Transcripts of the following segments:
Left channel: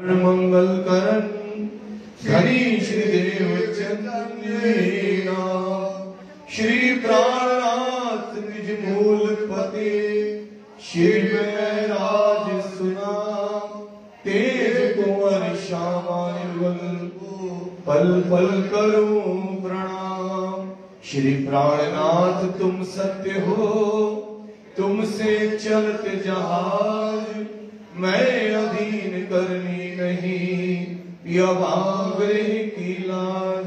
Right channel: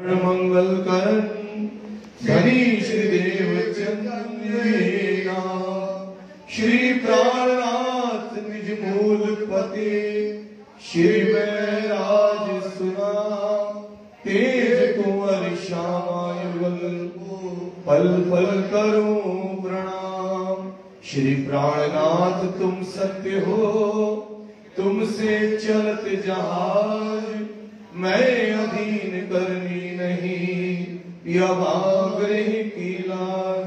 मंगल करण हरि श्रीदेव चंद्रेना श्री प्राणनाथ निज मूल पते श्री महराज सुना तेज कुंवर श्यामायुगल पल पल करूं प्रणाम। श्री प्राणनाथ तुम सत्य हो तुमसे चलत जहाज मैं अधीन करनी नहीं यवाग्रह की लाज।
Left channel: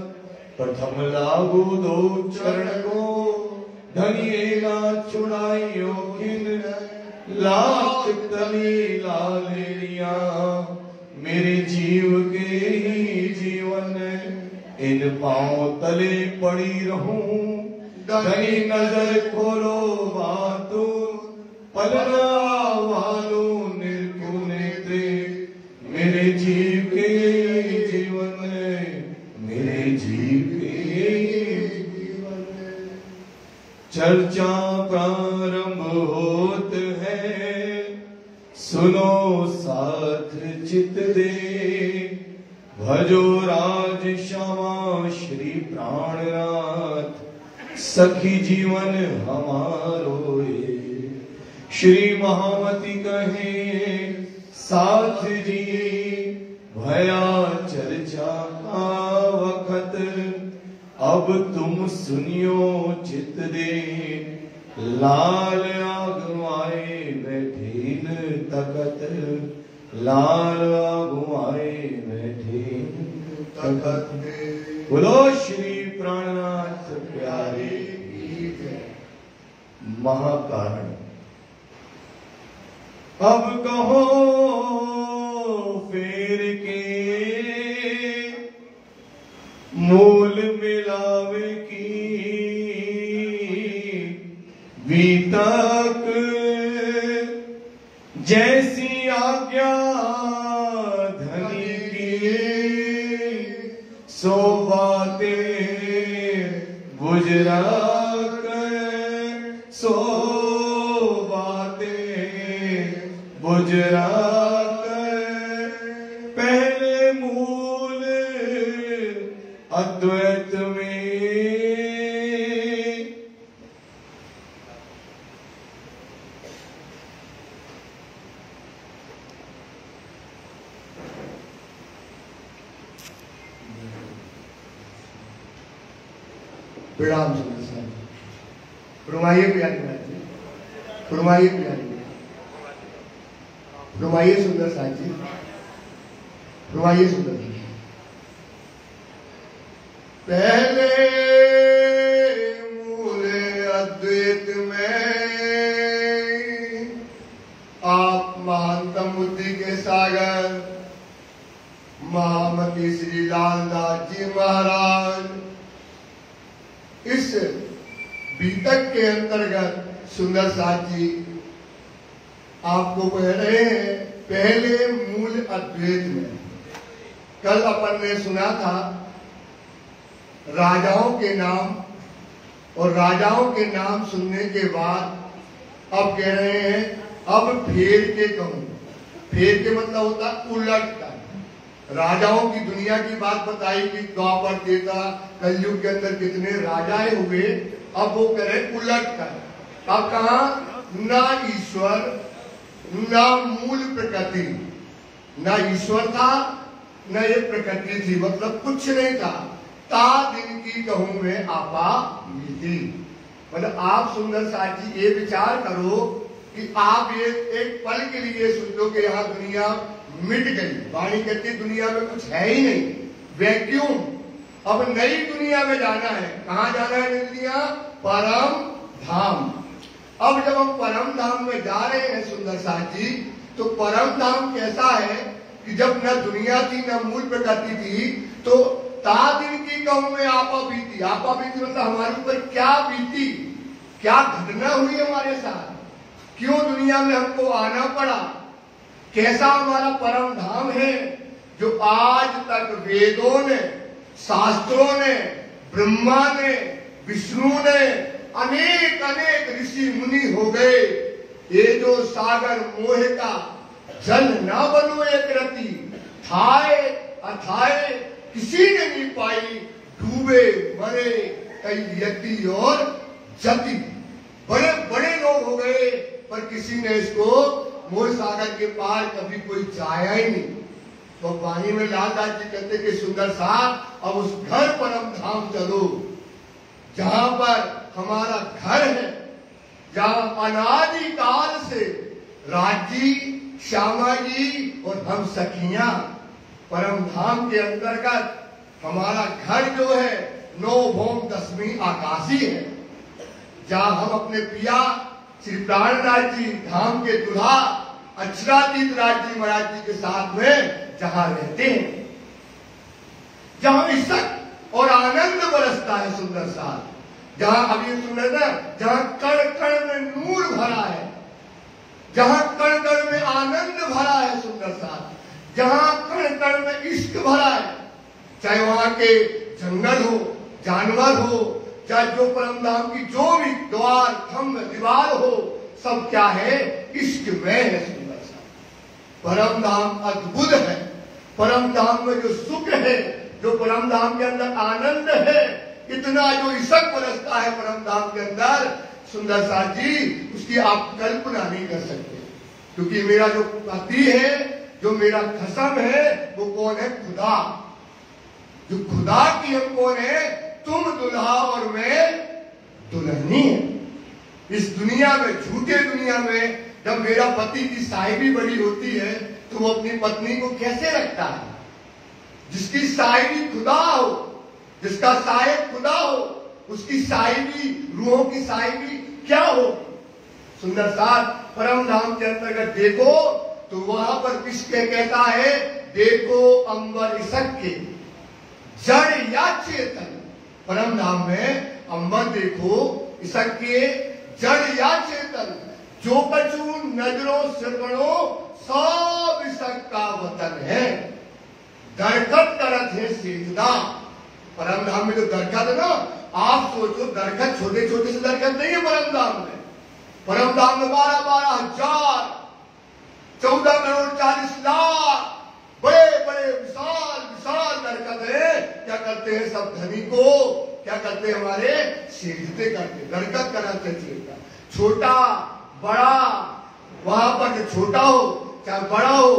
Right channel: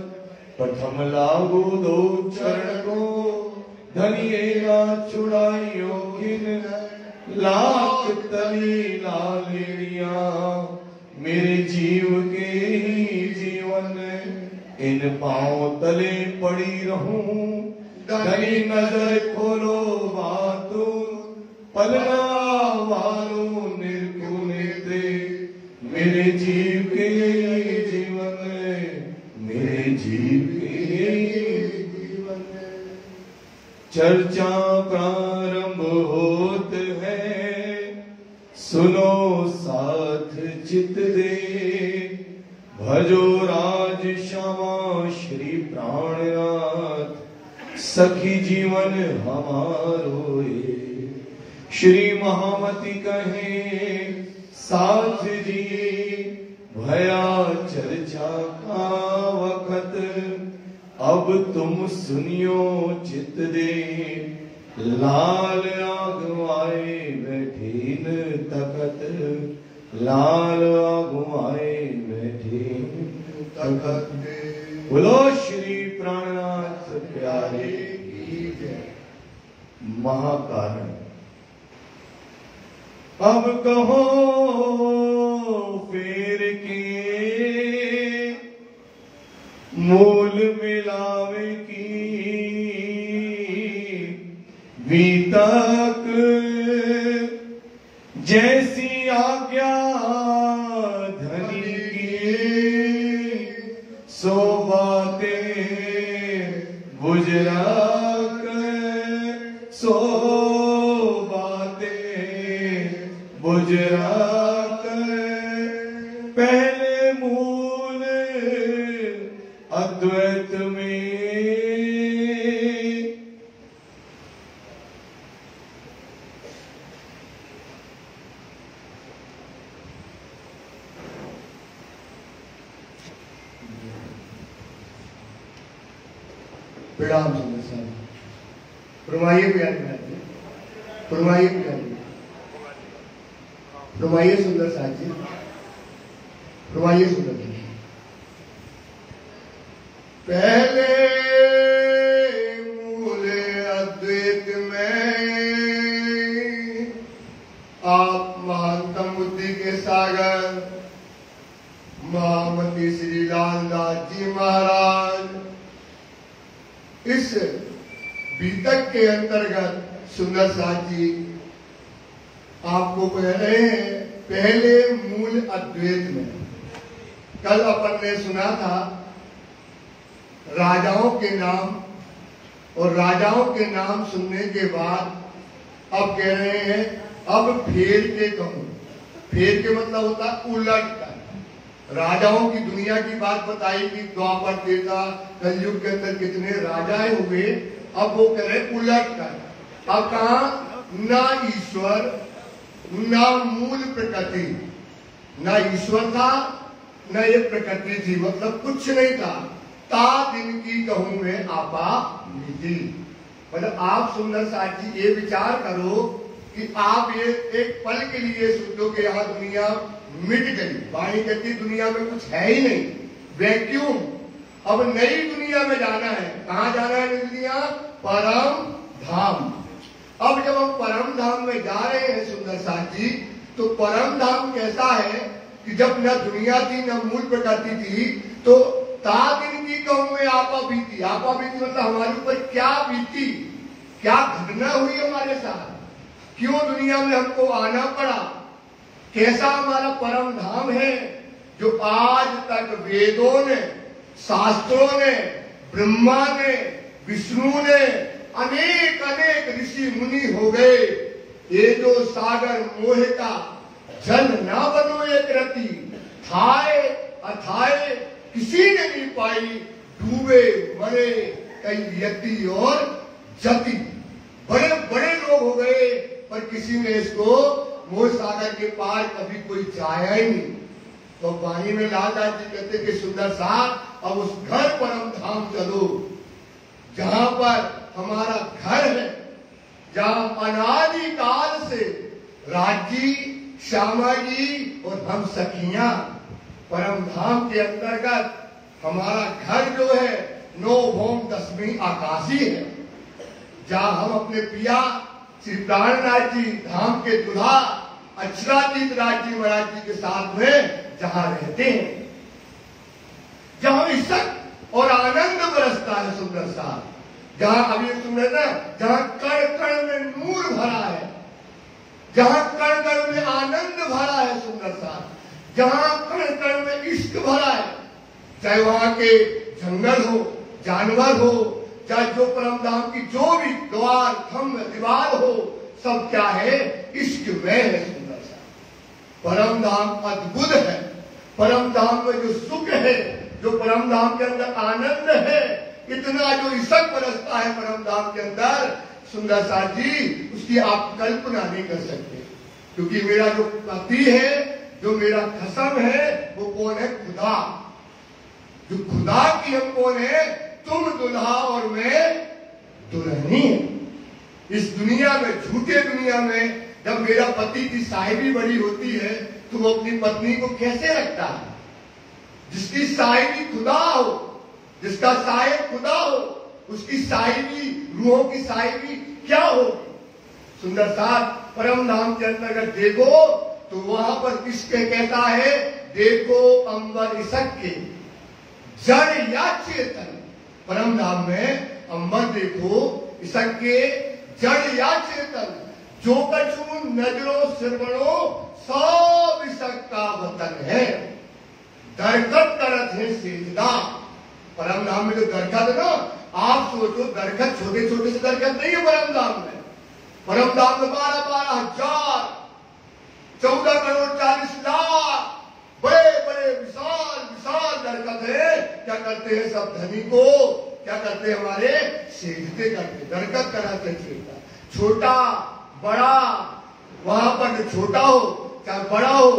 प्रथम लागू दो चरण को धनिएगा चुड़ाइयों खिन लाख तली लालिया मेरे जीव के ही जीवन इन पांव तले पड़ी रहूं। धनी नजर खोलो बातू पलना वालों मेरे जीव के जीवन मेरे जीव के जीवन। चर्चा प्रारंभ होत है सुनो साथ चित दे भजो राज श्यामा श्री प्राणनाथ सखी जीवन हमारो ये। श्री महामती कहे साथ जी भया चर्चा का वखत अब तुम सुनियो चित दे लाल आगवाए बैठीन तकत लाल आगवाए बैठीन तकत। बोलो श्री प्राणनाथ प्यारे महाकारण। अब कहो फेर के मूल मिलावे की बीतक जैसी आज्ञा धनी की सो बातें गुजरा कर सो गुजरात पहले मूल अद्वैत में प्रणाम फरमाइए प्यारे फरमाइए प्यारे फरमाइए सुंदर साथ जी फरमाइए सुंदर जी। पहले मूल अद्वैत में आप महानतम बुद्धि के सागर महामती श्री लालदास जी महाराज इस बीतक के अंतर्गत सुंदर साथ जी आपको कह रहे हैं पहले मूल अद्वैत में। कल अपन ने सुना था राजाओं के नाम और राजाओं के नाम सुनने के बाद अब कह रहे हैं अब फेर के कहूं। फेर के मतलब होता उलट कर। राजाओं की दुनिया की बात बताई कि द्वापर त्रेता कलयुग के अंदर कितने राजाएं हुए। अब वो कह रहे उलट कर। अब कहा ना ईश्वर ना मूल प्रकृति ना ईश्वर था न ये प्रकृति थी मतलब कुछ नहीं था। ता दिन की कहूं मैं आपा मिटी मतलब आप सुंदर साथ जी ये विचार करो कि आप ये एक पल के लिए सोचो कि यहाँ दुनिया मिट गई। वाणी कहती दुनिया में कुछ है ही नहीं वैक्यूम। अब नई दुनिया में जाना है। कहाँ जाना है दुनिया? परम धाम। अब जब हम परम धाम में जा रहे हैं सुंदर साथ जी तो परम धाम कैसा है कि जब न दुनिया थी न मूल प्रकृति थी तो ता दिन की कहूं में आपा बीती। आपा बीती मतलब हमारे ऊपर क्या बीती क्या घटना हुई हमारे साथ क्यों दुनिया में हमको आना पड़ा कैसा हमारा परम धाम है जो आज तक वेदों ने शास्त्रों ने ब्रह्मा ने विष्णु ने अनेक अनेक ऋषि मुनि हो गए। ये जो सागर मोह का जल न बनो एक रति थाए अथाए किसी ने नहीं पाई, डूबे मरे कई यति और जति। बड़े बड़े लोग हो गए पर किसी ने इसको मोह सागर के पार कभी कोई जाया ही नहीं। तो वाणी में लालदास जी कहते कि सुंदर सा अब उस घर परम धाम चलो जहां पर हमारा घर है, जहां अनादि काल से राजी श्यामा जी और हम सखियां परम धाम के अंतर्गत हमारा घर जो है 9 भौम 10वीं आकाशी है, जहां हम अपने पिया श्री प्राणनाथ जी धाम के दुल्हा अक्षरातीत राज जी महाराज जी के साथ में जहां रहते हैं, जहां इज्जत और आनंद बरसता है सुंदर सा, जहां अभी सुन रहे ना, जहां कण कण में नूर भरा है, जहां कण कण में आनंद भरा है सुंदर सा, जहां कण कण में इश्क भरा है, चाहे वहां के जंगल हो, जानवर हो, चाहे जो परम धाम की जो भी द्वार खम्भ दीवार हो, सब क्या है, इश्क में है सुंदर सा। परम धाम अद्भुत है, परम धाम में जो सुख है, जो परम धाम के अंदर आनंद है, इतना जो इशक बरसता है परम धाम के अंदर सुंदर सा जी, उसकी आप कल्पना नहीं कर सकते। क्योंकि मेरा जो पति है, जो मेरा खसम है, वो कौन है, खुदा। जो खुदा की हम कौन है, तुम दुल्हा और मैं दुल्हनी है। इस दुनिया में, झूठे दुनिया में, जब मेरा पति की साहिबी बड़ी होती है तो वो अपनी पत्नी को कैसे रखता है? जिसकी साहिबी खुदा हो, जिसका साहिब खुदा हो, उसकी साहिबी, रूहों की साहिबी क्या हो? सुंदर साथ परम धाम के अंतर्गत देखो तो वहां पर किसके कहता है, देखो अंबर इसक के जड़ या चेतन। परम धाम में अंबर देखो, इसक के जड़ या चेतन, जो कछु नजरों श्रवणों सब इसक का वतन है। दरखत करत है सेजदा। परम धाम में जो दरखत है ना, आप सोचो दरखत छोटे छोटे से दरखत नहीं है परम धाम में। परम धाम में 12-12 हजार 14 करोड़ 40 लाख बड़े बड़े विशाल विशाल दरखत है। क्या करते हैं सब धनी को, क्या करते हैं हमारे, सेजते करते। दरखत कराते सेजदा, छोटा बड़ा, वहां पर जो छोटा हो चाहे बड़ा हो,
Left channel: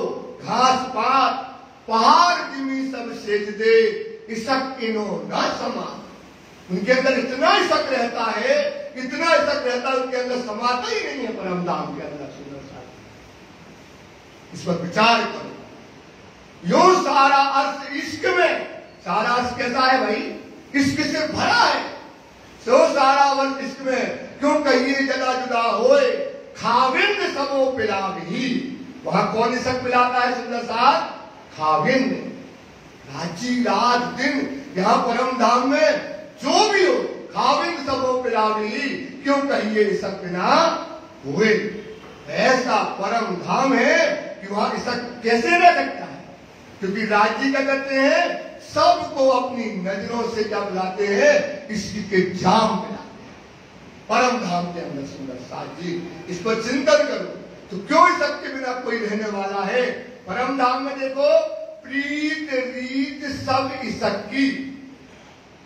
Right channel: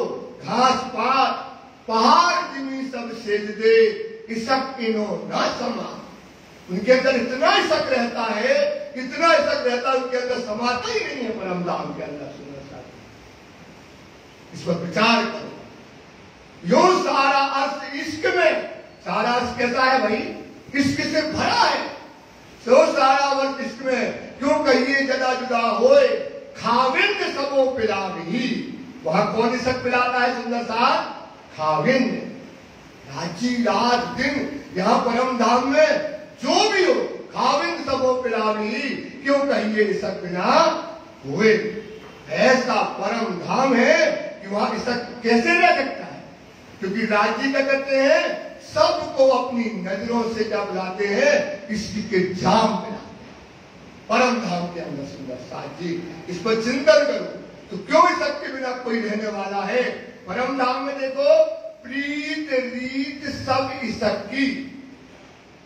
घास पात पहाड़ जिमी सब सेजदे, इसक इनो न समा। उनके अंदर इतना इसक रहता है, इतना इसक रहता है, उनके अंदर समाता ही नहीं है परम धाम के अंदर। सुंदर सा इस पर विचार करो। यो सारा अर्थ इश्क में, सारा अर्थ कैसा है भाई, इश्क से भरा है। तो सारा अर्थ इश्क में, क्यों कहिए जदा जुदा होए, खाविंद सबो पिलावी। वहां कौन इसक पिलाता है सुंदर सा, खाविंद। राजी रात दिन यहां परम धाम में जो भी हो, खाविंद सबो पिलावी, क्यों कहिए इसक बिना हुए। ऐसा परम धाम है कि वहां इसक कैसे रह सकता है? क्योंकि राजी क्या करते हैं, सबको अपनी नजरों से क्या बुलाते हैं, इसी के जाम पिलाते हैं परम धाम के अंदर। सुंदर साथ जी इस पर चिंतन करो तो क्यों इसक के बिना कोई रहने वाला है? परम धाम में देखो, प्रीत रीत सब इसक की।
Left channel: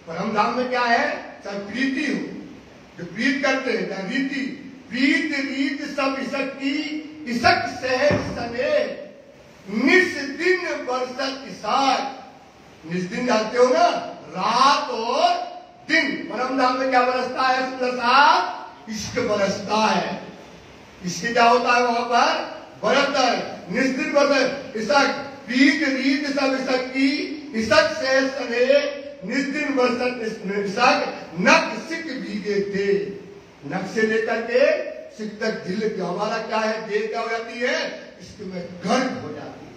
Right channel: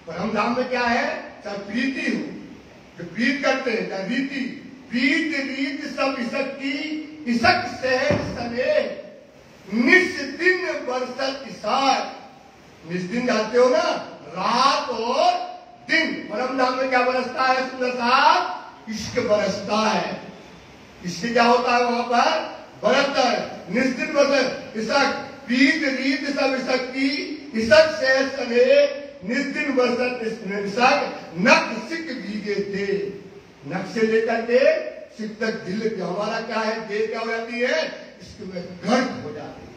परम धाम में क्या है, चाहे प्रीति हो, जो प्रीत करते हैं, चाहे रीति, प्रीत रीत सब इसक की, इसक सहज सने निस दिन बरसत इसार। निस दिन जानते हो ना, रात और दिन। परम धाम में क्या बरसता है सुंदर साहब, इश्क बरसता है। इससे क्या होता है वहां पर, बरसता है। निस दिन बरसत इसक, प्रीत रीत सब इसक की, इसक सहज सने निस दिन बरसत इसक, नक सिक भीगे थे। नक से लेकर के सिक तक दिल, हमारा क्या है, देह क्या हो जाती है, इसमें गर्भ हो जाती है।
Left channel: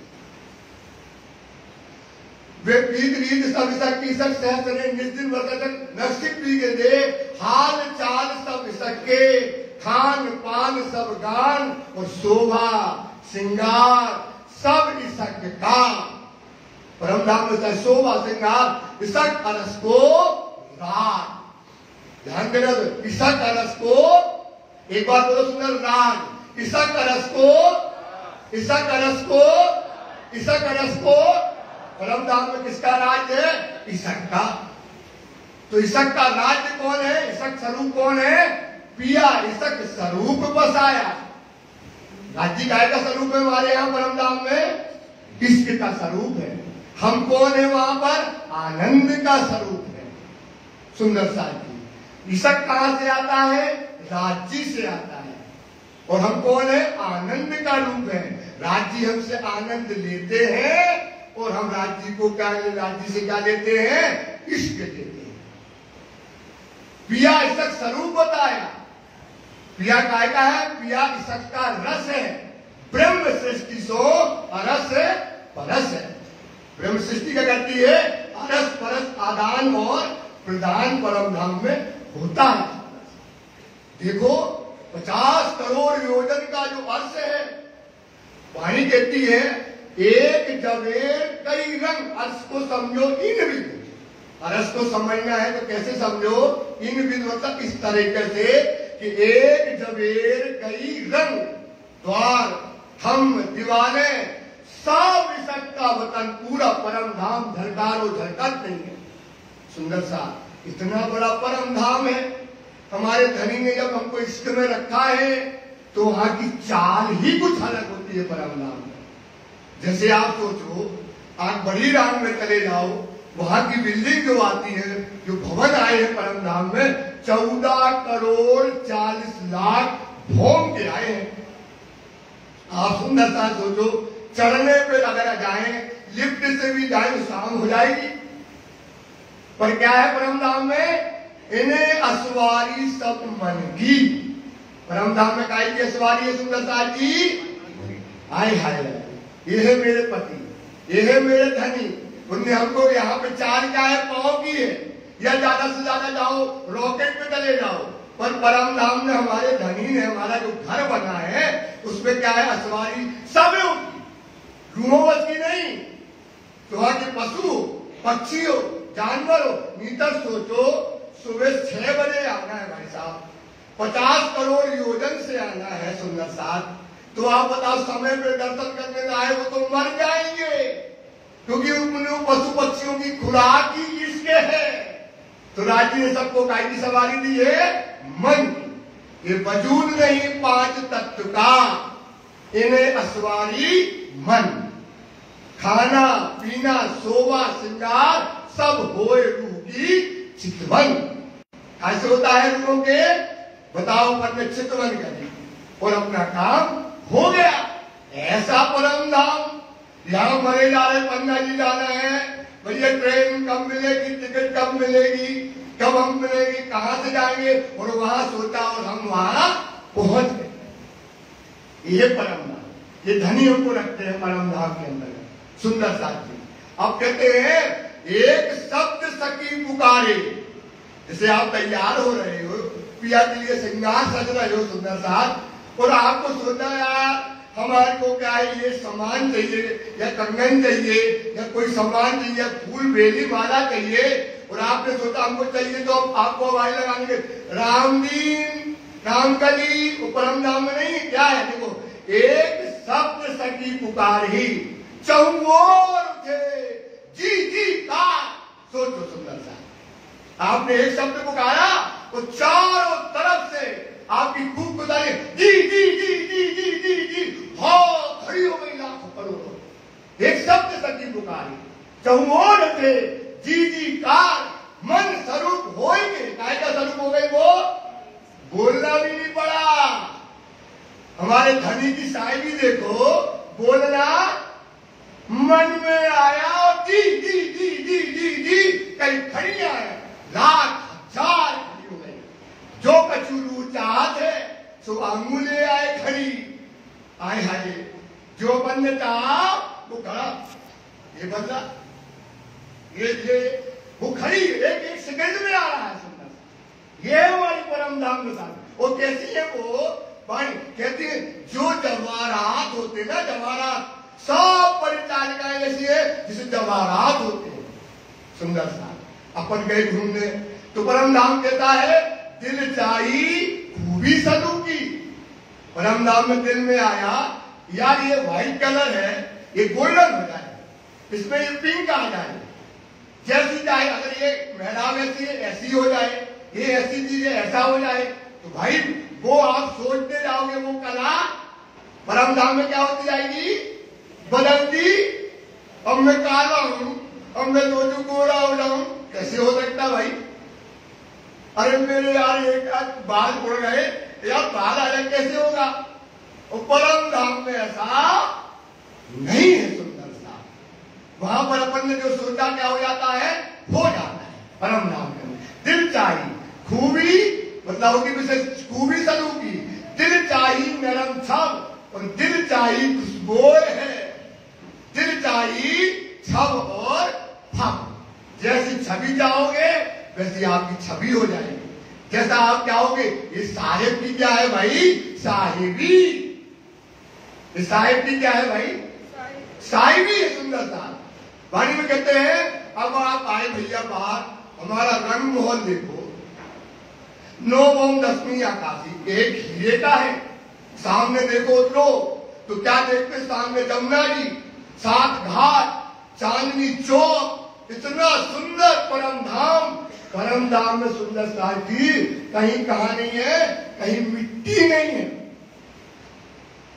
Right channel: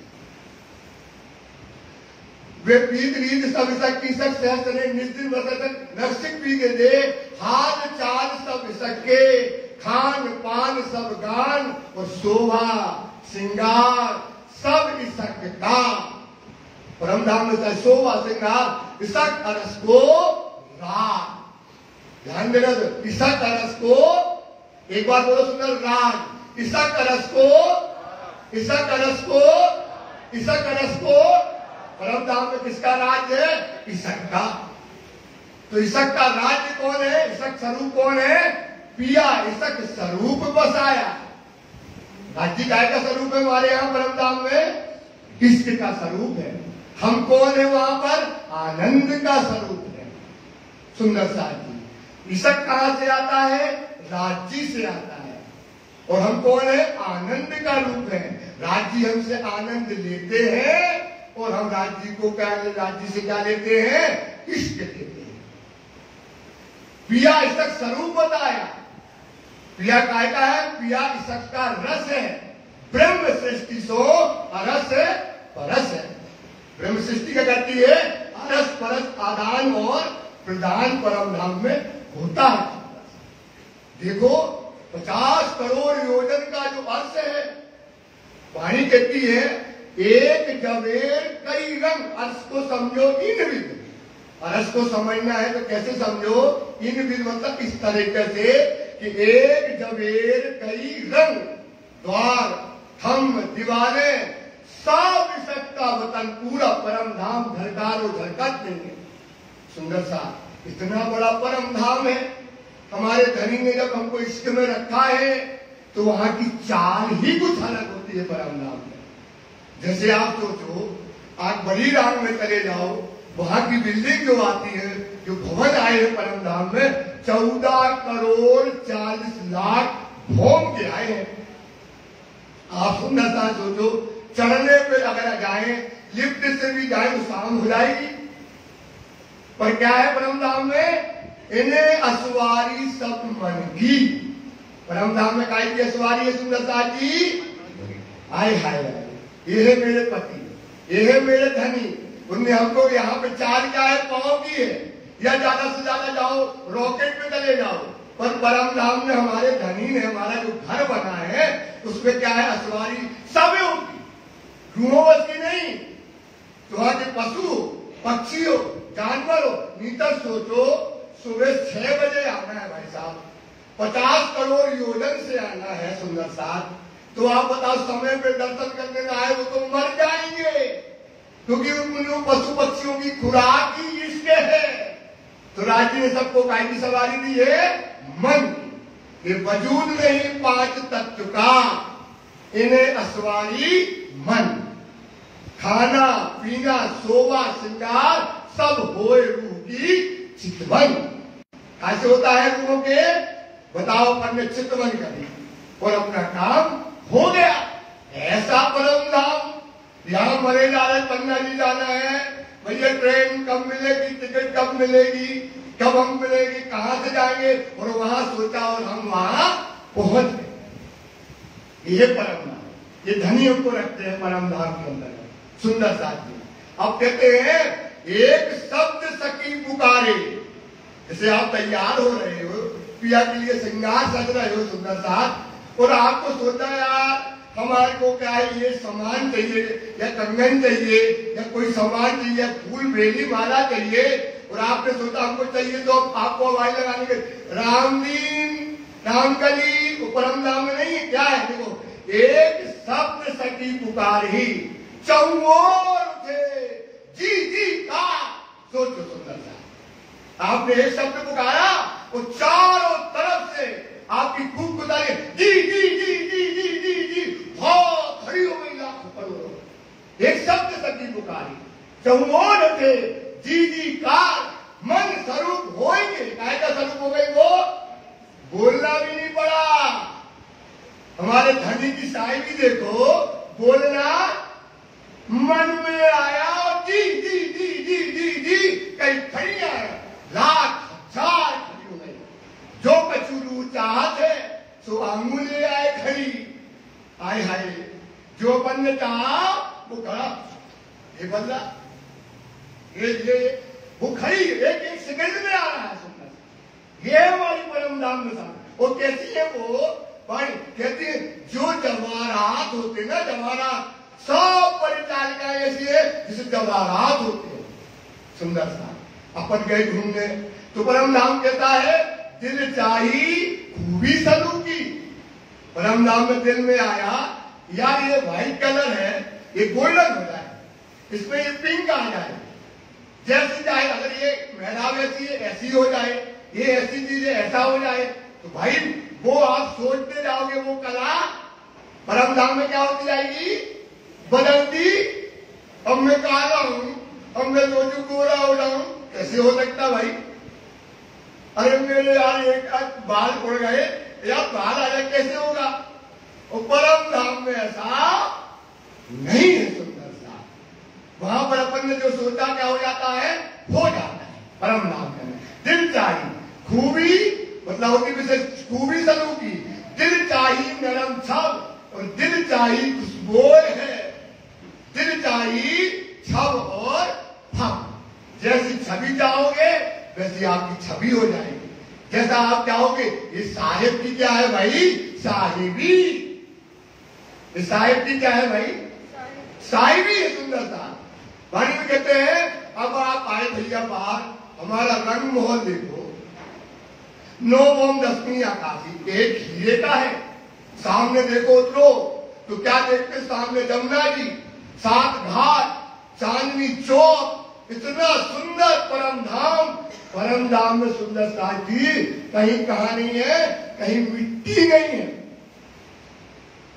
वे प्रीत रीत सब इसक की, इसक सहज सने निस दिन बरसत नक सिक भीगे थे। हाल चाल सब इसक के, खान पान सब गान, और शोभा श्रृंगार सब इसक का। परम धाम में शोभा श्रृंगार इसक अरस को राग। ध्यान देना, इसक अरस को, एक बार बोलो सुंदर, राग। इसक अरस को, इसक अरस को, इसक अरस को परम धाम में किसका राज है? ईशक का। तो ईशक का राज्य कौन है? ईशक स्वरूप कौन है? पिया ईशक स्वरूप बसाया। राज्य गाय का स्वरूप है हमारे यहाँ परम धाम में, इष्ट का स्वरूप है। हम कौन है वहां पर? आनंद का स्वरूप है। सुंदर साथी, ईशक कहां से आता है? राज्य से आता है। और हम कौन है? आनंद का रूप है। राज्य हमसे आनंद लेते हैं और हम राज्य को क्या, राज्य से क्या लेते हैं? इष्ट लेते हैं। पिया ईशक स्वरूप बताया। पिया काय का है? पिया ईशक का रस है। ब्रह्म सृष्टि सो अरस परस है। ब्रह्म सृष्टि क्या करती है? अरस परस आदान और प्रदान परम धाम में होता है। देखो 50 करोड़ योजन का जो अर्थ है, वाणी कहती है एक जवेर कई रंग। अर्थ को समझो इन विध। अर्थ को समझना है तो कैसे समझो? इन विध मतलब इस तरीके से कि एक जवेर कई रंग, द्वार हम दीवाने सब ईशक का वतन पूरा परम धाम झलकार और झलकत नहीं है। सुंदर सा इतना बड़ा परम धाम है। हमारे धनी ने जब हमको इष्ट में रखा है तो वहां की चाल ही कुछ अलग होती है परम धाम में। जैसे आप सोचो आज बड़ी राम में चले जाओ, वहां की बिल्डिंग जो आती है, जो भवन आए हैं परम धाम में, 14 करोड़ 40 लाख भोम के आए हैं। आप सुंदर सा सोचो, चढ़ने पे अगर जाए, लिफ्ट से भी जाए तो शाम हो जाएगी। पर क्या है परम धाम में? इन्हें असवारी सब मन की। परम धाम में काय की असवारी है? सुंदरता जी आए हाय, ये है मेरे पति, ये है मेरे धनी। उनने हमको यहाँ पे चाल क्या है? पाँव की है। या ज्यादा से ज्यादा जाओ रॉकेट पे चले जाओ, पर परम धाम में हमारे धनी ने हमारा जो घर बना है उसमें क्या है? असवारी सब है उनकी, रूहों बस की नहीं। तो वहां के पशु पक्षी हो, जानवर हो, मीटर सोचो सुबह 6 बजे आना है भाई साहब, 50 करोड़ योजन से आना है। सुंदर साथ तो आप बताओ, समय पे दर्शन करने में आए तो मर जाएंगे, क्योंकि उन पशु पक्षियों की खुराक ही इसके है। तो राज्य ने सबको काय की सवारी दी है? मन की। ये वजूद नहीं 5 तत्व का, इन्हें असवारी मन। खाना पीना सोवा श्रृंगार सब होए रूह की चितवन। कैसे होता है रूहों के? बताओ, अपने चितवन करें और अपना काम हो गया। ऐसा परम धाम। यहां मरे जा रहे, पन्ना जी जाना है, भैया ट्रेन कब मिलेगी, टिकट कब मिलेगी, कब हम मिलेगी, कहां से जाएंगे? और वहां सोचा और हम वहां पहुंच गए। ये परम धाम, ये धनी हमको रखते हैं परम धाम के अंदर। सुंदर साथी, अब कहते हैं एक शब्द सकी पुकारे। जैसे आप तैयार हो रहे हो, पिया के लिए श्रृंगार सज रहे हो सुंदर साथ, और आपको सोचा यार हमारे को क्या है, ये सामान चाहिए या कंगन चाहिए या कोई सामान चाहिए, फूल बेली माला चाहिए, और आपने सोचा हमको चाहिए, तो आपको आवाज लगाने के रामदीन रामकली परम धाम में नहीं। क्या है? देखो, एक शब्द सकी पुकार ही चौर थे जी जी का। सोचो सुंदर सा, आपने एक शब्द पुकारा तो चारों तरफ से आपकी खूब गुजारी जी जी जी जी जी जी जी बहुत खड़ी हो गई लाखों करोड़ों। एक शब्द सकी पुकारी चौर थे जी जी का, मन स्वरूप होएंगे। काय का स्वरूप हो गए? वो बोलना भी नहीं पड़ा। हमारे धनी की शायरी देखो, बोलना मन में आया और जी जी जी जी जी जी कई खड़ी आए, लाख हजार खड़ी हो गई। जो कचूरू चाहत है सो अंगुले आए खड़ी। आए हाय, जो बनने चाहा वो खड़ा, ये बदला, ये वो खड़ी एक एक सेकंड में आ रहा है। सुंदर, ये हमारी परम धाम में था। वो कैसी है वो भाई? कहती है जो जवाहरात होते ना, जवाहरात सब परिचालिकाएं ऐसी है जिसे जवाहरात होते हैं। सुंदर सा अपन गए घूमने तो परम धाम कहता है दिल चाही खूबी सलू की। परम धाम में दिल में आया यार ये व्हाइट कलर है, ये गोल्डन हो जाए, इसमें ये पिंक आ जाए, जैसी चाहे, अगर ये महिला वैसी है ऐसी हो जाए, ये ऐसी चीज है ऐसा हो जाए, तो भाई वो आप सोचते जाओगे वो कला परम धाम में क्या होती जाएगी, बदलती। अब मैं काला हूं, अब मैं लोजू गोरा हो जाऊं, कैसे हो सकता भाई? अरे मेरे यार एक बाल उड़ गए, यार बाल आ जाए कैसे होगा? और परम धाम में ऐसा नहीं है। सुंदर सा वहां पर अपन ने जो सोचा क्या हो जाता है, हो जाता है। परम धाम में दिल चाहिए खूबी, मतलब की विशेष खूबी सलू की, दिल चाहिए नरम छब और दिल चाहिए खुशबू है, दिल चाहिए छब और फब। जैसी छवि चाहोगे वैसी आपकी छवि हो जाएगी, जैसा आप चाहोगे। ये साहिब की क्या है भाई, साहिबी। ये साहिब की क्या है भाई, साहिबी है। सुंदरता वाणी में कहते हैं, अब आप आए भैया बाहर, हमारा रंग मोहन देखो, 9 ओम 10वीं आकाशी, एक हीरे का है। सामने देखो उतरो तो क्या देखते, सामने जमुना जी, 7 घाट, चांदनी चौक, इतना सुंदर परम धाम। परम धाम में सुंदरता की कहीं कहां नहीं है, कहीं मिट्टी नहीं है,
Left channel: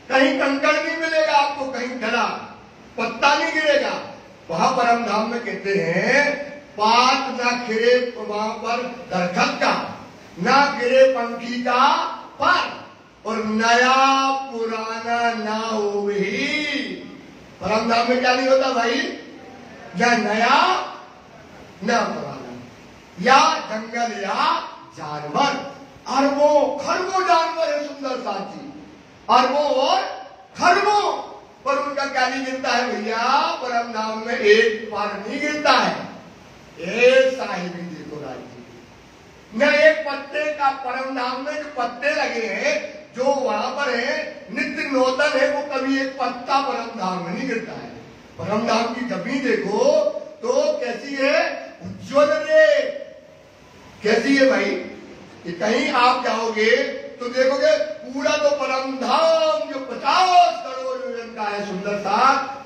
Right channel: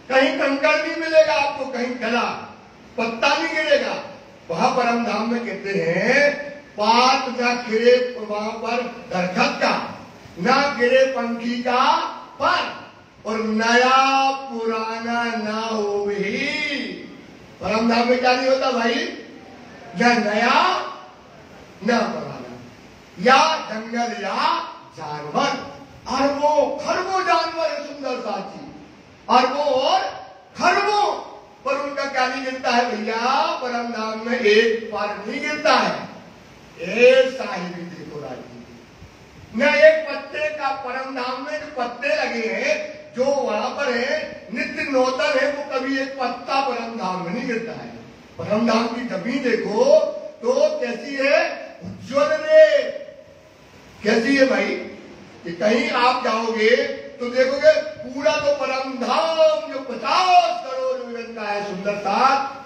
कहीं कंकड़ नहीं मिलेगा आपको, कहीं डला पत्ता नहीं गिरेगा। वहां परम धाम में कहते हैं, पात न खिरे वहां पर दरखत का, न गिरे पंखी का पर, और नया पुराना ना हो ही। परम धाम में क्या नहीं होता भाई, न नया न पुराना, या जंगल या जानवर, अरबों खरबों जानवर है सुंदर साथी, अरबों और खरबों, पर उनका क्या नहीं गिरता है भैया, परम धाम में एक पर नहीं गिरता है। एक साहिबी देखो राजी, न एक पत्ते का परम धाम में जो पत्ते लगे हैं, जो वहां पर है नित्य नूतन है, वो कभी एक पत्ता परम धाम में नहीं गिरता है। परम धाम की जमीन देखो तो कैसी है, उज्ज्वल रे, कैसी है भाई, कि कहीं आप जाओगे तो देखोगे पूरा तो परम धाम जो 50 करोड़ यूनिट का है, सुंदरता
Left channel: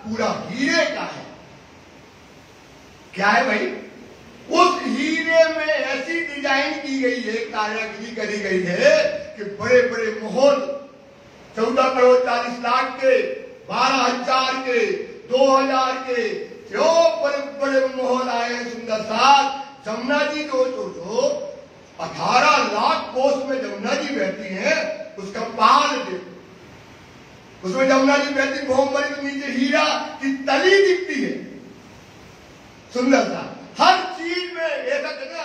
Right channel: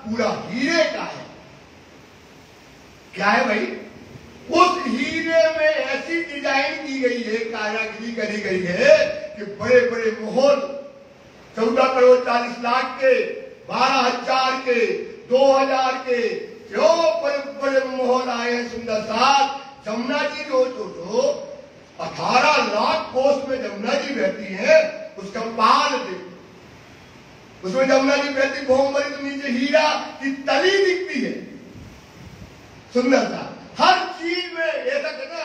पूरा हीरे का है। क्या है भाई, उस हीरे में ऐसी डिजाइन की गई है, कारीगरी करी गई है कि बड़े बड़े मोहर 14 करोड़ 40 लाख के, 12,000 के, 2,000 के, जो बड़े बड़े मोहर आए हैं। सुंदर साथ जमुना जी जो 18 लाख कोस में जमुना जी बहती है, उसका पाल देखो, उसमें जमुना जी बहती बहुमरी, तो नीचे हीरा की तली दिखती है। सुंदरता हर चीज में ऐसा कहना,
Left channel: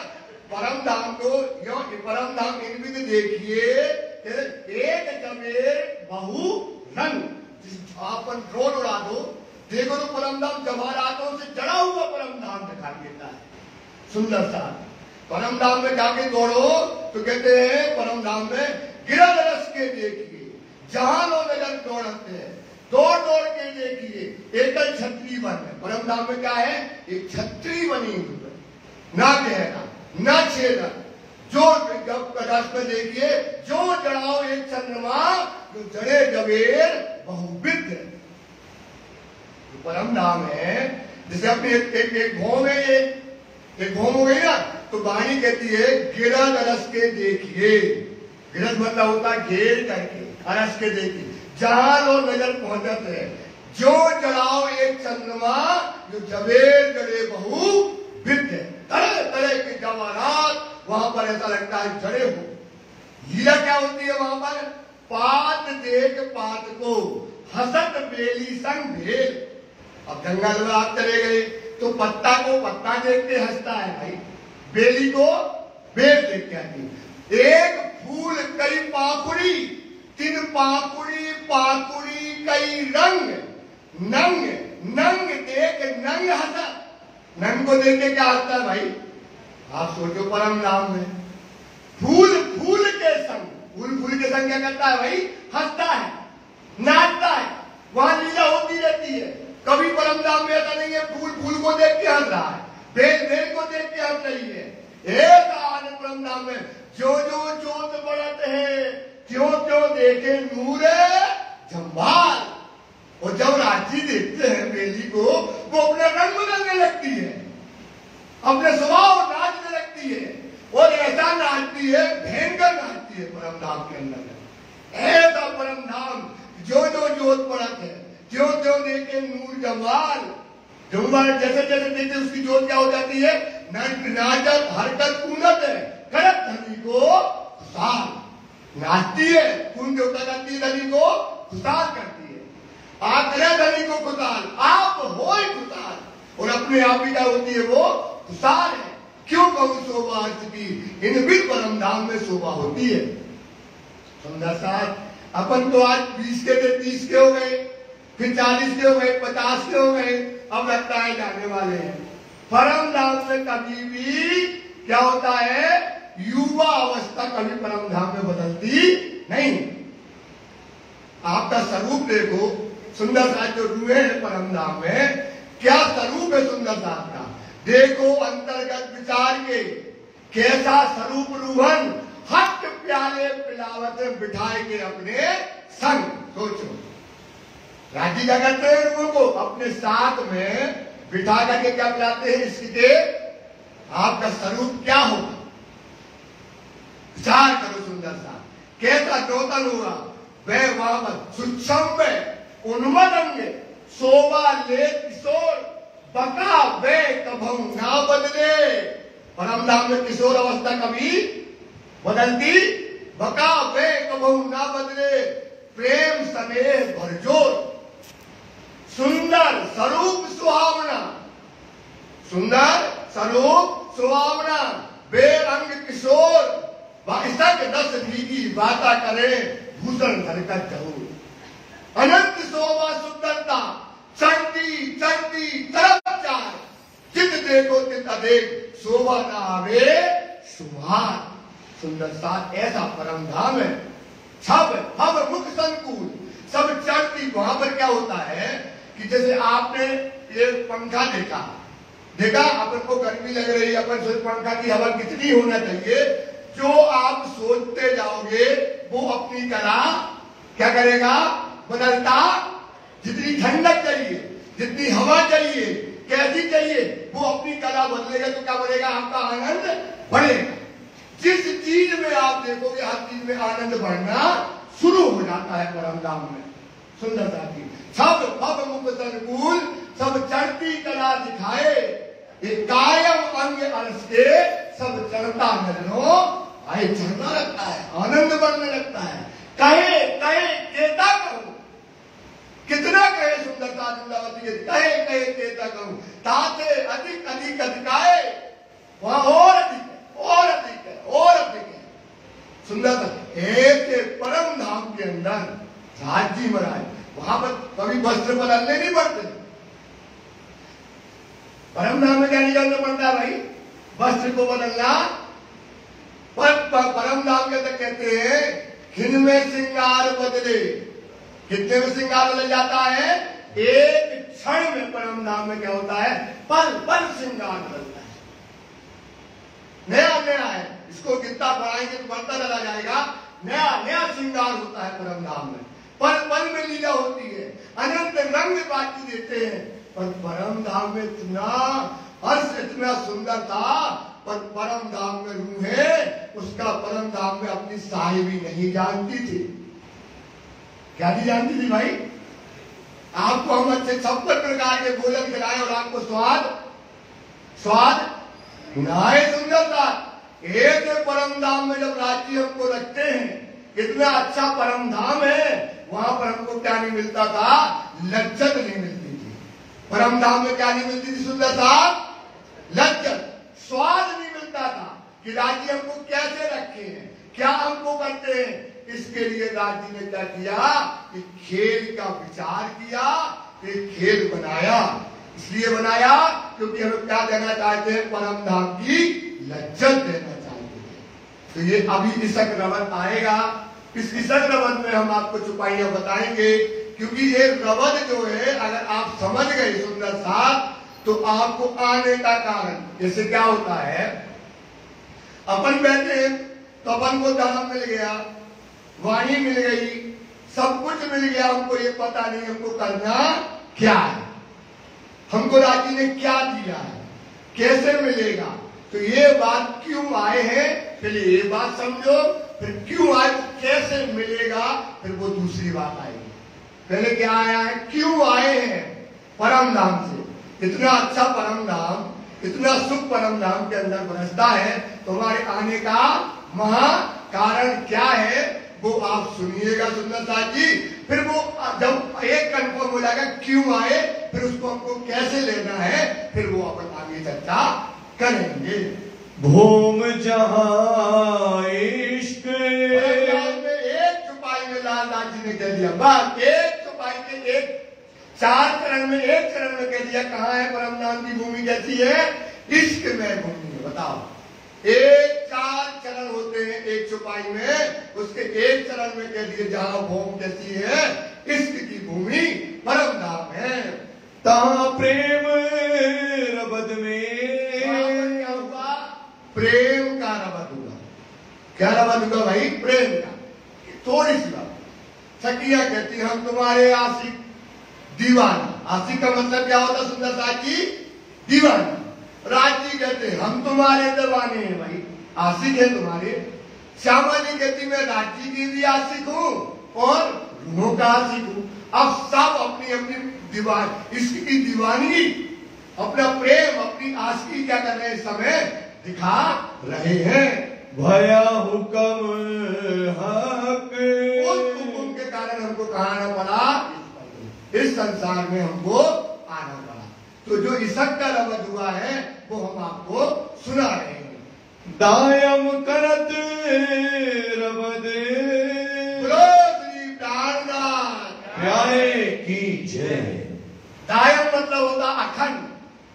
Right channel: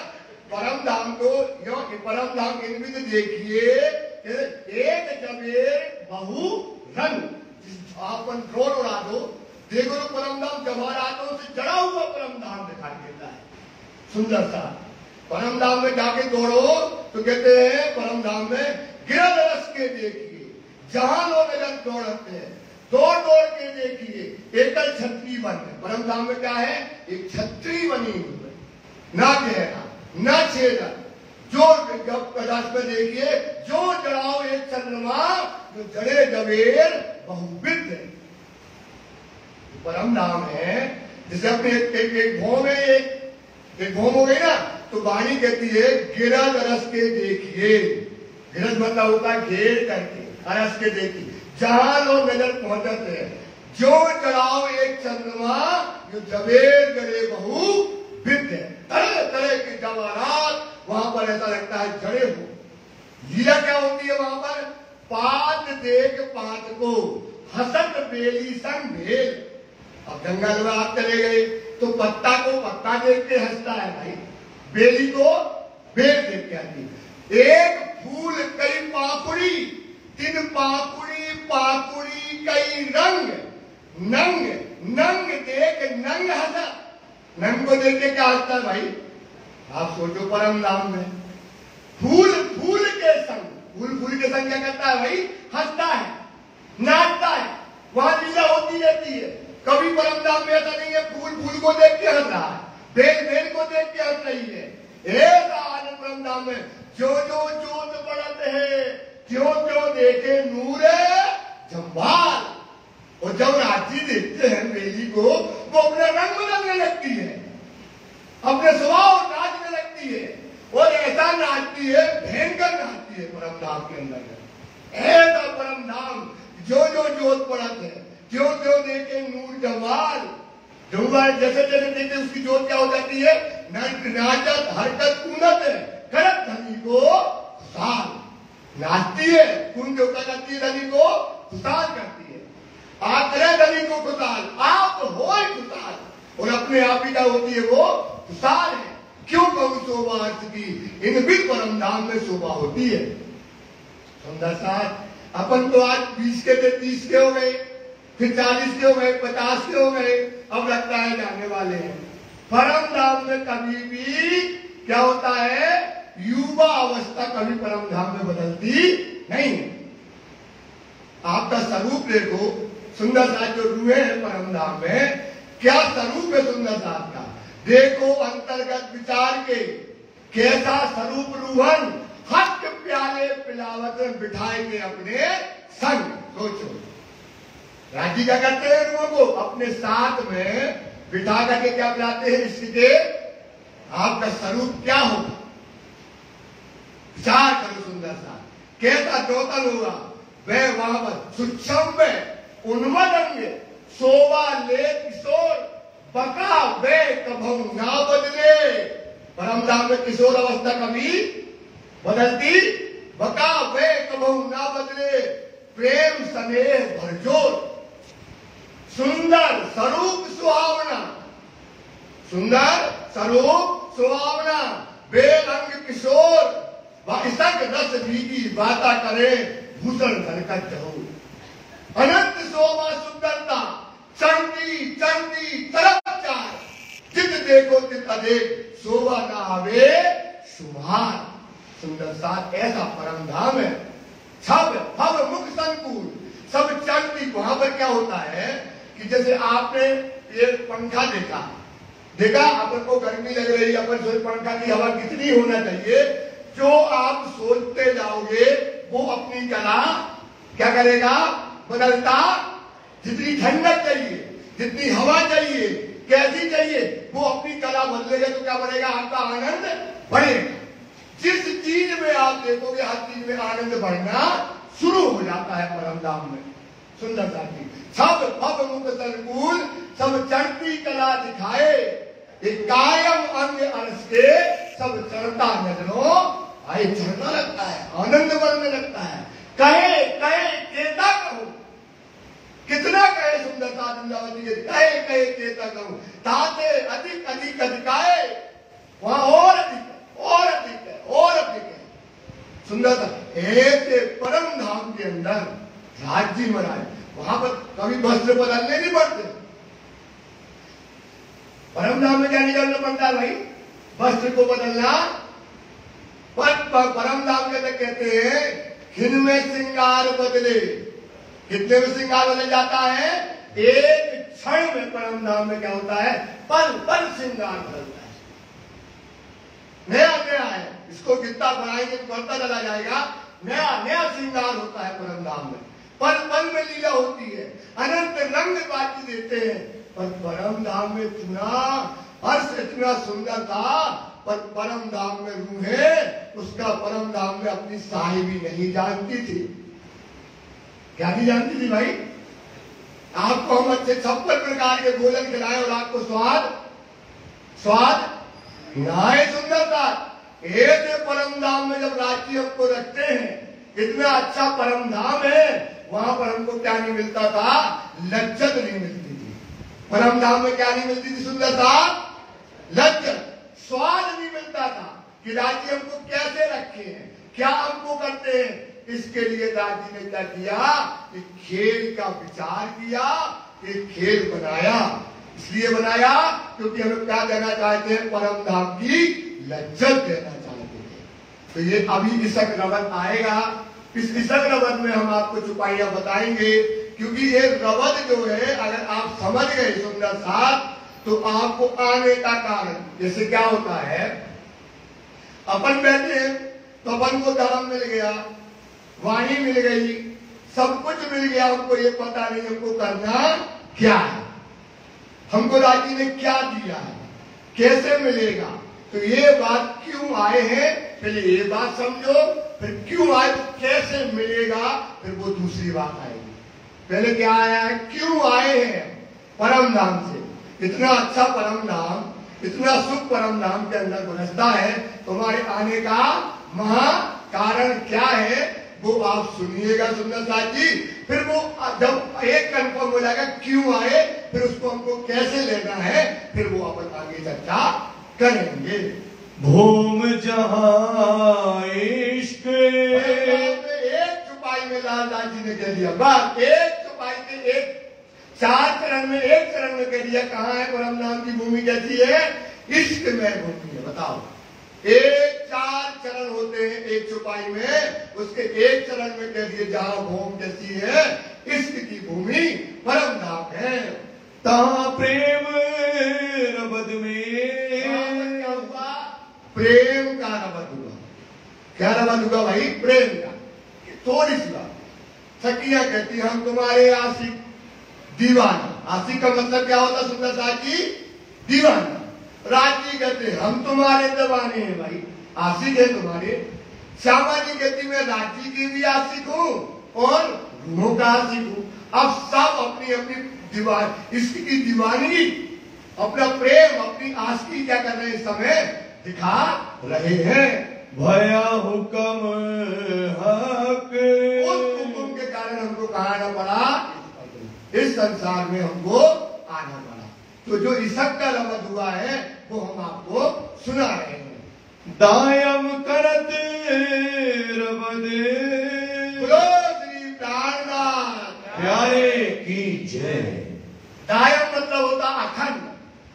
परम धाम को यो परम धाम इनमें तो देखिए, एक जमेर बहु रंग, अपन ड्रोन उड़ा दो, देखो तो परम धाम जवाहरातों से जड़ा हुआ परम धाम दिखाई देता है। सुंदर सा परम धाम में जाके दौड़ो तो कहते हैं, परम धाम में गिरद रस के देखिए, जहां लोग नजर दौड़ते हैं, दौड़ दौड़ के देखिए, एकल छत्री बन है। परम धाम में क्या है, एक छत्री बनी हुई है, ना गहरा ना छेदा, जो प्रकाश में देखिए, जो जड़ाओ एक चंद्रमा, जो जड़े जवेर बहुविध है। परम धाम है, जैसे अपने एक भौम है, एक भौम हो गई ना, तो वाणी कहती है गिरद रस के देखिए, गिरद मतलब होता है घेर करके, रस के देखिए, जहां लोग नजर पहुंचते हैं, जो जड़ाओ एक चंद्रमा, जो जवेर जड़े बहु विद है, तरह तरह के जवाहरात वहां पर ऐसा लगता है जड़े हो। हीरा क्या होती है वहां पर, पात देख पात को, हसत बेली संग भेल। अब जंगल में आप चले गए तो पत्ता को पत्ता देख के हंसता है भाई, बेली को बेल देख के आती। एक फूल कई पाखुड़ी, 3 पाखुड़ी, पाखुड़ी कई रंग, नंग नंग देख नंग हंसा। नंग को देख के क्या हंसता है भाई, आप सोचो परम धाम में फूल फूल के संग, फूल फूल के संग क्या करता है भाई, हंसता है, नाचता है, वहां लीला होती रहती है। कभी परम धाम में ऐसा नहीं है फूल फूल को देख के हंस रहा है, बेल बेल को देख के हंस रही है। एक आनंद परम धाम में जो जो जोत बढ़त है, क्यों क्यों देखे नूरे जम्बाल। और जब राजी देखते हैं बेली को, वो अपना रंग बदलने लगती है, अपने स्वभाव नाचने लगती है, और ऐसा नाचती है, भयंकर नाचती है परम धाम के अंदर। ऐसा परम धाम जो जो जोत पड़त है, जो जो देखे नूर जमाल, जैसे जैसे देखे उसकी जोत क्या हो जाती है, नाचत हरकत कूनत है, करत धनी को खुशाल, नाचती है, कौन जो क्या करती है, धनी को खुशाल करती है। आप करे धनी को खुशाल, आप हो खुशाल, और अपने आप ही क्या होती है, वो खुशाल है। क्यों कहूं शोभा अर्थ की, इन भी परम धाम में शोभा होती है। सुंदर साथ अपन तो आज 20 के थे, 30 के हो गए, फिर 40 के हो गए, 50 के हो गए, अब लगता है जाने वाले हैं। परम धाम में कभी भी क्या होता है, युवा अवस्था कभी परम धाम में बदलती नहीं। आपका स्वरूप देखो, सुंदर साथ जो रुए हैं परम धाम में, क्या स्वरूप है सुंदर साथ का, देखो अंतर्गत विचार के, कैसा स्वरूप रूहन, हट प्याले पिलावत बिठाएंगे अपने संग। सोचो राजी क्या करते हैं, रूहों को अपने साथ में बिठा करके क्या पिलाते हैं, इसके आपका स्वरूप क्या होगा, विचार करो सुंदर सा, कैसा चौतल होगा, वह वहां पर सूक्ष्म उन्मदंग शोभा ले किशोर, बका वे कभू ना बदले। परम धाम में किशोर अवस्था कभी बदलती, बका वे कभू ना बदले, प्रेम स्नेह भरजोर, सुंदर स्वरूप सुहावना, सुंदर स्वरूप सुहावना, बेरंग किशोर, संग रस भीगी बाता करे, भूषण हरकत जरूर, अनंत शोभा सुंदरता, चढ़ती चढ़ती तरफ चार, जित देखो तित अदेख, शोभा ना आवे सुभान। सुंदर साथ ऐसा परम धाम है, छब हम मुख संकुल, सब चढ़ती। वहां पर क्या होता है कि जैसे आपने ये पंखा देखा अपन को गर्मी लग रही, अपन सोच पंखा की हवा कितनी होना चाहिए, जो आप सोचते जाओगे वो अपनी तरह क्या करेगा, बदलता। जितनी ठंडक चाहिए, जितनी हवा चाहिए, कैसी चाहिए, वो अपनी कला बदलेगा तो क्या बढ़ेगा, आपका आनंद बढ़ेगा। जिस चीज में आप देखोगे हर चीज में आनंद बढ़ना शुरू हो जाता है परम धाम में। सुंदर जाती सब अब मुख संकुल, सब चढ़ती कला दिखाए, एक कायम अंग अरस के, सब चढ़ता नजरों आए, चढ़ना लगता है, आनंद बढ़ने लगता है। कहे कहे केता कहूं, कितना कहे सुंदरता वृंदावती के, कहे कहे केता कहूं, ताते अधिक अधिक अधिकाए, वहां और अधिक है, और अधिक है, और अधिक है। सुंदरता ऐसे परम धाम के अंदर राज्य मराए, वहां पर कभी वस्त्र बदलने नहीं पड़ते। परम धाम में क्या नहीं करना पड़ता भाई, वस्त्र को बदलना। पर परम धाम के अंदर कहते हैं खिन में श्रृंगार बदले, कितने में श्रृंगार बदल जाता है, एक क्षण में परम धाम में क्या होता है, पल पल श्रृंगार बदलता है, नया नया है। इसको जितना बढ़ाएंगे तो बढ़ता चला जाएगा, नया नया श्रृंगार होता है परम धाम में, पल पल में लीला होती है, अनंत रंग बाकी देते हैं। पर परम धाम में इतना हर्ष, इतना सुंदर था, पर परम धाम में रूह है, उसका परम धाम में अपनी साहिबी नहीं जानती थी। क्या नहीं जानती थी भाई, आपको हम अच्छे 56 प्रकार के भोजन खिलाए और आपको स्वाद नाए सुंदरता। एक परम धाम में जब राज्य हमको रखते हैं, इतना अच्छा परम धाम है, वहां पर हमको क्या नहीं मिलता था, लज्जत नहीं मिलती थी। परम धाम में क्या नहीं मिलती थी, सुंदरता, लज्जत, स्वाद नहीं मिलता था कि राज्य हमको कैसे रखे हैं, क्या हमको करते हैं। इसके लिए राज्य ने क्या किया, कि खेल का विचार किया, एक खेल बनाया। इसलिए बनाया क्योंकि हमें क्या देना चाहते हैं, परम धाम की लज्जत देना चाहते हैं। तो ये अभी इसक रवत आएगा, इस इसक रवत में हम आपको चुपाइयां बताएंगे, क्योंकि ये रवत जो है अगर आप समझ गए सुंदर साथ, तो आपको आने का कारण, जैसे क्या होता है, अपन बैठे हैं तो अपन को धर्म मिल गया, वाणी मिल गई, सब कुछ मिल गया, हमको ये पता नहीं हमको करना क्या है, हमको राजी ने क्या दिया है, कैसे मिलेगा। तो ये बात क्यों आए हैं, पहले ये बात समझो, फिर क्यों आए तो कैसे मिलेगा, फिर वो दूसरी बात आएगी। पहले क्या आया है, क्यों आए हैं, परम धाम से। इतना अच्छा परम धाम, इतना सुख परम धाम के अंदर बरसता है, तुम्हारे आने का महा कारण क्या है वो आप सुनिएगा सुंदर साथ जी। फिर वो जब एक कंफर्म हो जाएगा क्यों आए, फिर उसको हमको कैसे लेना है, फिर वो अपन आगे चर्चा करेंगे। भूम जहाँ इश्क एक चुपाई में लालदास जी ने कह दिया, बस एक चुपाई के एक 4 चरण में, एक चरण में कह दिया कहाँ है परम धाम की भूमि, कैसी है, इश्क में भूमि है। बताओ, एक 4 चरण होते हैं एक चुपाई में, उसके एक चरण में कह दिए जहां भूमि कैसी है, इश्क की भूमि परम धाम है। तहाँ प्रेम रबद में क्या हुआ, प्रेम का रबद हुआ। क्या रबद हुआ भाई, प्रेम का। थोड़ी सी बात, सखियां कहती हम तुम्हारे आशिक दीवाना। आशिक का मतलब क्या होता सुंदर साथी, दीवाना। राजी कहते हम तुम्हारे दीवाने हैं भाई, आशिक है तुम्हारे। श्यामा जी कहती मैं राजी की भी आशिक हूँ और रूहों का आशिक हूँ। अब सब अपनी अपनी दीवान, इसकी दीवानगी, अपना प्रेम, अपनी आशिकी क्या कर रहे हैं इस समय, दिखा रहे हैं। भया हुक्म हक, उस हुक्म के कारण हमको कहाँ आना पड़ा, इस संसार में हमको आना पड़ा। तो जो इसक का रबद हुआ है वो हम आपको सुना रहे हैं। दायम करत रबद श्री प्राणनाथ प्यारे की जय। दायम मतलब होता अखंड।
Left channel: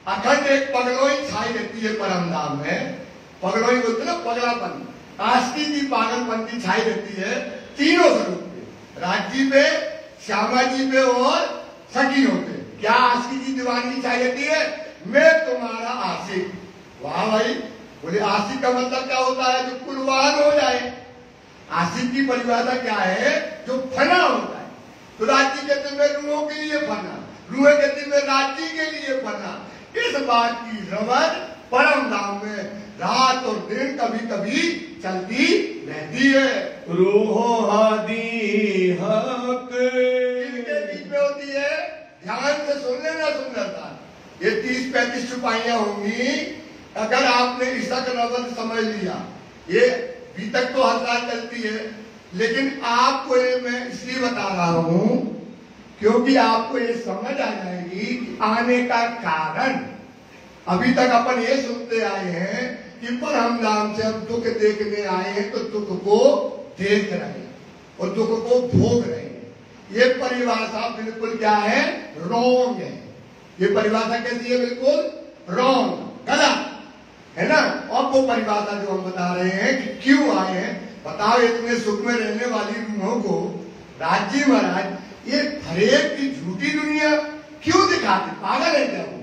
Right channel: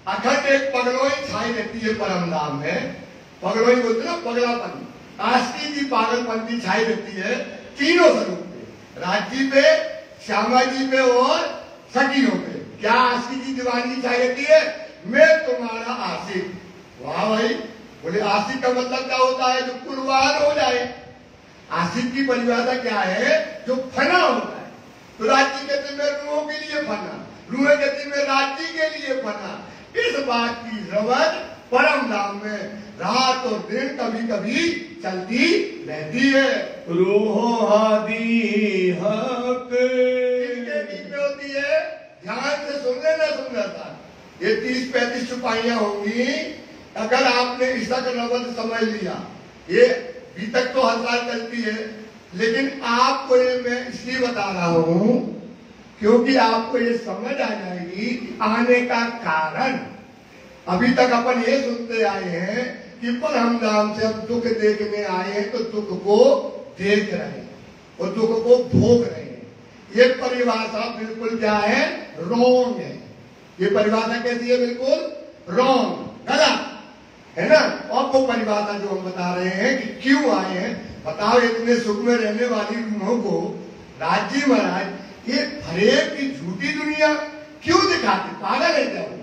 अखंड एक पगलोई छाई रहती है परम धाम में। पगलोई बोलते ना, पगलापन, आस्ती की पागलपंथी छाई रहती है तीनों स्वरूप पे, राजी पे, श्यामा जी पे और सखियों पे। क्या आशिक की दीवानगी छाई रहती है, मैं तुम्हारा आशिक। वाह भाई, बोले आशिक का मतलब क्या होता है, जो कुर्बान हो जाए। आशिक की परिभाषा क्या है, जो फना होता है। तो राजी कहते मैं रूहों के लिए फना, रूहें कहती मैं राजी के लिए फना। इस बात की रबद परम धाम में रात और दिन कभी कभी चलती रहती है। रूहो आदि हक इनके बीच में होती है, ध्यान से सुन लेना सुंदरता। ये 30-35 चुपाइयां होंगी। अगर आपने इसका रबद समझ लिया, ये अभी तक तो हर साल चलती है, लेकिन आपको ये मैं इसलिए बता रहा हूं क्योंकि आपको ये समझ आ जाएगी कि आने का कारण। अभी तक अपन ये सुनते आए हैं कि परम धाम से हम दुख देखने आए हैं, तो दुख को देख रहे हैं और दुख को भोग रहे हैं। ये परिभाषा बिल्कुल क्या है, रॉन्ग है। ये परिभाषा कैसी है, बिल्कुल रॉन्ग, गलत है ना। और वो परिभाषा जो हम बता रहे हैं कि क्यों आए हैं, बताओ इतने सुख में रहने वाली रूहों को राजी महाराज ये हरेक की झूठी दुनिया क्यों दिखाते, पागल है क्या वो?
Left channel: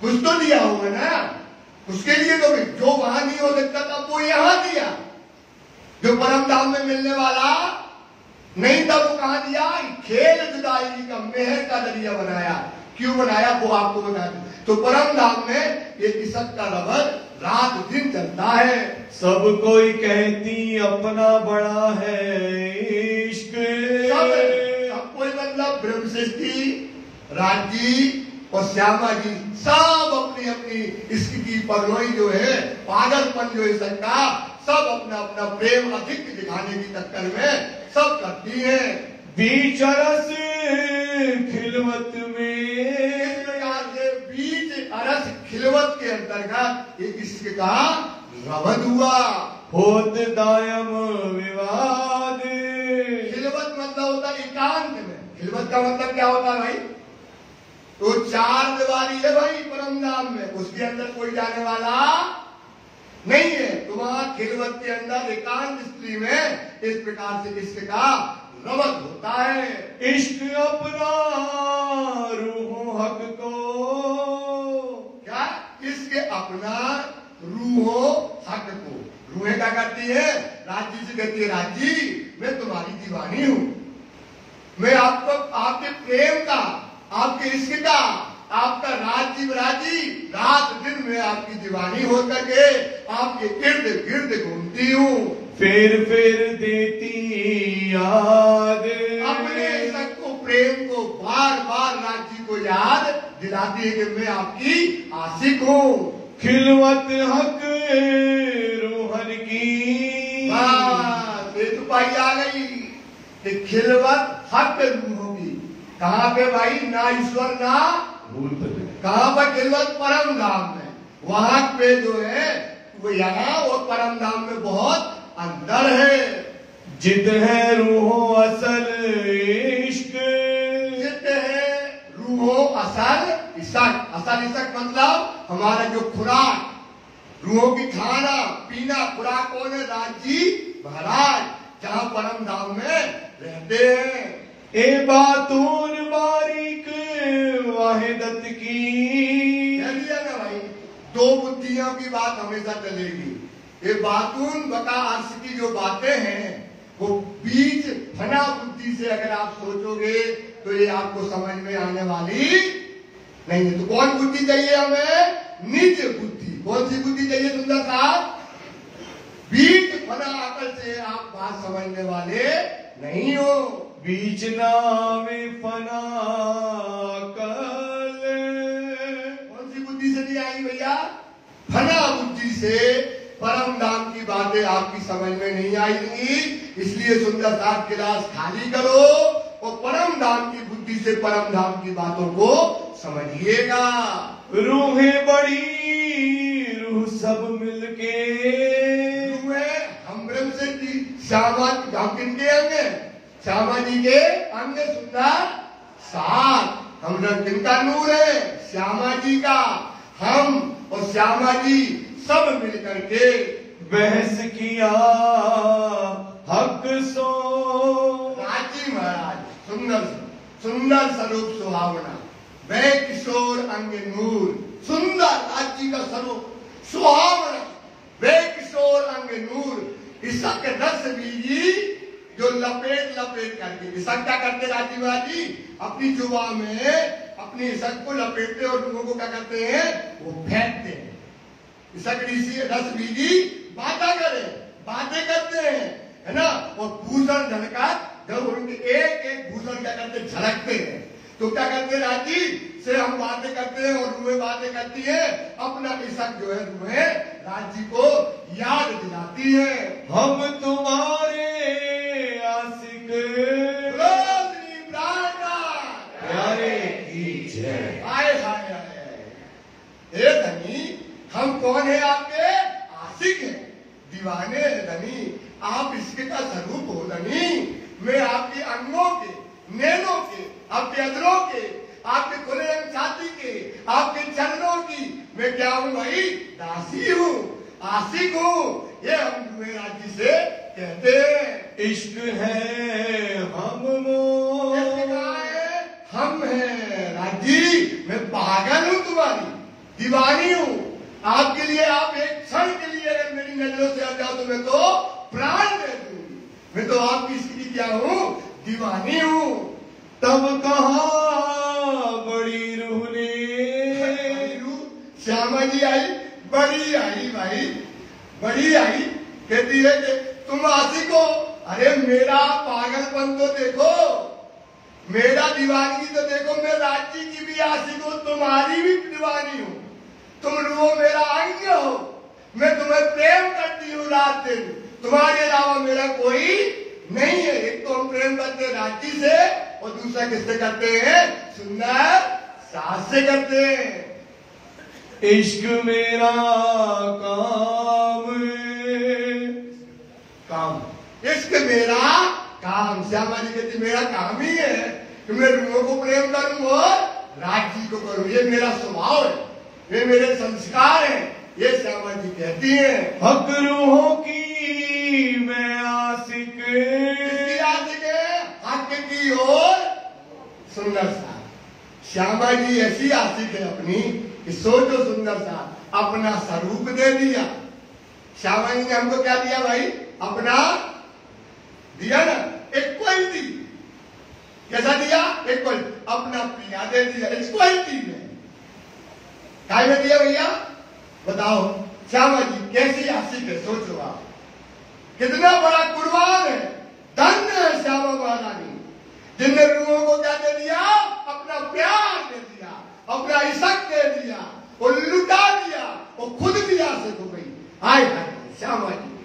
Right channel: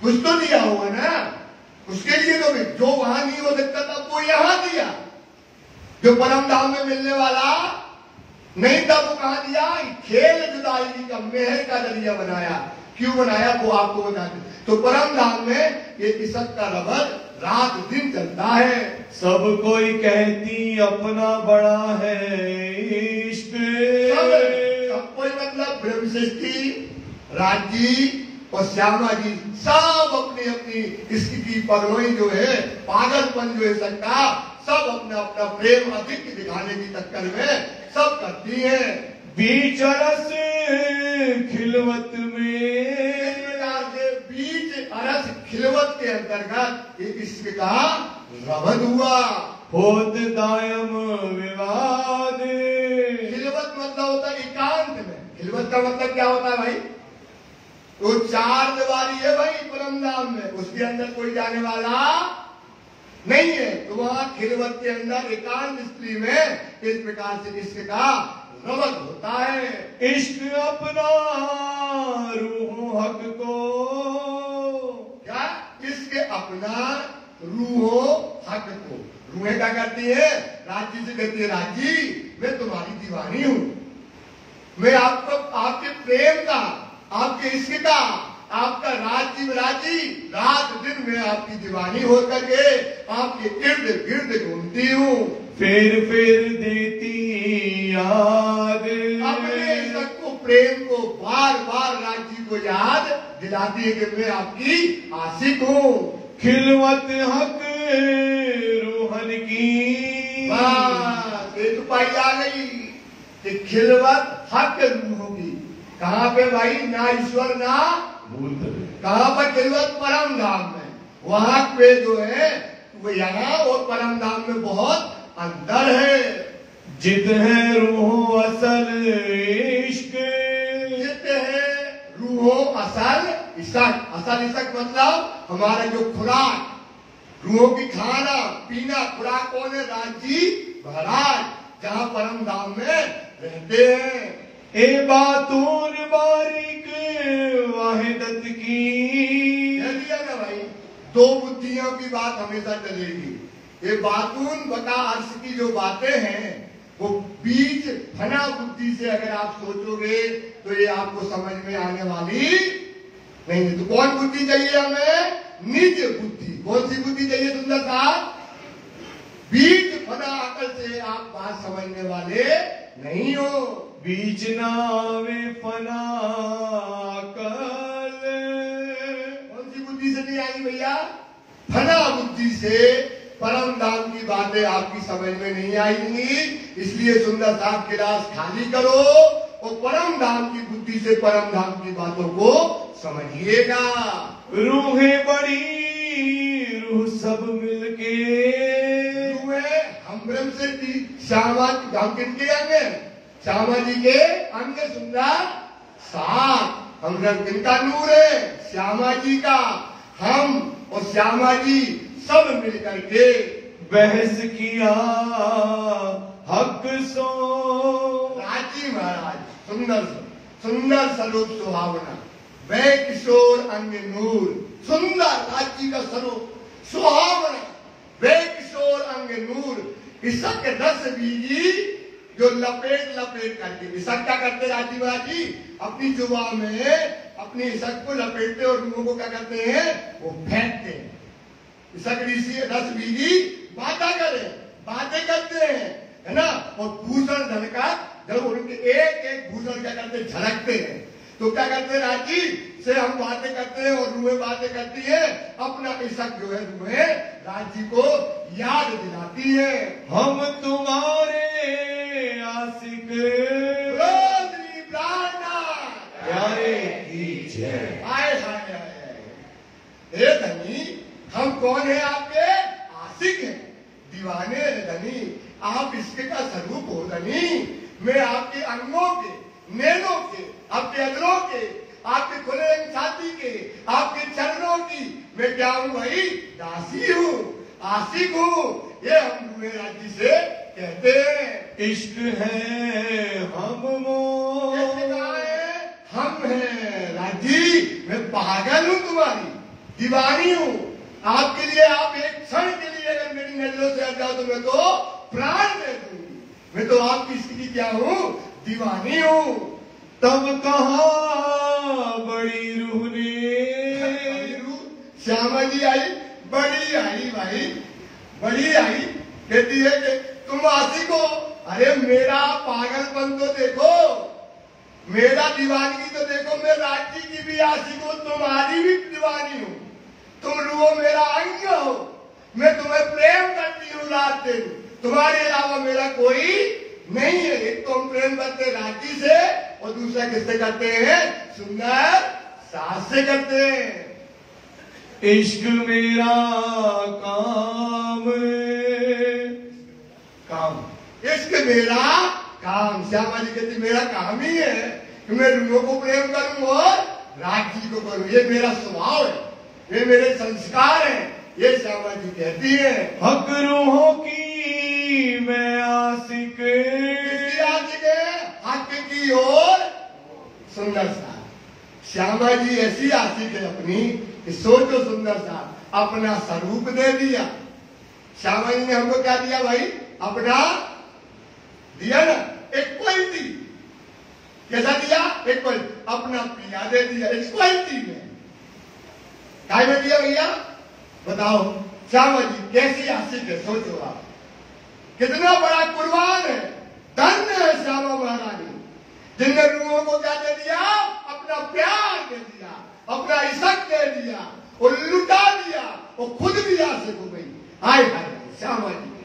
कुछ तो दिया होगा ना, उसके लिए तो जो वहां नहीं हो सकता था वो यहां दिया। जो परम धाम में मिलने वाला नहीं था वो कहां दिया, खेल जुदाई का मेहर का जरिया बनाया। क्यों बनाया वो आपको बता दें। तो परम धाम में ये इसक का रबद रात दिन चलता है। सब कोई कहती अपना बड़ा है इश्क। सब कोई मतलब ब्रह्म सृष्टि, राजी और श्यामा जी सब अपनी अपनी इसकी पगलोई जो है, पागलपन जो है सबका, सब अपना अपना प्रेम अधिक दिखाने की चक्कर में सब करती है। बीच रस खिलवत में, इस प्रकार से बीच अरस खिलवत के अंतर्गत ये इश्क का रबद हुआ। होत दायम विवाद। खिलवत मतलब होता है एकांत में। खिलवत का मतलब क्या होता है भाई, तो 4 दीवारी है भाई परम धाम में, उसके अंदर कोई जाने वाला नहीं है। तो वहां खिलवत के अंदर एकांत स्त्री में इस प्रकार से इश्क का रबद होता है। इश्क अपना रूह हक को, क्या इश्क अपना रूहो हक को। रूहें क्या करती है, राजी से कहती है राजी मैं तुम्हारी दीवानी हूँ। मैं आपको आपके प्रेम का, आपके इश्क का, आपका रात दिन में आपकी दीवानी हो करके आपके इर्द गिर्द घूमती हूँ। फिर देती याद अपने इश्क को, प्रेम को बार बार राजी को याद दिलाती है कि मैं आपकी आशिक हूँ। खिलवत हक रूहन की एक पाई आ गई कि खिलवत हक रूह की। कहाँ पे भाई? ना ईश्वर ना कहाँ पर खिलवत? परम धाम में। वहां पे जो है वो यहाँ और परम धाम में बहुत अंदर है। जिद है रूहो असल इश्क, जिद है रूहो असल इशक। असल इशक मतलब हमारा जो खुराक, रूहों की खाना पीना खुराक कौन है? राजी महाराज, जहाँ परम धाम में रहते हैं। ए बातून बारीक वाहिदत की, ना भाई, दो बुद्धियों की बात हमेशा चलेगी। ये बातून बका अर्श की जो बातें हैं वो बीच फना बुद्धि से अगर आप सोचोगे तो ये आपको समझ में आने वाली नहीं। तो कौन बुद्धि चाहिए हमें? निज बुद्धि। कौन सी बुद्धि चाहिए सुंदर साहब? बीच फना अकल से आप बात समझने वाले नहीं हो। बीच नावे फना कल, कौन सी बुद्धि से नहीं आई भैया? फना बुद्धि से परम धाम की बातें आपकी समझ में नहीं आएंगी। इसलिए सुंदर साहब गिलास खाली करो और परम धाम की बुद्धि से परम धाम की बातों को समझिएगा। रूहें बड़ी रूह सब मिलके, हम ब्रह्म से श्यामा हम किनके अंग हैं? श्यामा जी के अंग सुंदर साथ। हम किनका नूर है? श्यामा जी का। हम और श्यामा जी सब मिलकर के बहस किया हक सो। राजी महाराज सुंदर स्वरूप सुहावना, वह किशोर अंग नूर। सुंदर राजी का स्वरूप सुहावना, वह किशोर अंग नूर। इसक रस बीजी जो लपेट करके, इसक क्या करते राजी महाराज जी? अपनी जुबा में अपनी इसक को लपेटते और रूहों को क्या करते हैं? वो फेंकते हैं। इसक रस बीजी बातें करते हैं, है ना। और भूषण झलका जब उनके एक भूषण क्या करते? झलकते हैं। तो क्या करते हैं राजी से हम बातें करते हैं और रूहें बातें करती है। अपना इसक जो है रूहें राजी को याद दिलाती है। हम तुम्हारे आशिक प्यारे की जय। हाय हाय हे धनी, हम कौन है? आपके आशिक हैं, दीवाने हैं धनी। आप इसके का स्वरूप हो धनी। मैं आपके अंगों के, नैनों के, आपके अधरों के, आपके खुले रंग छाती के, आपके चरणों की मैं क्या हूँ भाई? दासी हूँ, आशिक हूँ। ये हम तुम्हें राजी से कहते हैं। इश्क है हम हम हैं राजी। मैं पागल हूँ, तुम्हारी दीवानी हूँ। आपके लिए आप एक क्षण के लिए अगर मेरी नजरों से हट जाओ तो मैं तो प्राण दे दूंगी। मैं तो आपकी स्थिति क्या हूँ? दीवानी हूँ। तब कहा बड़ी रूह ने, श्यामा जी आई, बड़ी आई भाई, बड़ी आई। कहती है कि तुम आशिक हो। अरे मेरा पागलपन तो देखो, मेरा दीवानगी तो देखो। मैं राज्य की भी आशिक हूँ, तुम्हारी भी दीवानी हूँ। तुम रूहो मेरा अंग हो। मैं तुम्हें प्रेम करती हूँ रात दिन। तुम्हारे अलावा मेरा कोई नहीं है। एक तो हम प्रेम करते हैं राजी से और दूसरा किससे करते हैं? सुंदर सास से करते हैं। इश्क मेरा काम, इश्क मेरा काम। श्यामा जी कहती मेरा काम ही है कि मैं रूहों को प्रेम करूं और राज्य को करूं। ये मेरा स्वभाव है, ये मेरे संस्कार हैं। ये श्यामा जी कहती है। हक रूहों की मैं आशिक, आशिक है हक की और सुंदर सा। श्यामा जी ऐसी आशिक है अपनी कि सोचो सुंदर सा अपना स्वरूप दे दिया। श्यामा जी ने हमको क्या दिया भाई? अपना दिया ना, इक्वलिटी। कैसा दिया? एक पल अपना पिया दे दिया, इक्वलिटी में। काय में दिया भैया? बताओ श्यामा जी कैसी आशिक है, सोचो आप, कितना बड़ा कुर्बान है, धन्य है श्यामा महारानी, जिनने रूहों को क्या दे दिया? अपना प्यार दे दिया, अपना इशक दे दिया, वो लुटा दिया, वो खुद भी आशिक हो गई। हाय हाय श्यामा जी,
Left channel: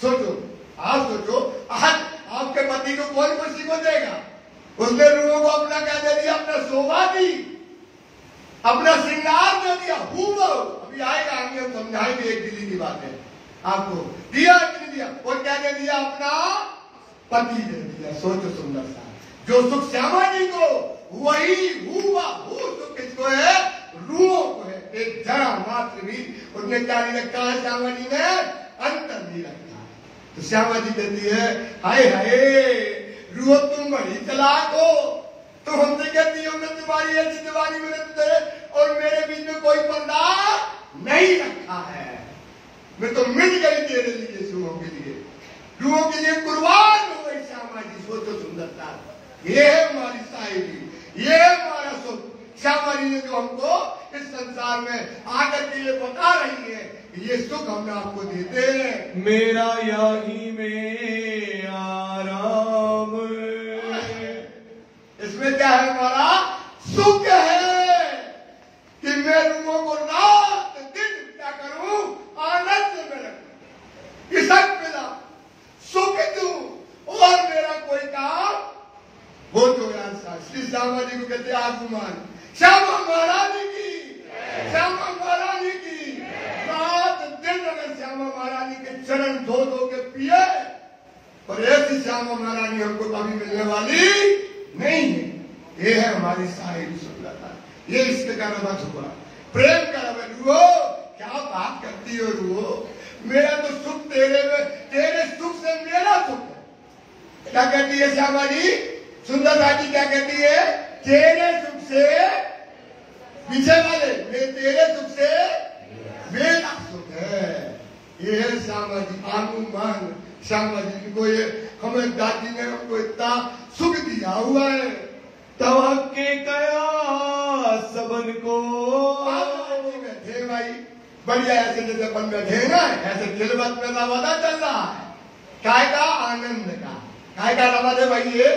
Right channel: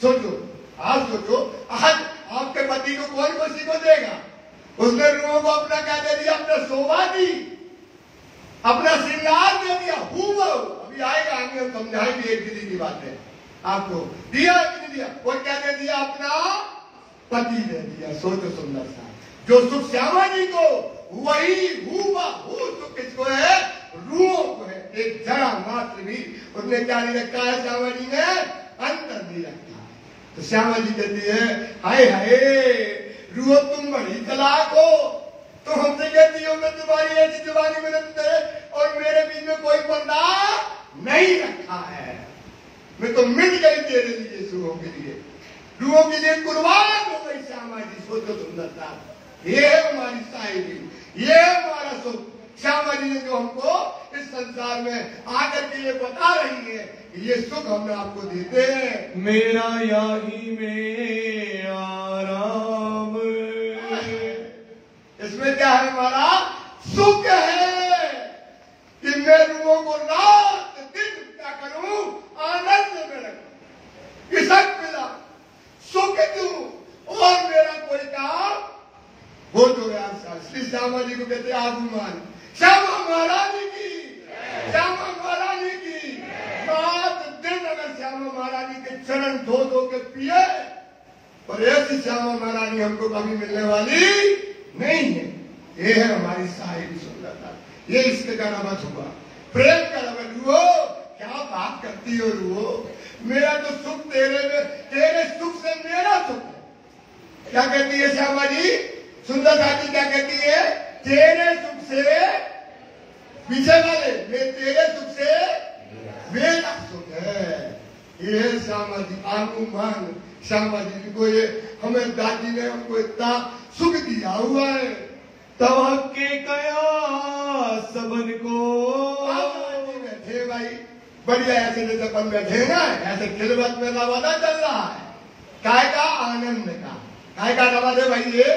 सोचो, आप सोचो, आज आपके पति को कोई खुशी को देगा? उसने रूहों को अपना क्या दे दिया? अपना शोभा दी, अपना श्रृंगार दे दिया। अभी आएगा, आगे हम समझाएंगे एक दीदी की बात है आपको। दिया कि नहीं दिया? और क्या दे दिया? अपना पति दे दिया। सोचो सुंदर सा, जो सुख श्यामा जी को, वही सुख किसको है? रूहों को है। एक जरा मात्र भी उसने क्या नहीं रखा है? श्यामा जी ने अंतर नहीं रखा है। तो श्यामा जी कहती है, हाय हाय रूह तुम बड़ी तलाक हो, तो हमसे कहती हो मैं तुम्हारी ऐसी दीवानी में तुझे और मेरे बीच में कोई पर्दा नहीं रखा है, मैं तो मिल गई तेरे लिए, रूहों के लिए, रूहों के लिए कुर्बान हो गई श्यामा जी। सोचो सुंदरता, ये है हमारी शायरी, ये है हमारा सुख। श्यामा जी ने जो हमको इस संसार में आकर के ये बता रही है, ये सुख हम आपको देते हैं। मेरा यही में आराम, इसमें क्या है? हमारा सुख है कि मैं रूहों को रात दिन क्या करूं? आनंद में रखूं, इशक मिला, सुख दूं, और मेरा कोई काम हो तो यार। श्री श्यामा जी को कहते आगुमान, श्यामा महारानी की, श्यामा महारानी की। रात दिन अगर श्यामा महारानी के चरण धो धो के पिए, पर ऐसी श्यामा महारानी हमको कभी मिलने वाली नहीं है। ये है हमारी शायरी सुंदरता, ये इश्क का रमत हुआ, प्रेम का रमत हुआ। क्या बात करती हो रूहो, मेरा तो सुख तेरे में, तेरे सुख से मेरा सुख है। क्या कहती है श्यामा जी? सुंदरता जी क्या कहती है? तेरे सुख से, पीछे वाले, तेरे सुख से मेरा सुख है। ये है श्यामा जी, आगुमान श्यामा जी को। ये हमें दादी ने हमको इतना सुख दिया हुआ है। तब के कया सबन को बैठे भाई, बढ़िया ऐसे जैसे अपन बैठे ना, ऐसे दिलबत में रवादा चल रहा है। काय का? आनंद का। काय का रवाज है भाई? ये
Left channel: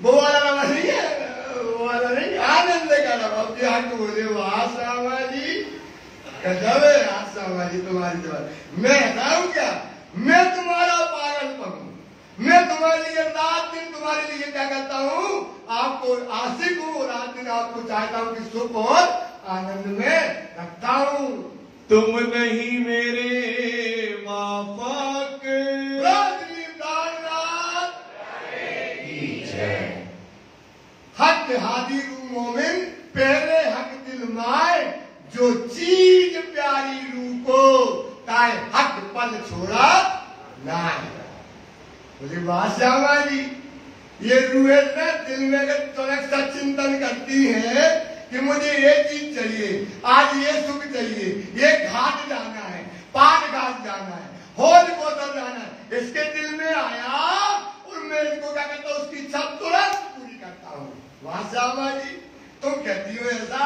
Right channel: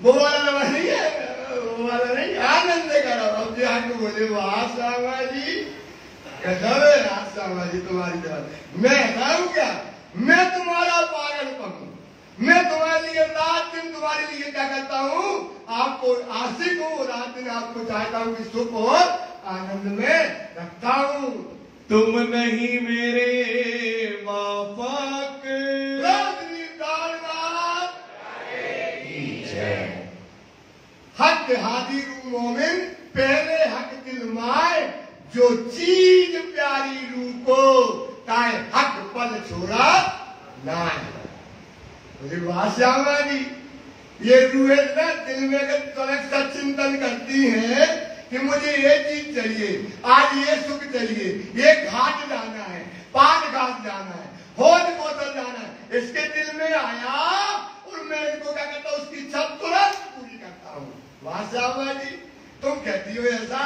वो वाला रवाज नहीं है, वो वाला नहीं, आनंद का रवाज। जी आज बोले वाह श्यामा जी, गजब है यार श्यामा जी तुम्हारी जवाब। मैं हूं क्या? मैं तुम्हारा पागलपन हूं, मैं तुम्हारे लिए रात दिन तुम्हारे लिए क्या करता हूं? आपको आशिक हूं, रात दिन आपको चाहता हूं कि सुख और आनंद में रखता हूं। तुम नहीं मेरे माफाक, हक हादी रू मोमिन, पहले हक दिल माए, जो चीज प्यारी रू को, ताए हक पल छोड़ा ना। मुझे बात श्यामा जी, ये रूहें ना दिल में सा चिंतन करती है कि मुझे ये चीज चाहिए, आज ये सुख चाहिए, ये घाट जाना है, पान घाट जाना है, होद बोतल जाना है, इसके दिल में आया और मैं इनको क्या करता हूं? उसकी इच्छा तुरंत पूरी करता हूं। वाह श्यामा जी, तुम कहती हो ऐसा?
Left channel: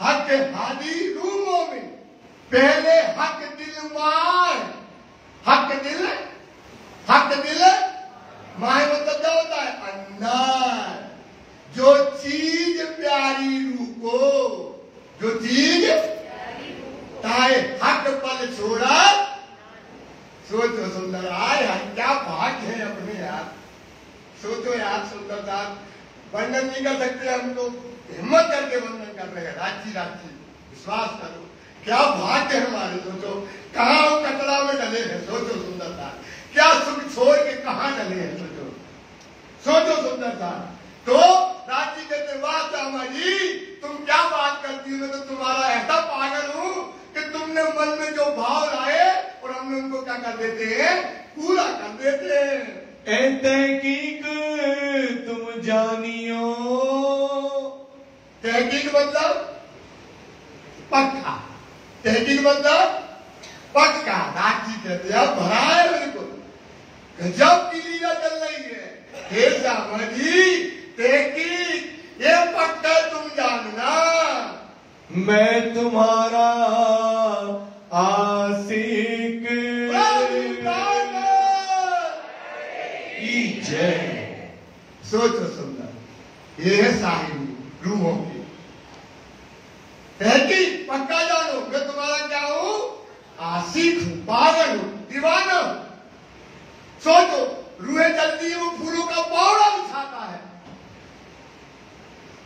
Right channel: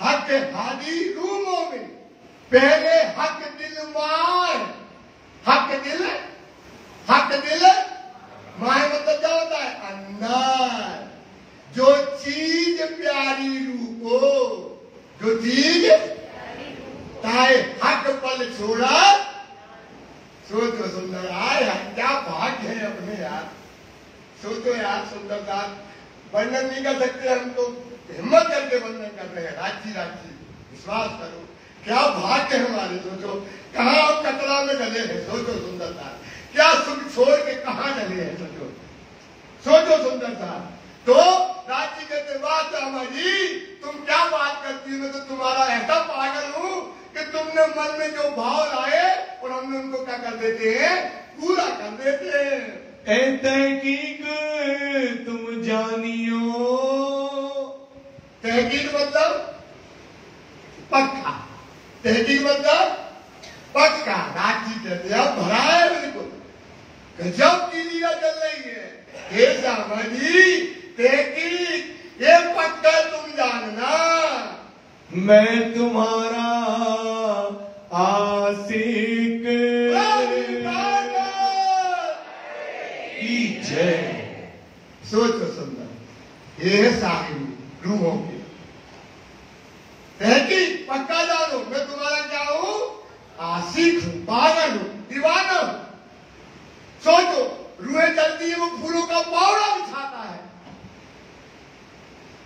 हक हादी रूमों में पहले हक दिल मार, हक दिल माए मतलब क्या होता है? अंदर जो चीज प्यारी रूह को, जो चीज ताए हक पल छोड़ा। सोचो सुंदर, आए क्या भाग्य है अपने यार। सोचो यार सुंदरता, वर्णन नहीं कर सकते हम तो, हिम्मत करके वर्णन कर रहे हैं। राजी विश्वास करो, क्या भाग्य है हमारे। सोचो कहाँ हम कचरा में डले हैं। सोचो सुंदरता, क्या सुख छोड़ के कहाँ डले हैं। सोचो सुंदरता। तो राजी कहते वाह श्यामा जी, तुम क्या बात करती हो, मैं तो तुम्हारा ऐसा पागल हूं कि तुमने मन में जो भाव लाए और हमने उनको क्या कर देते हैं? पूरा कर देते हैं। तहकीक तुम जानियो, तहकीक मतलब पक्का, तहकीक मतलब पक्का। राजी कहते हैं भरा है बिल्कुल, गजब की लीला चल रही है। हे श्यामा जी, देखी ये पक्का तुम जानना, मैं तुम्हारा आशिक की जय। सोचो सुंदर, ये है साहिब रूहों के। कहती पक्का जानो, मैं तुम्हारा क्या हूं? आशिक हूं, पागल हूं, दीवाना हूं। सोचो, रूहें चलती है, वो फूलों का पौड़ा बिछाता है,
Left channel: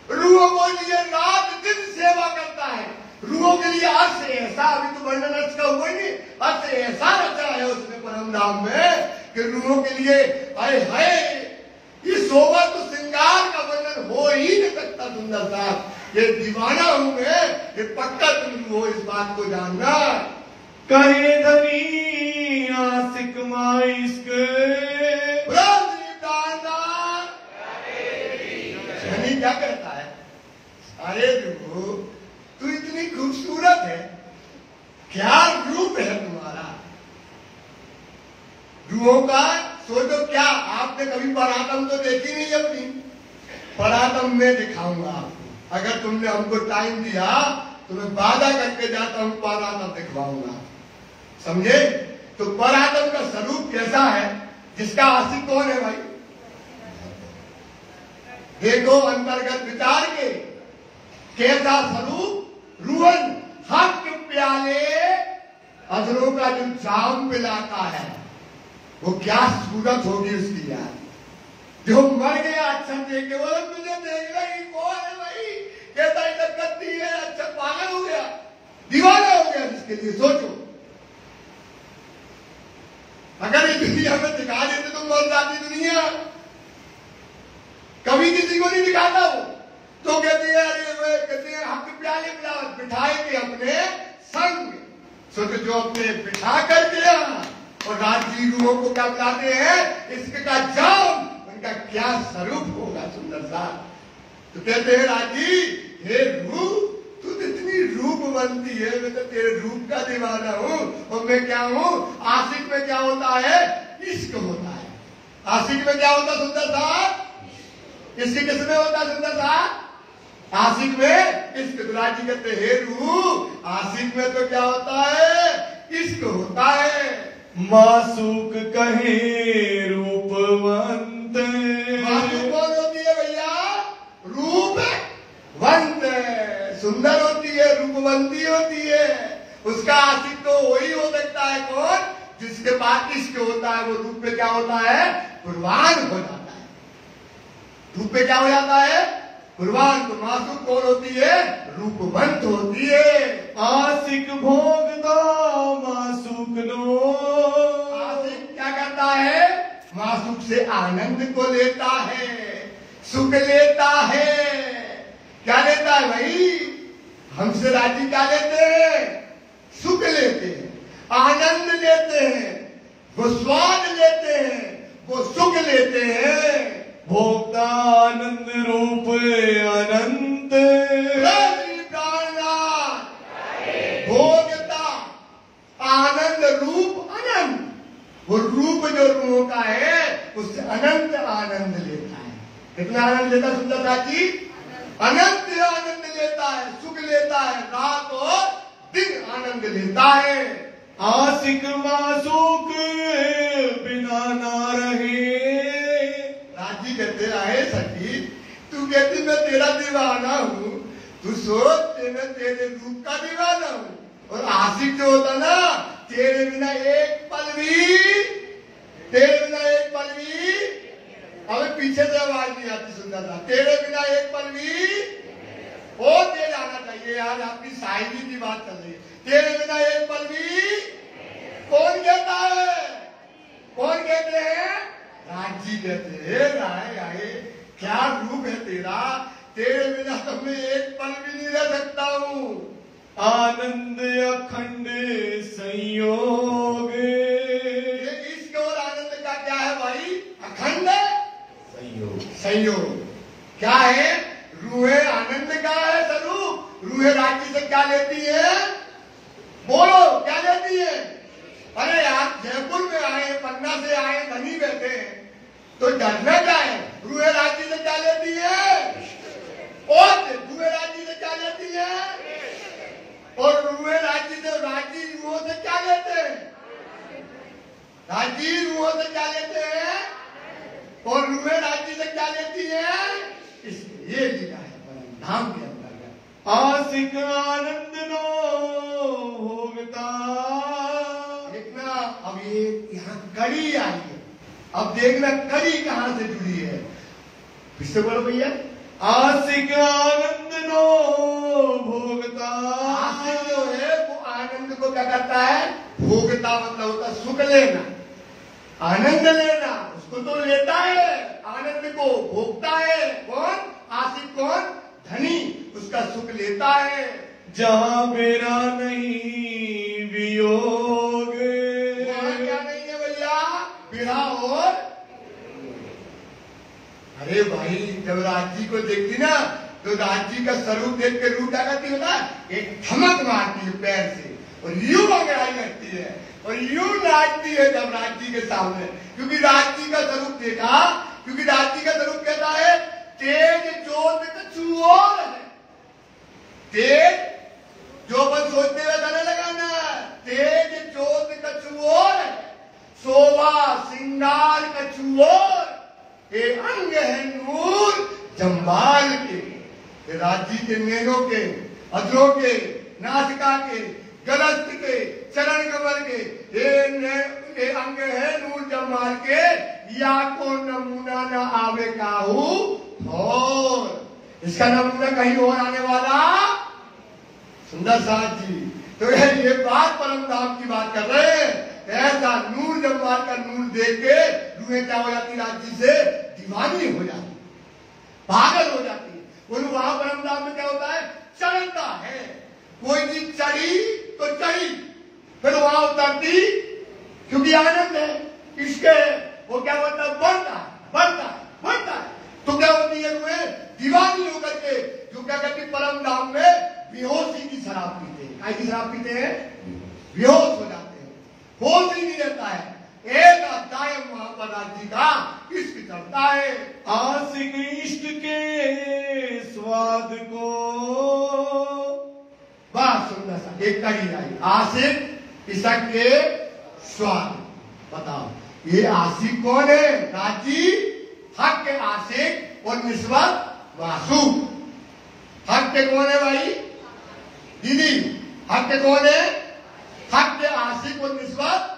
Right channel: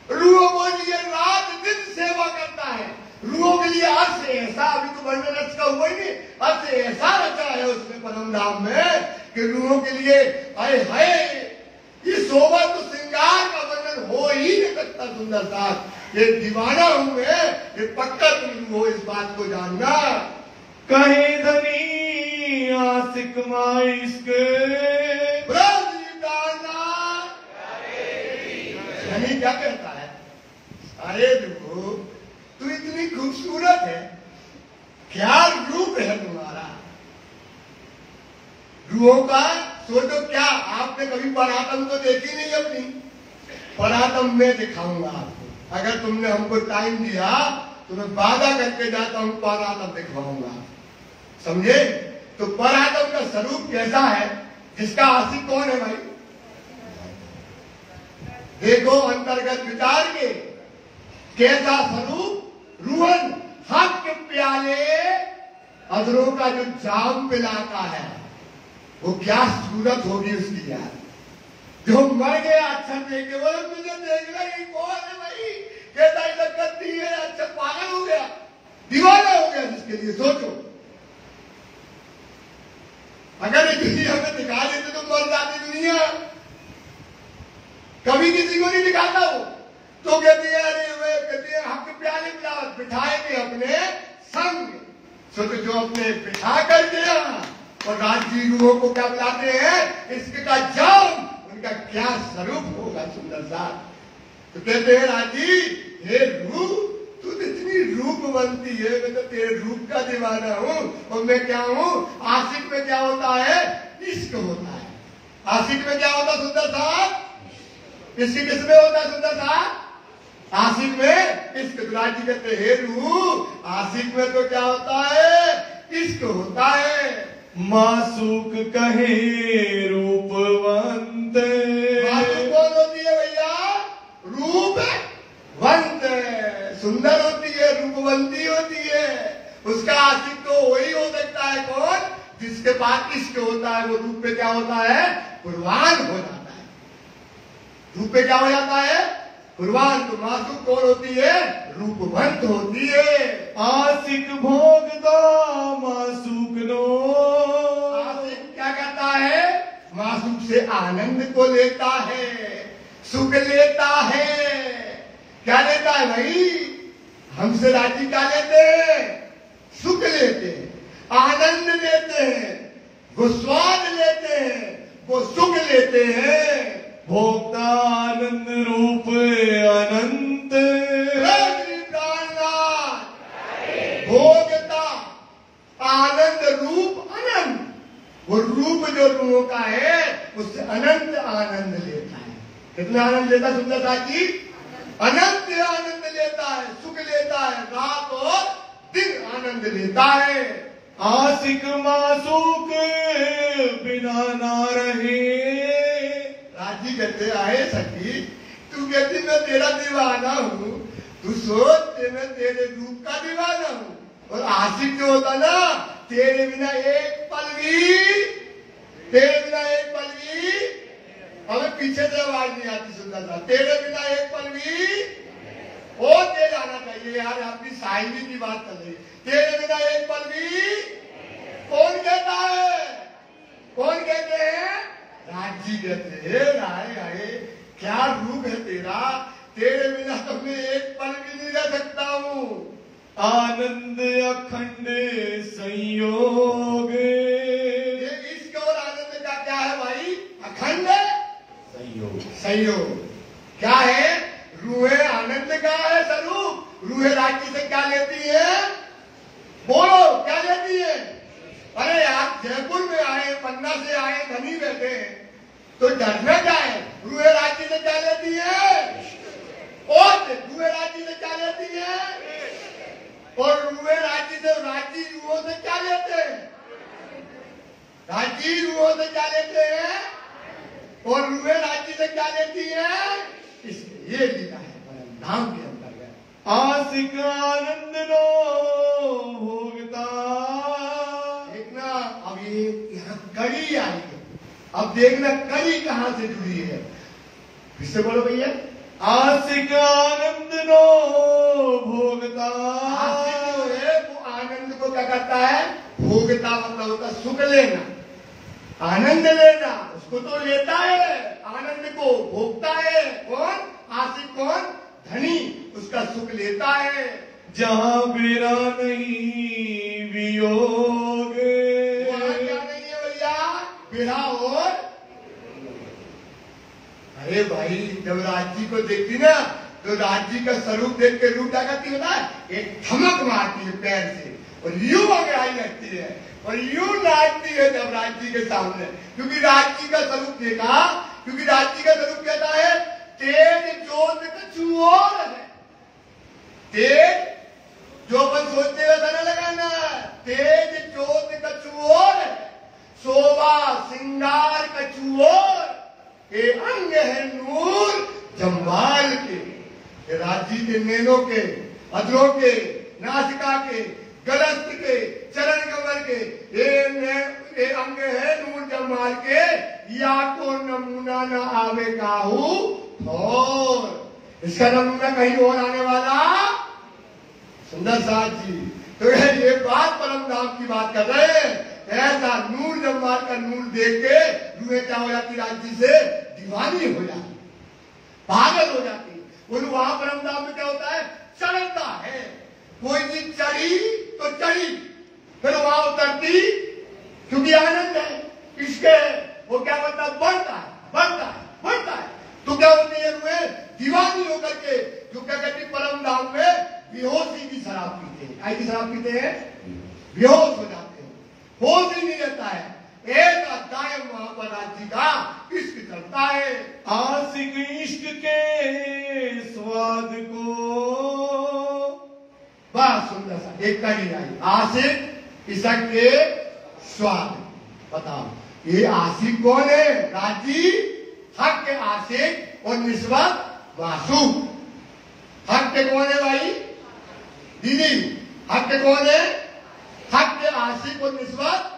रूहों को लिए रात दिन सेवा करता है। रूहों के लिए आज से ऐसा, अभी तो वर्णन रच का हुआ ही नहीं, आज से ऐसा रचा है उसने परम धाम में कि रूहों के लिए आए हाय, ये शोभा तो श्रृंगार का वर्णन हो ही नहीं सकता। सुंदर साहब, ये दीवाना हूं मैं, ये पक्का तुम हो, इस बात को जानना। कहे धनी आशिक माइस्क धनी क्या कहता है? अरे देखो, तू इतनी खूबसूरत है, क्या रूप है तुम्हारा। रूहों का सोचो, क्या आपने कभी परातम तो देखी नहीं अपनी? परातम मैं दिखाऊंगा आपको, अगर तुमने हमको टाइम दिया तो मैं वादा करके जाता हूं, परातम दिखवाऊंगा, समझे? तो परातम का स्वरूप कैसा है, जिसका आशिक कौन है भाई? देखो अंतर्गत विचार के, कैसा स्वरूप, रूहन हक प्याले अधरों का जो जाम पिलाता है, वो क्या सूरत होगी उसकी यार। जो मर गया अक्षर देख के, बोले तुझे देख रही कौन है भाई, कैसा इधर करती है, अक्षर पागल हो गया, दीवाना हो गया जिसके लिए। सोचो, अगर ये दुनिया में दिखा देते तो मर जाती दुनिया, कभी किसी को नहीं दिखाता वो तो कहती है, अरे वे कहती है हक प्याले बिठाएंगे अपने संग। सोचो, जो अपने बिठा कर दिया, और राजी रूहों को क्या बुलाते हैं, इसका जाम, उनका क्या स्वरूप होगा सुंदर सा। तो कहते हैं राजी, हे रूह, तू इतनी रूपवंती है, मैं तो तेरे रूप का दीवाना हूं। और मैं क्या हूं? आशिक में क्या होता है? इश्क होता है। आशिक में क्या होता सुंदर सा? इश्क किसमें होता है सुंदर सा? आशिक में इश्क। राजी कहते हे रूह, आशिक में तो क्या होता है? इश्क होता है। मासूक कहे रूपवंत, मासूक कौन होती है भैया? रूप वंत, सुंदर होती है, रूपवंती होती है। उसका आशिक तो वही हो सकता है कौन? जिसके पास इश्क होता है। वो रूप पे क्या होता है? कुर्बान हो जाता है। रूप पे क्या हो जाता है? कुर्बान। तो मासूक कौन होती है? रूपवंत होती है। आशिक भोगता मासूक नो, आशिक क्या करता है? मासूक से आनंद को लेता है, सुख लेता है। क्या लेता है भाई? हमसे राजी क्या लेते हैं? सुख लेते हैं, आनंद लेते हैं, वो स्वाद लेते हैं, वो सुख लेते हैं। भोक्ता आनंद रूप अनंत, भोगता आनंद रूप अनंत। वो रूप जो रूहों का है, उससे अनंत आनंद लेता है। कितना आनंद लेता सुंदरता जी? अनंत आनंद लेता है, सुख लेता है, रात और दिन आनंद लेता है। आशिक मासूक बिना ना रहे। राजी कहते आए सखी, तू कहती मैं तेरा दीवाना हूँ, तू सोच मैं तेरे रूप का दीवाना हूँ। और आशिक जो होता ना, तेरे बिना एक पल भी, तेरे बिना एक पल भी, हमें पीछे से आवाज नहीं आती सुंदर था, तेरे बिना एक पल भी और तेज आना चाहिए यार, आपकी शायरी की बात कर रही है। तेरे बिना एक पल भी कौन कहता है? कौन कहते हैं? राजी कहते हैं। राय आए, क्या रूप है तेरा, तेरे बिना तो मैं एक पल भी नहीं रह सकता हूँ। आनंद अखंड संयोग, इश्क और आनंद का क्या है भाई? अखंड संयोग। संयोग क्या है? रूहें आनंद का है स्वरूप। रूहें राजी से क्या लेती है? बोलो क्या लेती है? अरे यार जयपुर में आए, गंगा से आए धनी बैठे हैं तो डरना जाए। रुए राज्य से क्या लेती है? और रुए राज्य से क्या लेती है? और रुए राज्य से राजी रुओं से क्या लेते हैं? राजी रुओं से क्या लेते हैं? और रुए राज्य से क्या लेती है? इसलिए ये लीला है परमधाम के अंतर्गत। आशिक आनंद नो होविता। देखना अब ये यहाँ कड़ी आई है, अब देखना कड़ी कहाँ से जुड़ी है। फिर से बोलो भैया। आशिक आनंद नो भोगता। आशिक जो है वो आनंद को क्या करता है? भोगता मतलब होता है सुख लेना, आनंद लेना। उसको तो लेता है, आनंद को भोगता है। कौन? आशिक कौन? धनी, उसका सुख लेता है। जहाँ मेरा नहीं वियोग। वहां क्या नहीं है भैया? विरह और। अरे भाई जब राजी को देखती ना तो राजी का स्वरूप देख के रूप क्या करती होता है? एक धमक मारती है पैर से और यूं अंगड़ाई लगती है और यूं नाचती है जब राजी के सामने, क्योंकि राजी का स्वरूप देखा, क्योंकि राजी का स्वरूप कहता है तेज जोत कछुओर है। तेज जो अपन सोचते हुए धन लगाना, तेज जोत कछुओर है, शोभा सिंगार कछुओर, ये अंग है नूर जम्बाल के। राजी के नैनों के, अधरों के, नासिका के, गलस्त के, चरण कमल के, ये अंग है नूर जम्बाल के। या को नमूना न आवे काहू और इसका नमूना कहीं और आने वाला सुंदर साथ जी। तो ये बात परम धाम की बात कर रहे हैं। ऐसा नूर जम्बाल का नूर देख के रूहें क्या हो जाती? राज्य से दीवानी हो जाती, पागल हो जाती। बोलो वहां परम धाम में क्या होता है? चढ़ता है, कोई चीज चढ़ी तो चढ़ी, फिर वहां उतरती, क्योंकि आनंद है, इसके वो क्या बनता है? बढ़ता है, बढ़ता है, बढ़ता है। तो क्या होती है? रूहें दीवानी होकर के जो क्या कहती परम धाम में बेहोशी की शराब पीते हैं। काय की शराब पीते हैं? बेहोश हो जाते हैं, होश ही नहीं रहता है। एक दायम वहां पर राज्य का इश्क चलता है। आशिक इश्क के स्वाद को। बस सुंदर सा एक कड़ी आई। आशिक इश्क के स्वाद। बताओ ये आशिक कौन है? राजी, हक के आशिक और निस्बत मासूक। हक के कौन है भाई? दीदी हक के कौन है? हक के आशिक और निस्बत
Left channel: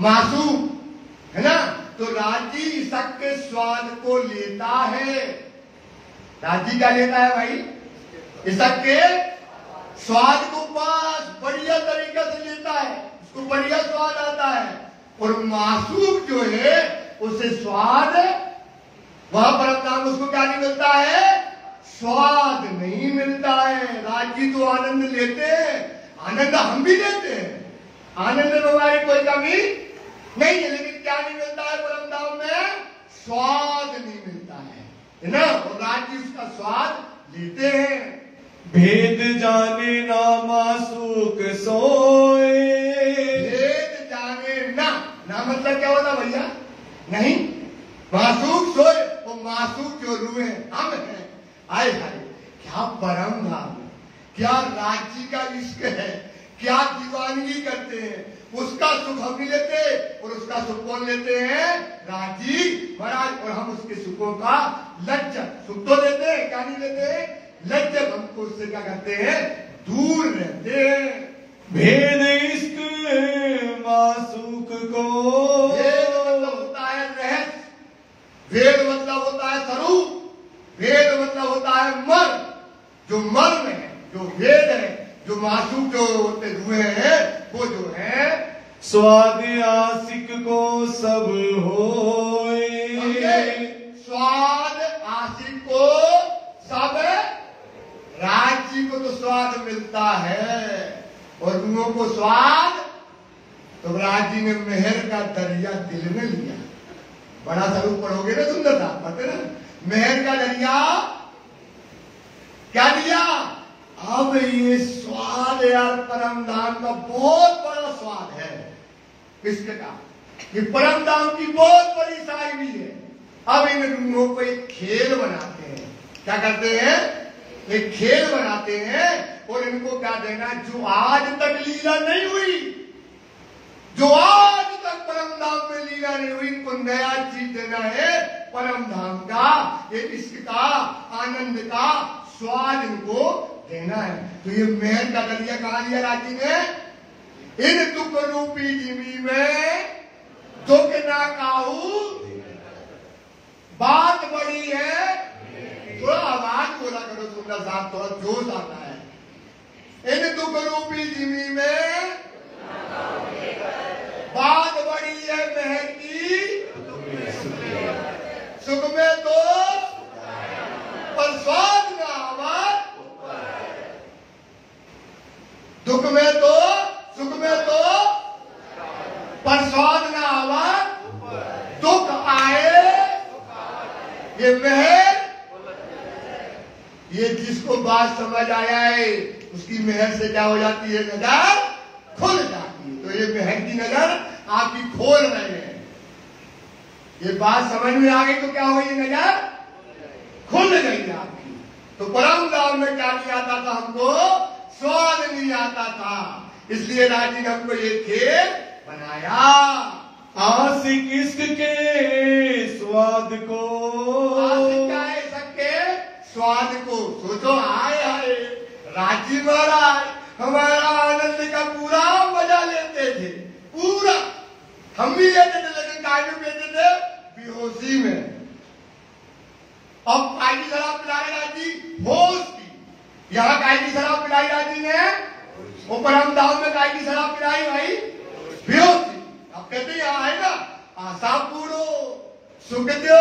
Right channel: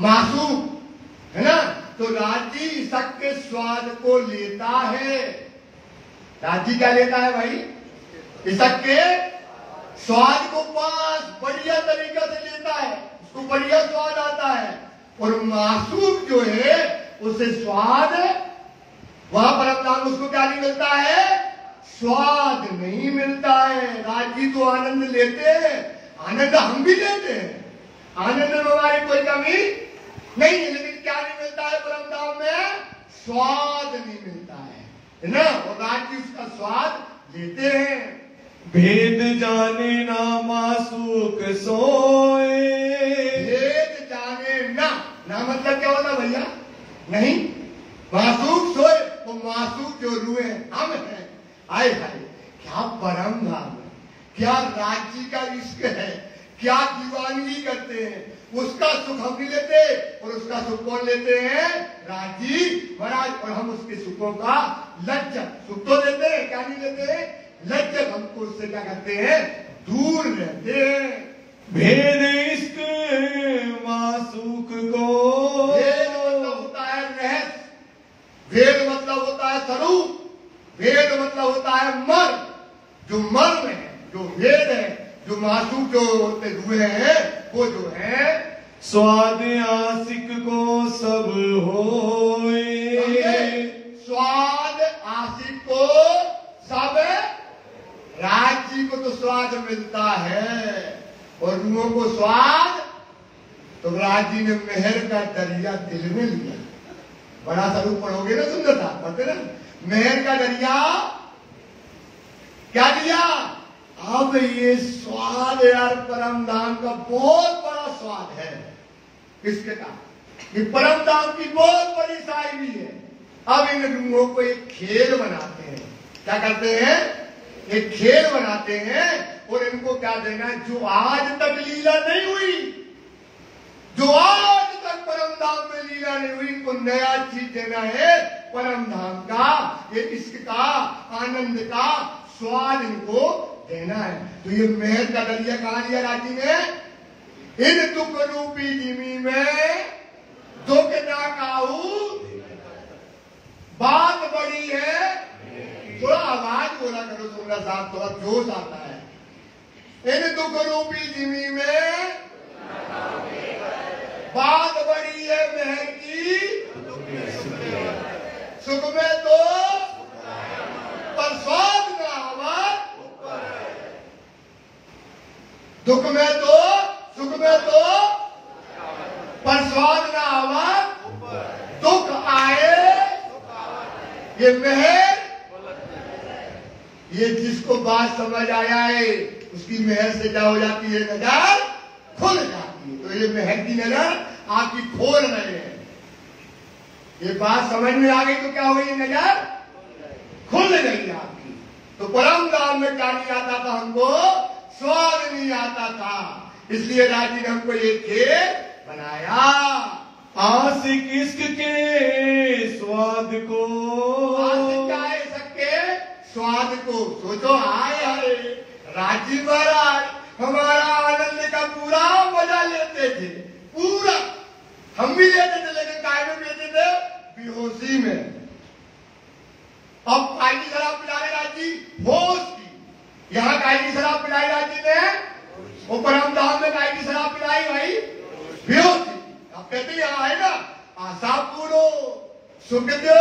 मासूक है ना। तो राजी इश्क के स्वाद को लेता है। राजी क्या लेता है भाई? इश्क के स्वाद को बस बढ़िया तरीका से लेता है, उसको बढ़िया स्वाद आता है। और मासूक जो है उसे स्वाद वहां पर अपना उसको क्या नहीं मिलता है? स्वाद नहीं मिलता है। राजी तो आनंद लेते हैं, आनंद हम भी लेते हैं, आनंद में हमारी कोई कमी नहीं है, लेकिन क्या नहीं मिलता है परम धाम में? स्वाद नहीं मिलता है ना। और राजी उसका स्वाद लेते हैं। भेद जाने ना मासूक सोए। भेद जाने ना, ना मतलब क्या होता भैया? नहीं, मासूक सोए, वो मासूक जो रूहे हम हैं। आए हाय क्या परम धाम है, क्या राज्य का इश्क है, क्या दीवानगी करते हैं। उसका सुख हम भी लेते और उसका सुख कौन लेते हैं? राजी महाराज। और हम उसके सुखों का लज्जत, सुख तो लेते हैं, क्या नहीं लेते? लज्जत। हमको उससे क्या करते हैं? दूर रहते हैं। भेद इश्क मासूक को। भेद मतलब होता है रहस्य, भेद मतलब होता है स्वरूप, भेद मतलब होता है मर्म। जो मर्म है, जो भेद है, जो मासूक जो होते हुए हैं, वो जो है स्वाद आशिक को सब होए। स्वाद आशिक को सब। राज्य को तो स्वाद मिलता है और रूहों को स्वाद। तो राज्य ने मेहर का दरिया दिल में लिया। बड़ा स्वरूप पढ़ोगे ना, सुंदर था पढ़ते ना। मेहर का दरिया क्या दिया? अब ये स्वाद यार परम धाम का बहुत बड़ा स्वाद है इश्क का। कि परम धाम की बहुत बड़ी साहिबी है। अब इन लोगों को एक खेल बनाते हैं। क्या करते हैं? एक खेल बनाते हैं और इनको क्या देना, जो आज तक लीला नहीं हुई, जो आज तक परम धाम में लीला नहीं हुई, इनको नया चीज देना है। परम धाम का, ये इश्क का, आनंद का स्वाद इनको देना है। तो ये महल का दरिया कहां दिया राजी ने? इन दुख रूपी जिमी में दुख ना काऊ, बात बड़ी है। थोड़ा आवाज बोला करो सुंदर साहब, थोड़ा जोश आता है। इन दुख रूपी जिमी में बात बड़ी है महल की, सुख में तो पर स्वाद ना आवाज, दुख में तो सुख में तो पर स्वाद ना आवाज, दुख आए ये महल, ये जिसको बात समझ आया है उसकी महल से क्या हो जाती है, नजर खुल जाती है। तो ये महल की नजर आपकी खोल रहे हैं। ये बात समझ में आ गई तो क्या हुई, नजर खुल गई आपकी। तो परम धाम में क्या नहीं आता था हमको, स्वाद नहीं आता था, इसलिए राजी ने हमको ये खेल बनाया। आशिक इश्क के स्वाद को, आशिक क्या है सबके स्वाद को। सोचो, आए आए राजी महाराज हमारा आनंद का पूरा मजा लेते थे, पूरा हम भी लेते थे, लेकिन काय में लेते थे, बेहोशी में। अब काय की शराब पिलाए राजी, होश की। यहाँ काय की शराब पिलाई राजी ने, वो परम धाम में काय की शराब पिलाई भाई, बेहोशी। अब कहते यहाँ आए ना, आशा पूरो सुख दो।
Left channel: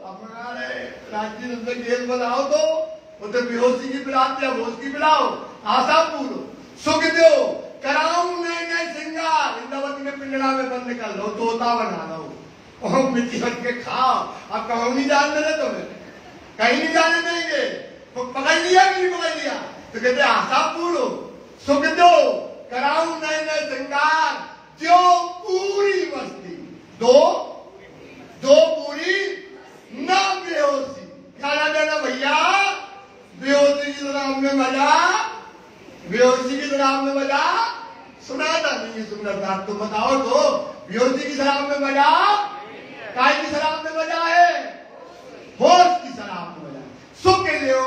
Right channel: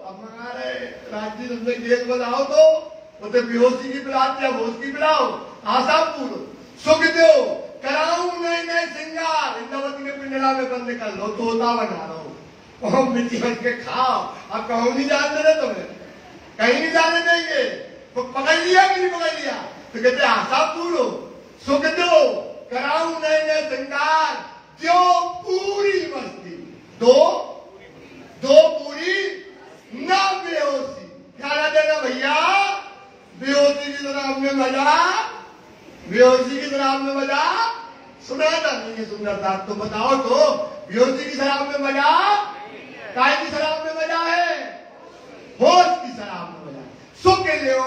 अब हमारे राजी ने गेल बनाओ तो वो तो बेहोशी की पिलाते, अब होश की पिलाओ। आशा पूरो सुख दो, कराऊं नए नए श्रृंगार, इंद्रवती ने पिंजरा में बंद कर लो, तोता बना लो, मिट्टी बन के खाओ। अब कहूं नहीं जानते थे तुम्हें, कहीं नहीं जाने देंगे। तो पकड़ लिया कि नहीं पकड़ लिया? तो कहते आशा पूरो सुख दो, कराऊं नए नए श्रृंगार, जो पूरी मस्ती दो पूरी ना बेहोशी। क्या ना देना भैया, बेहोशी की शराब में मजा, बेहोशी की शराब में मजा सुनाता नहीं है सुंदर साहब। तो बताओ तो, बेहोशी की शराब में मजा, काय की शराब में मजा है, होश की शराब में मजा। सुख लो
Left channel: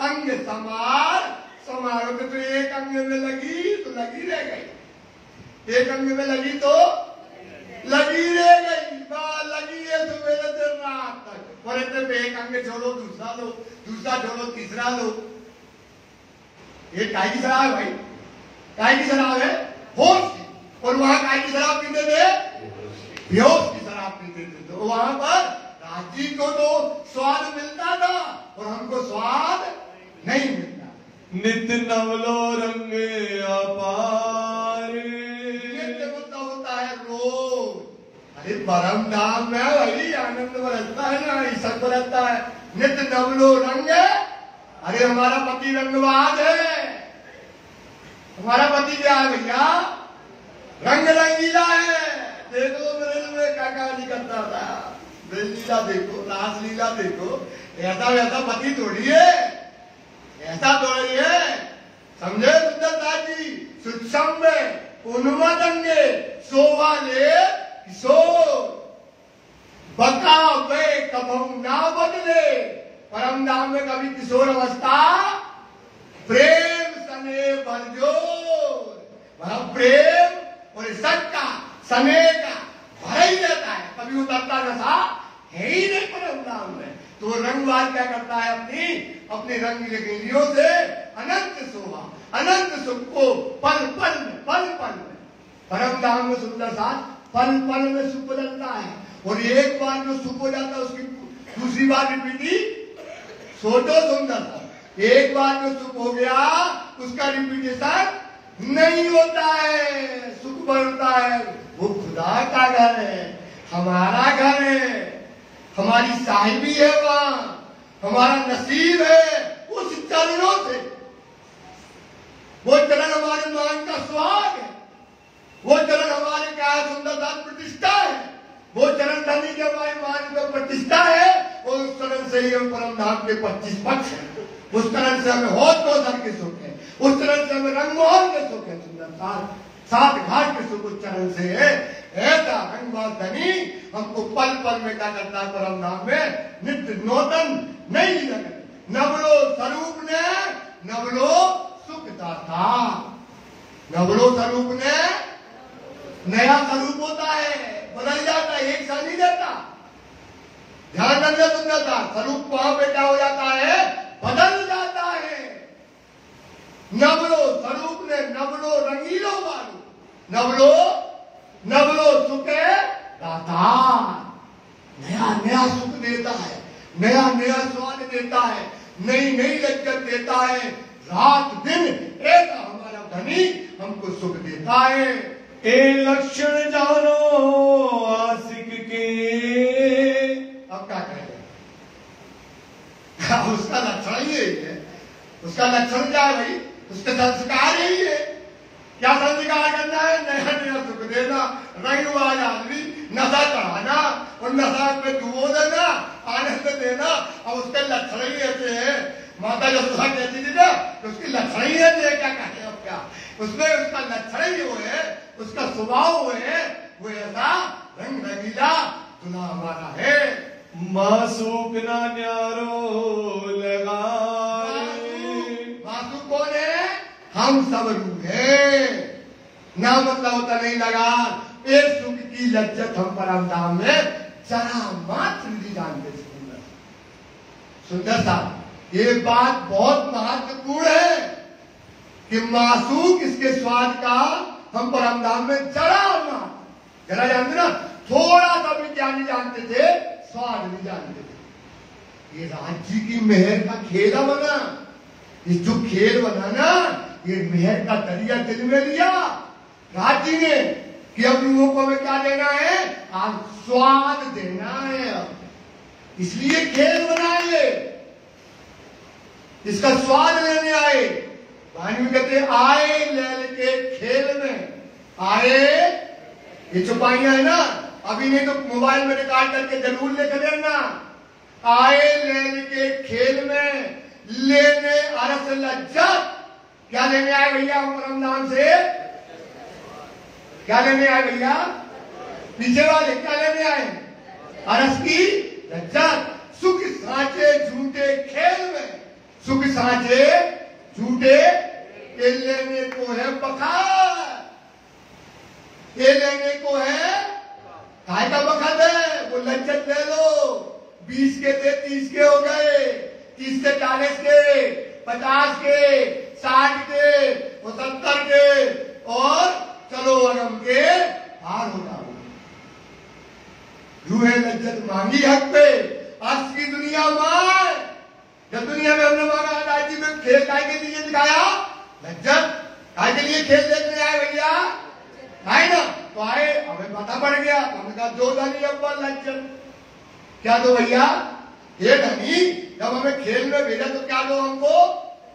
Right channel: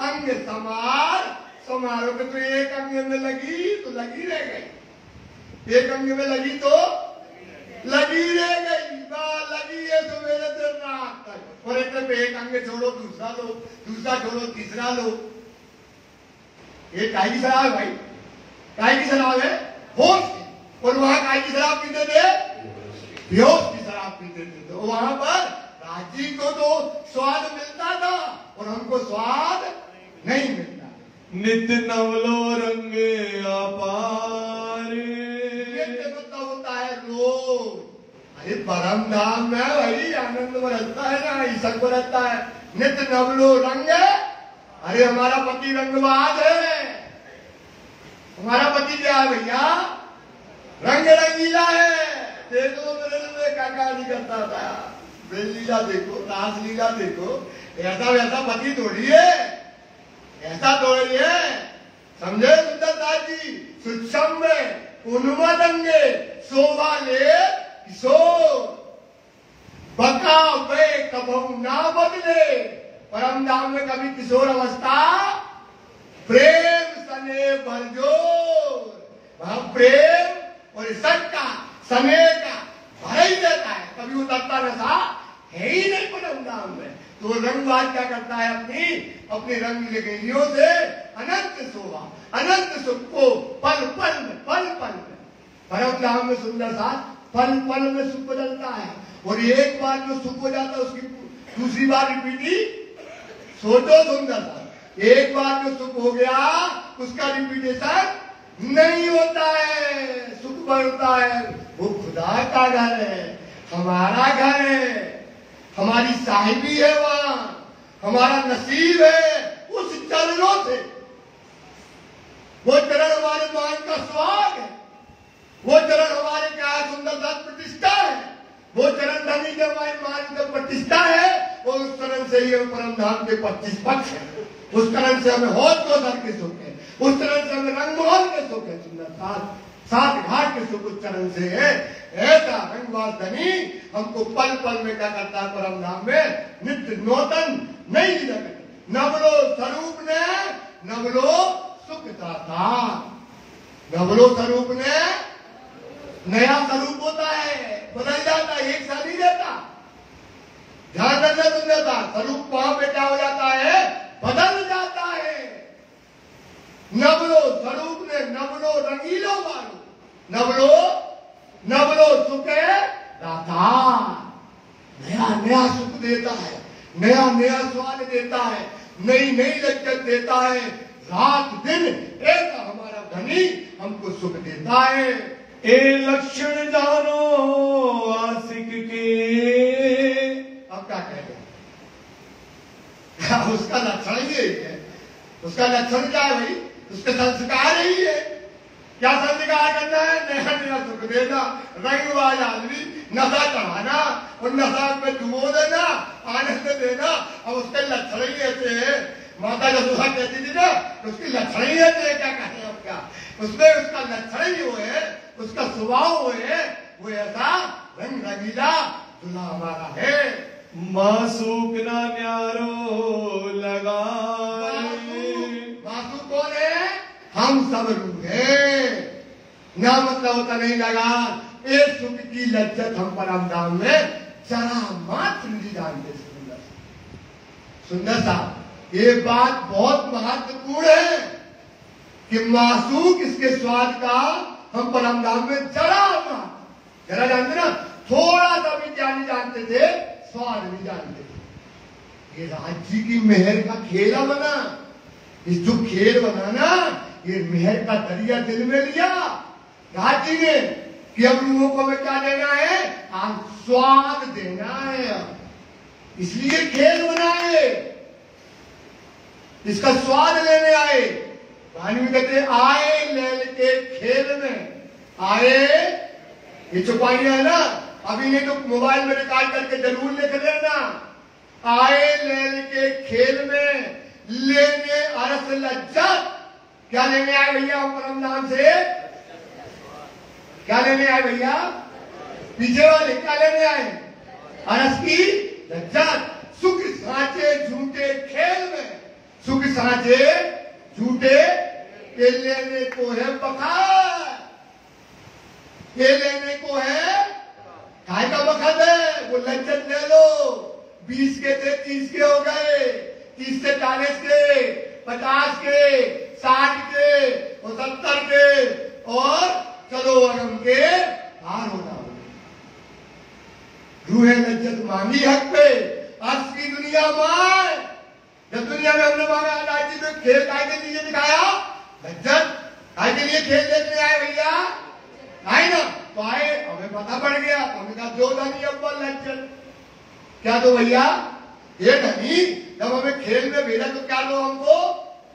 अंग समारो तो एक अंग में लगी तो लगी रह गई, एक अंग में लगी तो लगी रह गई, लगी है सवेरे से रात तक। और इतने पे एक अंग छोड़ो दूसरा लो, दूसरा छोड़ो तीसरा लो। ये काय की शराब है भाई, काय की शराब है, होश की। और वहां काय की शराब पीते थे, बेहोश की शराब पीते थे। तो वहां पर राजी को तो स्वाद मिलता था और हमको स्वाद नहीं मिलता। नित नवलो रंग अपार, नित्य तो होता है रोज। अरे परम धाम में भाई आनंद बरसता है ना, ईश्वर बरसता है। नित्य नवलो रंग, अरे हमारा पति रंगबाज है, हमारा पति क्या है भैया, रंग रंगीला है। देखो मेरे क्या कहानी करता था, लीला देखो, रासलीला देखो, ऐसा वैसा पति थोड़ी है, ऐसा थोड़ी है, समझे सुंदरदास जी। सुक्षम में उन्मदंगे शोभा ले किशोर, बका वे कबहू ना बदले। परम धाम में कभी किशोर अवस्था, प्रेम सने भरजोर, वह प्रेम और सबका सने का भर ही देता है, कभी उतरता नशा है ही नहीं परम धाम में। तो रंगवाद क्या करता है, अपनी रंगीले गेंदियों से अनंत शोभा, अनंत सुख को पल पल में परम धाम में सुंदर सा पल पल में सुख बदलता है। और एक बार जो सुख हो जाता है उसकी दूसरी बार रिपीट, सोचो सुंदर सा, एक बार जो सुख हो गया उसका रिपीटेशन नहीं होता है, सुख बढ़ता है। वो खुदा का घर है, हमारा घर है, हमारी साहिबी है, वहां हमारा नसीब है। उस चरणों से, वो चरण हमारे मान का स्वाग है, वो चरण हमारे क्या सुंदरता प्रतिष्ठा चरण धनी के हमारी मान का 25 है, और उस चरण से ही हम परम धाम के 25 पक्ष है। उस तरह से हमें होश गोधर के सुख है, उस तरह से हमें रंगमोहन के सुख है, सुंदर सात घाट के सुख उस चरण से है। ऐसा रंगवार धनी हमको पल पल में क्या करता है, परम धाम में नित्य नूतन नई जगत नवलो स्वरूप ने नवलो सुख दाता। नवलो स्वरूप ने नया स्वरूप होता है, बदल जाता है, एक साथ नहीं रहता। ध्यान रखना सुंदरता, स्वरूप वहां पे क्या हो जाता है, बदल जाता है। नवलो स्वरूप ने नवलो रंगीलो वालो नवलो सुख दाता। नया नया सुख देता है, नया नया स्वाद देता है, नई नई लज्जत देता है। रात दिन एक हमारा धनी हमको सुख देता है। ए लक्षण जानो आशिक के। अब क्या कहें, उसका लक्षण ही है, उसका लक्षण क्या है भाई, उसके संस्कार ही है। क्या संस्कार करना है, नया नया सुख देना, रंग वाला आदमी नशा चढ़ाना और नशा में डुबो देना, आनंद देना। अब उसके लक्षण ही ऐसे है। माता यशोदा कहती थी ना, उसकी लक्षण ही ऐसे, क्या कहें अब क्या, उसमें उसका लक्षण ही वो है, उसका स्वभाव वो है, वो ऐसा रंग रंगीला दुल्हा हमारा है। मासूक ना न्यारो लगा। मासूक कौन है, हम सब रूह है। ना मतलब होता नहीं लगा, एक सुख की लज्जत हम परम धाम में जरा मात्र नहीं जानते। सुंदर साहब, ये बात बहुत महत्वपूर्ण है कि मासूक इसके स्वाद का हम परम धाम में जरा जानते ना, थोड़ा सा भी क्या नहीं जानते थे, स्वाद नहीं जानते थे। ये राज्य की मेहर का खेला बना, ये जो खेल बना ना, ये मेहर का दरिया दिल में लिया राज्य ने कि अब युवकों को में क्या देना है, आज स्वाद देना है। इसलिए खेल बनाए, इसका स्वाद लेने आए। भानु कहते आए लैल के खेल में आए। ये चौपाइयां है ना, अभी नहीं तो मोबाइल में रिकॉर्ड करके जरूर लिख लेना। आए लैल के खेल में लेने अरस लज्जत। क्या लेने आए भैया हम परम धाम से, क्या लेने आए भैया, पीछे वाले क्या लेने आए, अरस की लज्जत। सुख साँचे झूठे खेल में, सुख साँचे झूठे ये लेने को है बखार, ये लेने को है काय का बखत है, वो लज्जत ले लो। 20 के थे 30 के हो गए, 30 से 40 के, 50 के, 60 के, 70 के, और चलो अगम के हार हो जाओ। रूहे लज्जत मांगी हक पे, आज की दुनिया मार। जब दुनिया में हमने मांगा राज्य में खेल काय के लिए दिखाया, लज्जत काय के लिए खेल देखने आए भैया, आए ना, तो आए, हमें पता पड़ गया, हमने कहा दो धनी अव्वल लज्जत। क्या दो भैया, ये धनी जब हमें खेल में भेजा तो क्या दो हमको,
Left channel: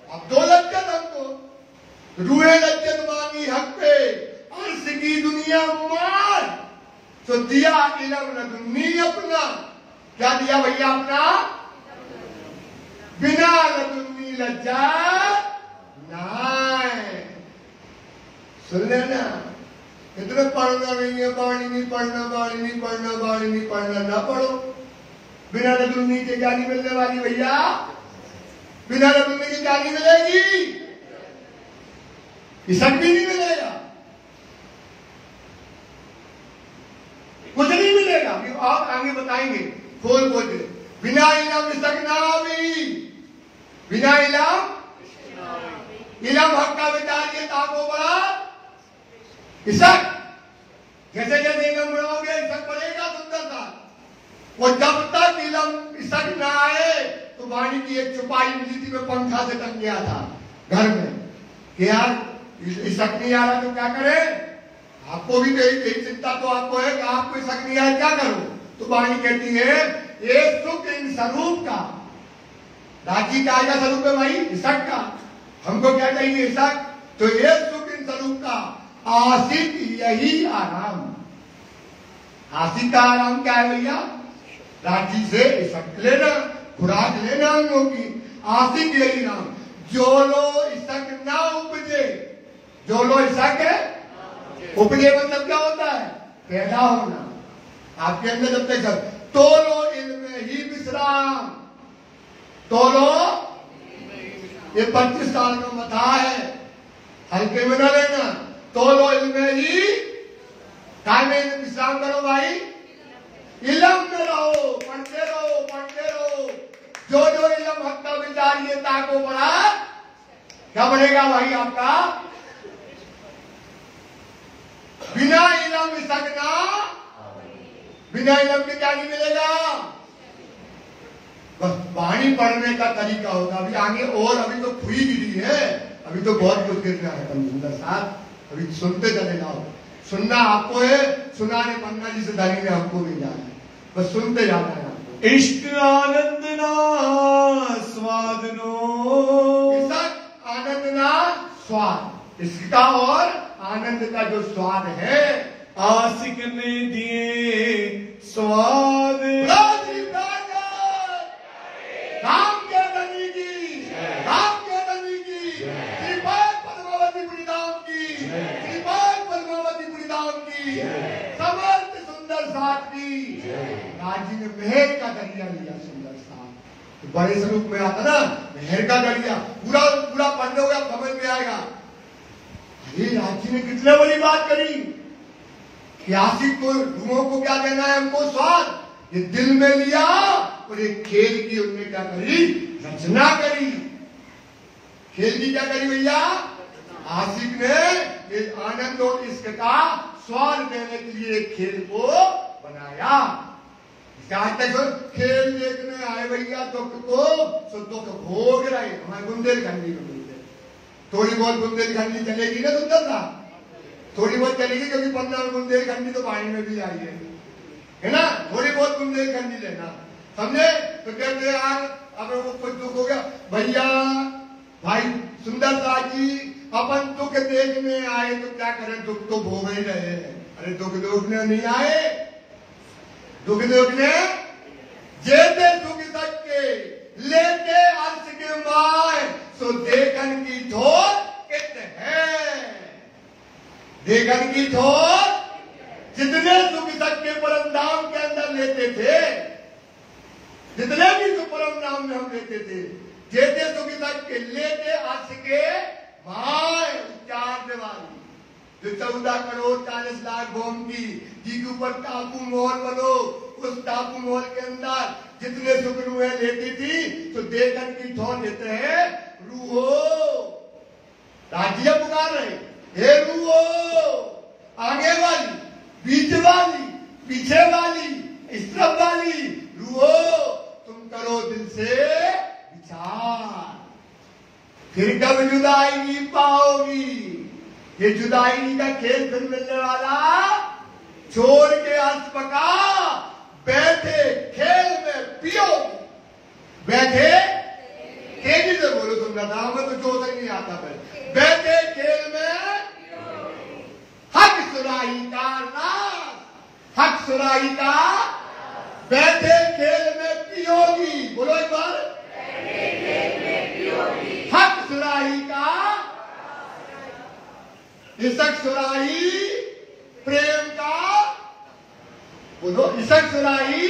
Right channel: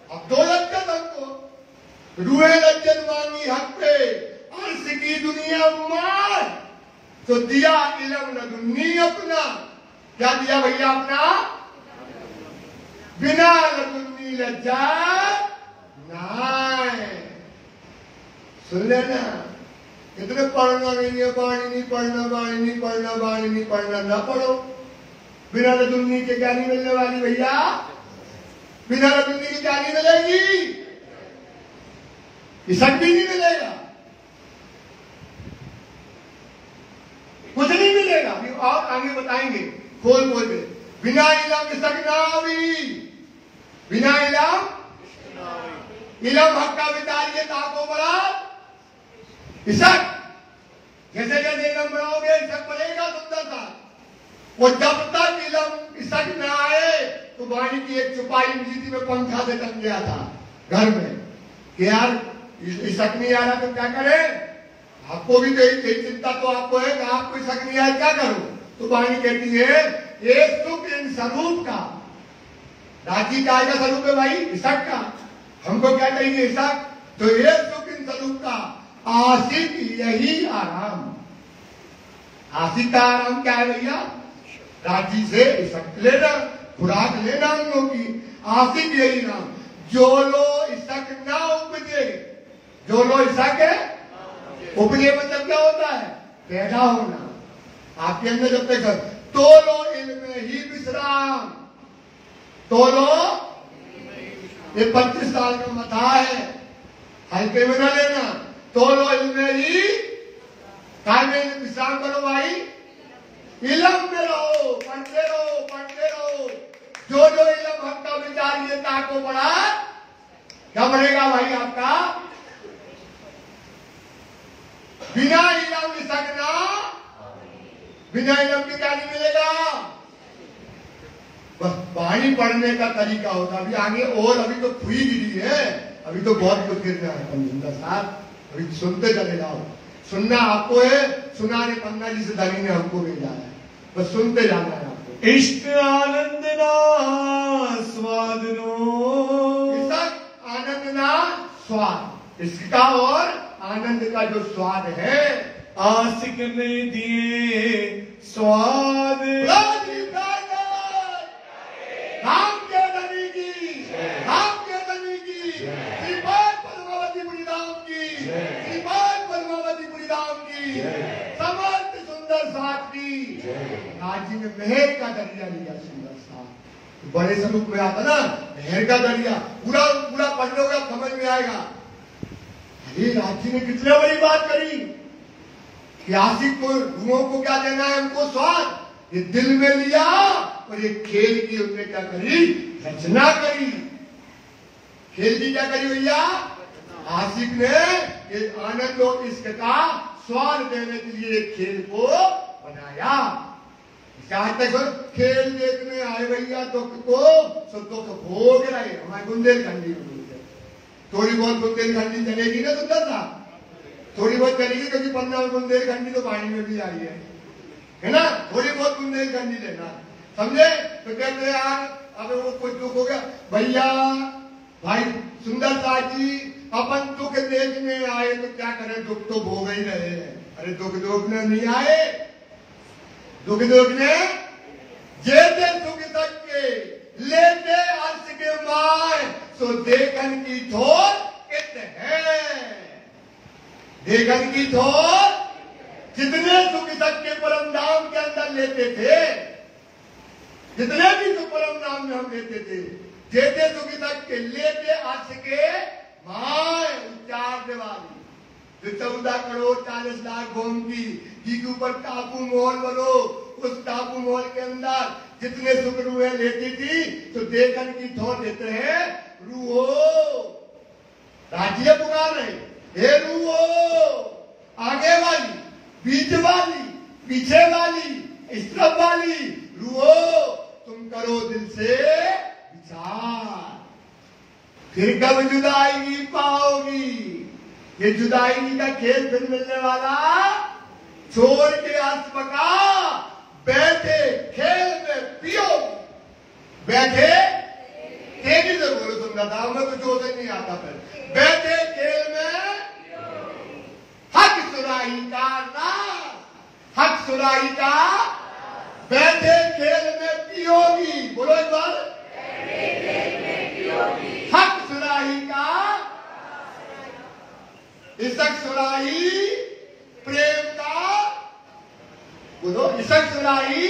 अब दो लज्जत हमको। रूहे लज्जत मांगी हक पे, अर्श की दुनिया मार, तो दिया इलम न दुन्नी अपना। क्या दिया भैया अपना, बिना लजुन्नी लज्जा नाय। सुन लेना, इतने पढ़ना नहीं है, बाणी नहीं पढ़ना, बाणी नहीं पढ़ना, बाणी नहीं पढ़ना, ना पढ़ो। बिना लजुन्नी के क्या नहीं मिलने वाली भैया, बिना लजुन्नी की क्या नहीं मिलेगी, इसक भी नहीं मिलेगा, कुछ नहीं मिलेगा। अभी और आगे बताएंगे खोल खोल के। बिना इलम इसक ना भी, बिना इलम इलम हक का विचार ये ताको बड़ा इसक। जैसे जैसे इलम बढ़ाओगे इसक बढ़ेगा सुंदर सा। और जब तक इलम इसक ना आए तो वाणी की एक चुपाई मिली थी, में पंखा से टंग गया था घर में कि यार इसक नहीं आ रहा तो क्या करें। आपको भी यही चिंता तो आपको है कि आपको इसक नहीं आए क्या करो। तो वाणी कहती है ये सुख इन स्वरूप का, राजी का आएगा स्वरूप है भाई इसक का, हमको क्या चाहिए इसक। तो ये सुख इन स्वरूप का आशिक यही आराम, आसिक का आराम क्या है भैया? राजी से इसक लेना, खुराक लेना अंगों की। आसिक यही नाम, जो लो इसक ना उपजे। जो लो इसक है उपजे मतलब क्या होता है? पैदा होना। आपके अंदर जब तक तो लो इल्म ही विश्राम। तो लो, ये 25 साल का मथा है, हल्के में न लेना। तो लो इल्म ही, काय में विश्राम करो भाई, इलम में रहो, पढ़ते रहो, पढ़ते रहो। जो जो इलम हक का विचारियता को बढ़ा, क्या बढ़ेगा भाई आपका? बिना इलम इसकना, बिना इलम के क्या नहीं मिलेगा? बस वाणी पढ़ने का तरीका होगा। अभी आगे और अभी तो खुई गिरी है, अभी तो बहुत कुछ गिर रहा है सुंदर साहब। अभी सुनते चले जाओ। सुनना आपको है, सुनाने पन्ना जी से दाली ने हमको मिल जाना है, बस सुनते जाना है आपको। इश्क आनंद ना स्वाद नो, इसक आनंद ना स्वाद, इसका और आनंद का जो स्वाद है, आशिक ने दिए स्वाद। राम के नबी की, राम के नबी की, श्रीमान पद्मावती बुढ़ीराम की, श्रीमान पद्मावती बुढ़ीराम की, समर्थ सुंदर साथ की। राजी में मेहर का दरिया लिया सुंदर साथ। बड़े स्वरूप में आता ना मेहर का दरिया, पूरा पूरा पढ़ लोगे आप समझ में आएगा। अरे राजी ने कितने बड़ी बात करी कि आशिक को, गुरुओं को क्या देना है? हमको स्वाद। ये दिल में लिया और ये खेल की उन्होंने क्या करी? रचना करी। खेल की क्या करी भैया? आशिक ने ये आनंद और इश्क का स्वाद देने के लिए खेल को बनाया। आज तक खेल देखने आए भैया दुख को, सो दुख भोग रहे। हमारे बुंदेलखंडी में बोलते, थोड़ी बहुत बुंदेलखंडी चलेगी ना सुंदर सा, थोड़ी बहुत चलेगी, क्योंकि 15 बुंदेलखंडी तो पानी में भी आई है ना? थोड़ी बहुत बुंदेलखंडी लेना, समझे? तो कहते यार अब वो कुछ दुख हो गया भैया, भाई सुंदर सा जी अपन दुख देखने आए तो क्या करें, दुख तो भोग ही रहे हैं। अरे दुख देखने नहीं आए, दुख देखने जेते दुख सकते लेते अर्थ के माए, सो देखन की थोर इत है। देखन की थोर, जितने सुख सत्य परम धाम के अंदर लेते थे, जितने भी सुख परम धाम में हम लेते थे, जेते सुख सत्य लेते अर्थ के माए, उच्चार वाली जो 14 करोड़ 40 लाख भूमि की जी के ऊपर टापू मोहल बनो, उस टापू मोहल के अंदर जितने सुख रूहें लेती थी, तो देखन की थोर देते हैं रूहो। राज्य पुकार रहे, हे रूहो, आगे वाली, बीच वाली, पीछे वाली, इस तरफ वाली रूहो, तुम करो दिल से विचार, फिर कब जुदाई पाओगी। ये जुदाई का खेल फिर मिलने वाला, छोड़ के अर्थ पका, बैठे खेल में पियो। बैठे तेजी से बोलो, तुम रहा हमें तो जोर से नहीं आता फिर। बैठे खेल में हक सुराही का नाम, हक सुराही का, बैठे खेल में पियोगी। बोलो एक बार, हक सुराही का, इसक सुराही प्रेम का, बोलो इसक सुराही।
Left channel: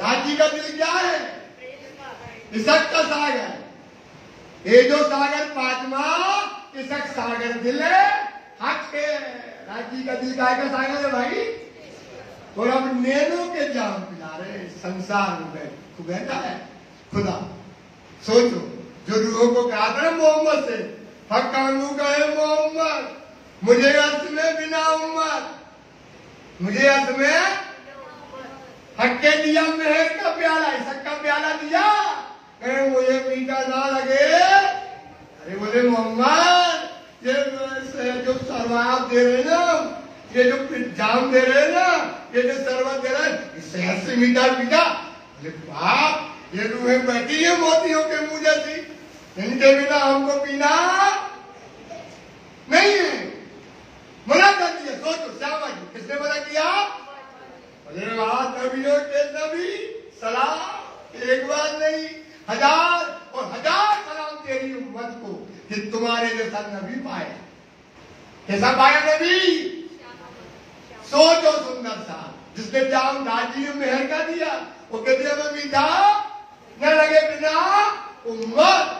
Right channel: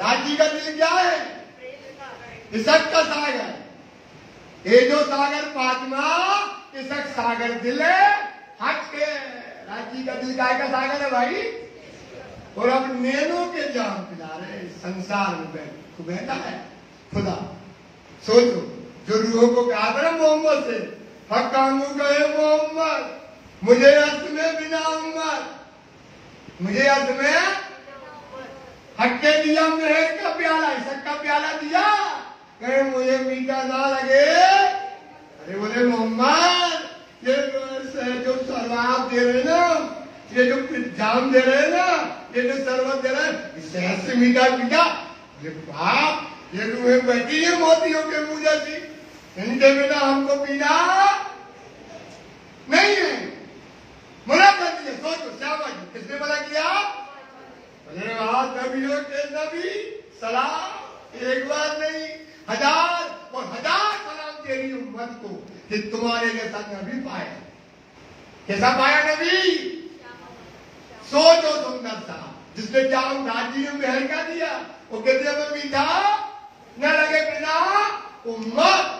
राजी का दिल क्या है? इसक का सागर। ये जो सागर पांचवा, इसक सागर दिल है, हक के। राजी का दिल काय का सागर है भाई? और अब नैनों के जाम पिला रहे संसार में बैठा है खुदा। सोचो, जो रूहों को कहा था ना मोहम्मद से, हक कानू गए मोहम्मद, मुझे अर्थ में बिना उम्मत, मुझे अर्थ में हक के दिया मेहर का प्याला, इसक का प्याला दिया, कहे मुझे पीता ना लगे। अरे बोले मोहम्मद, ये जो शराब दे रहे ना, ये जो जाम दे रहे ना, ये जो शरबत दे रहे हैं, शहर से मीठा पीता। बोले बाप, ये रूहें बैठी है मोतियों के मुंह जैसी, इनके बिना हमको पीना नहीं है। मना कर दिया। सोचो शाबाश, किसने मना किया? नबियों के नबी सलाम, एक बार नहीं 1000 और 1000 सलाम तेरी उम्मत को कि तुम्हारे जैसा नबी पाया। कैसा पाया नबी? सोचो सुंदर सा, जिसने जाम दादी ने मेहर का दिया, वो कहते में मीठा न लगे बिना उम्मत।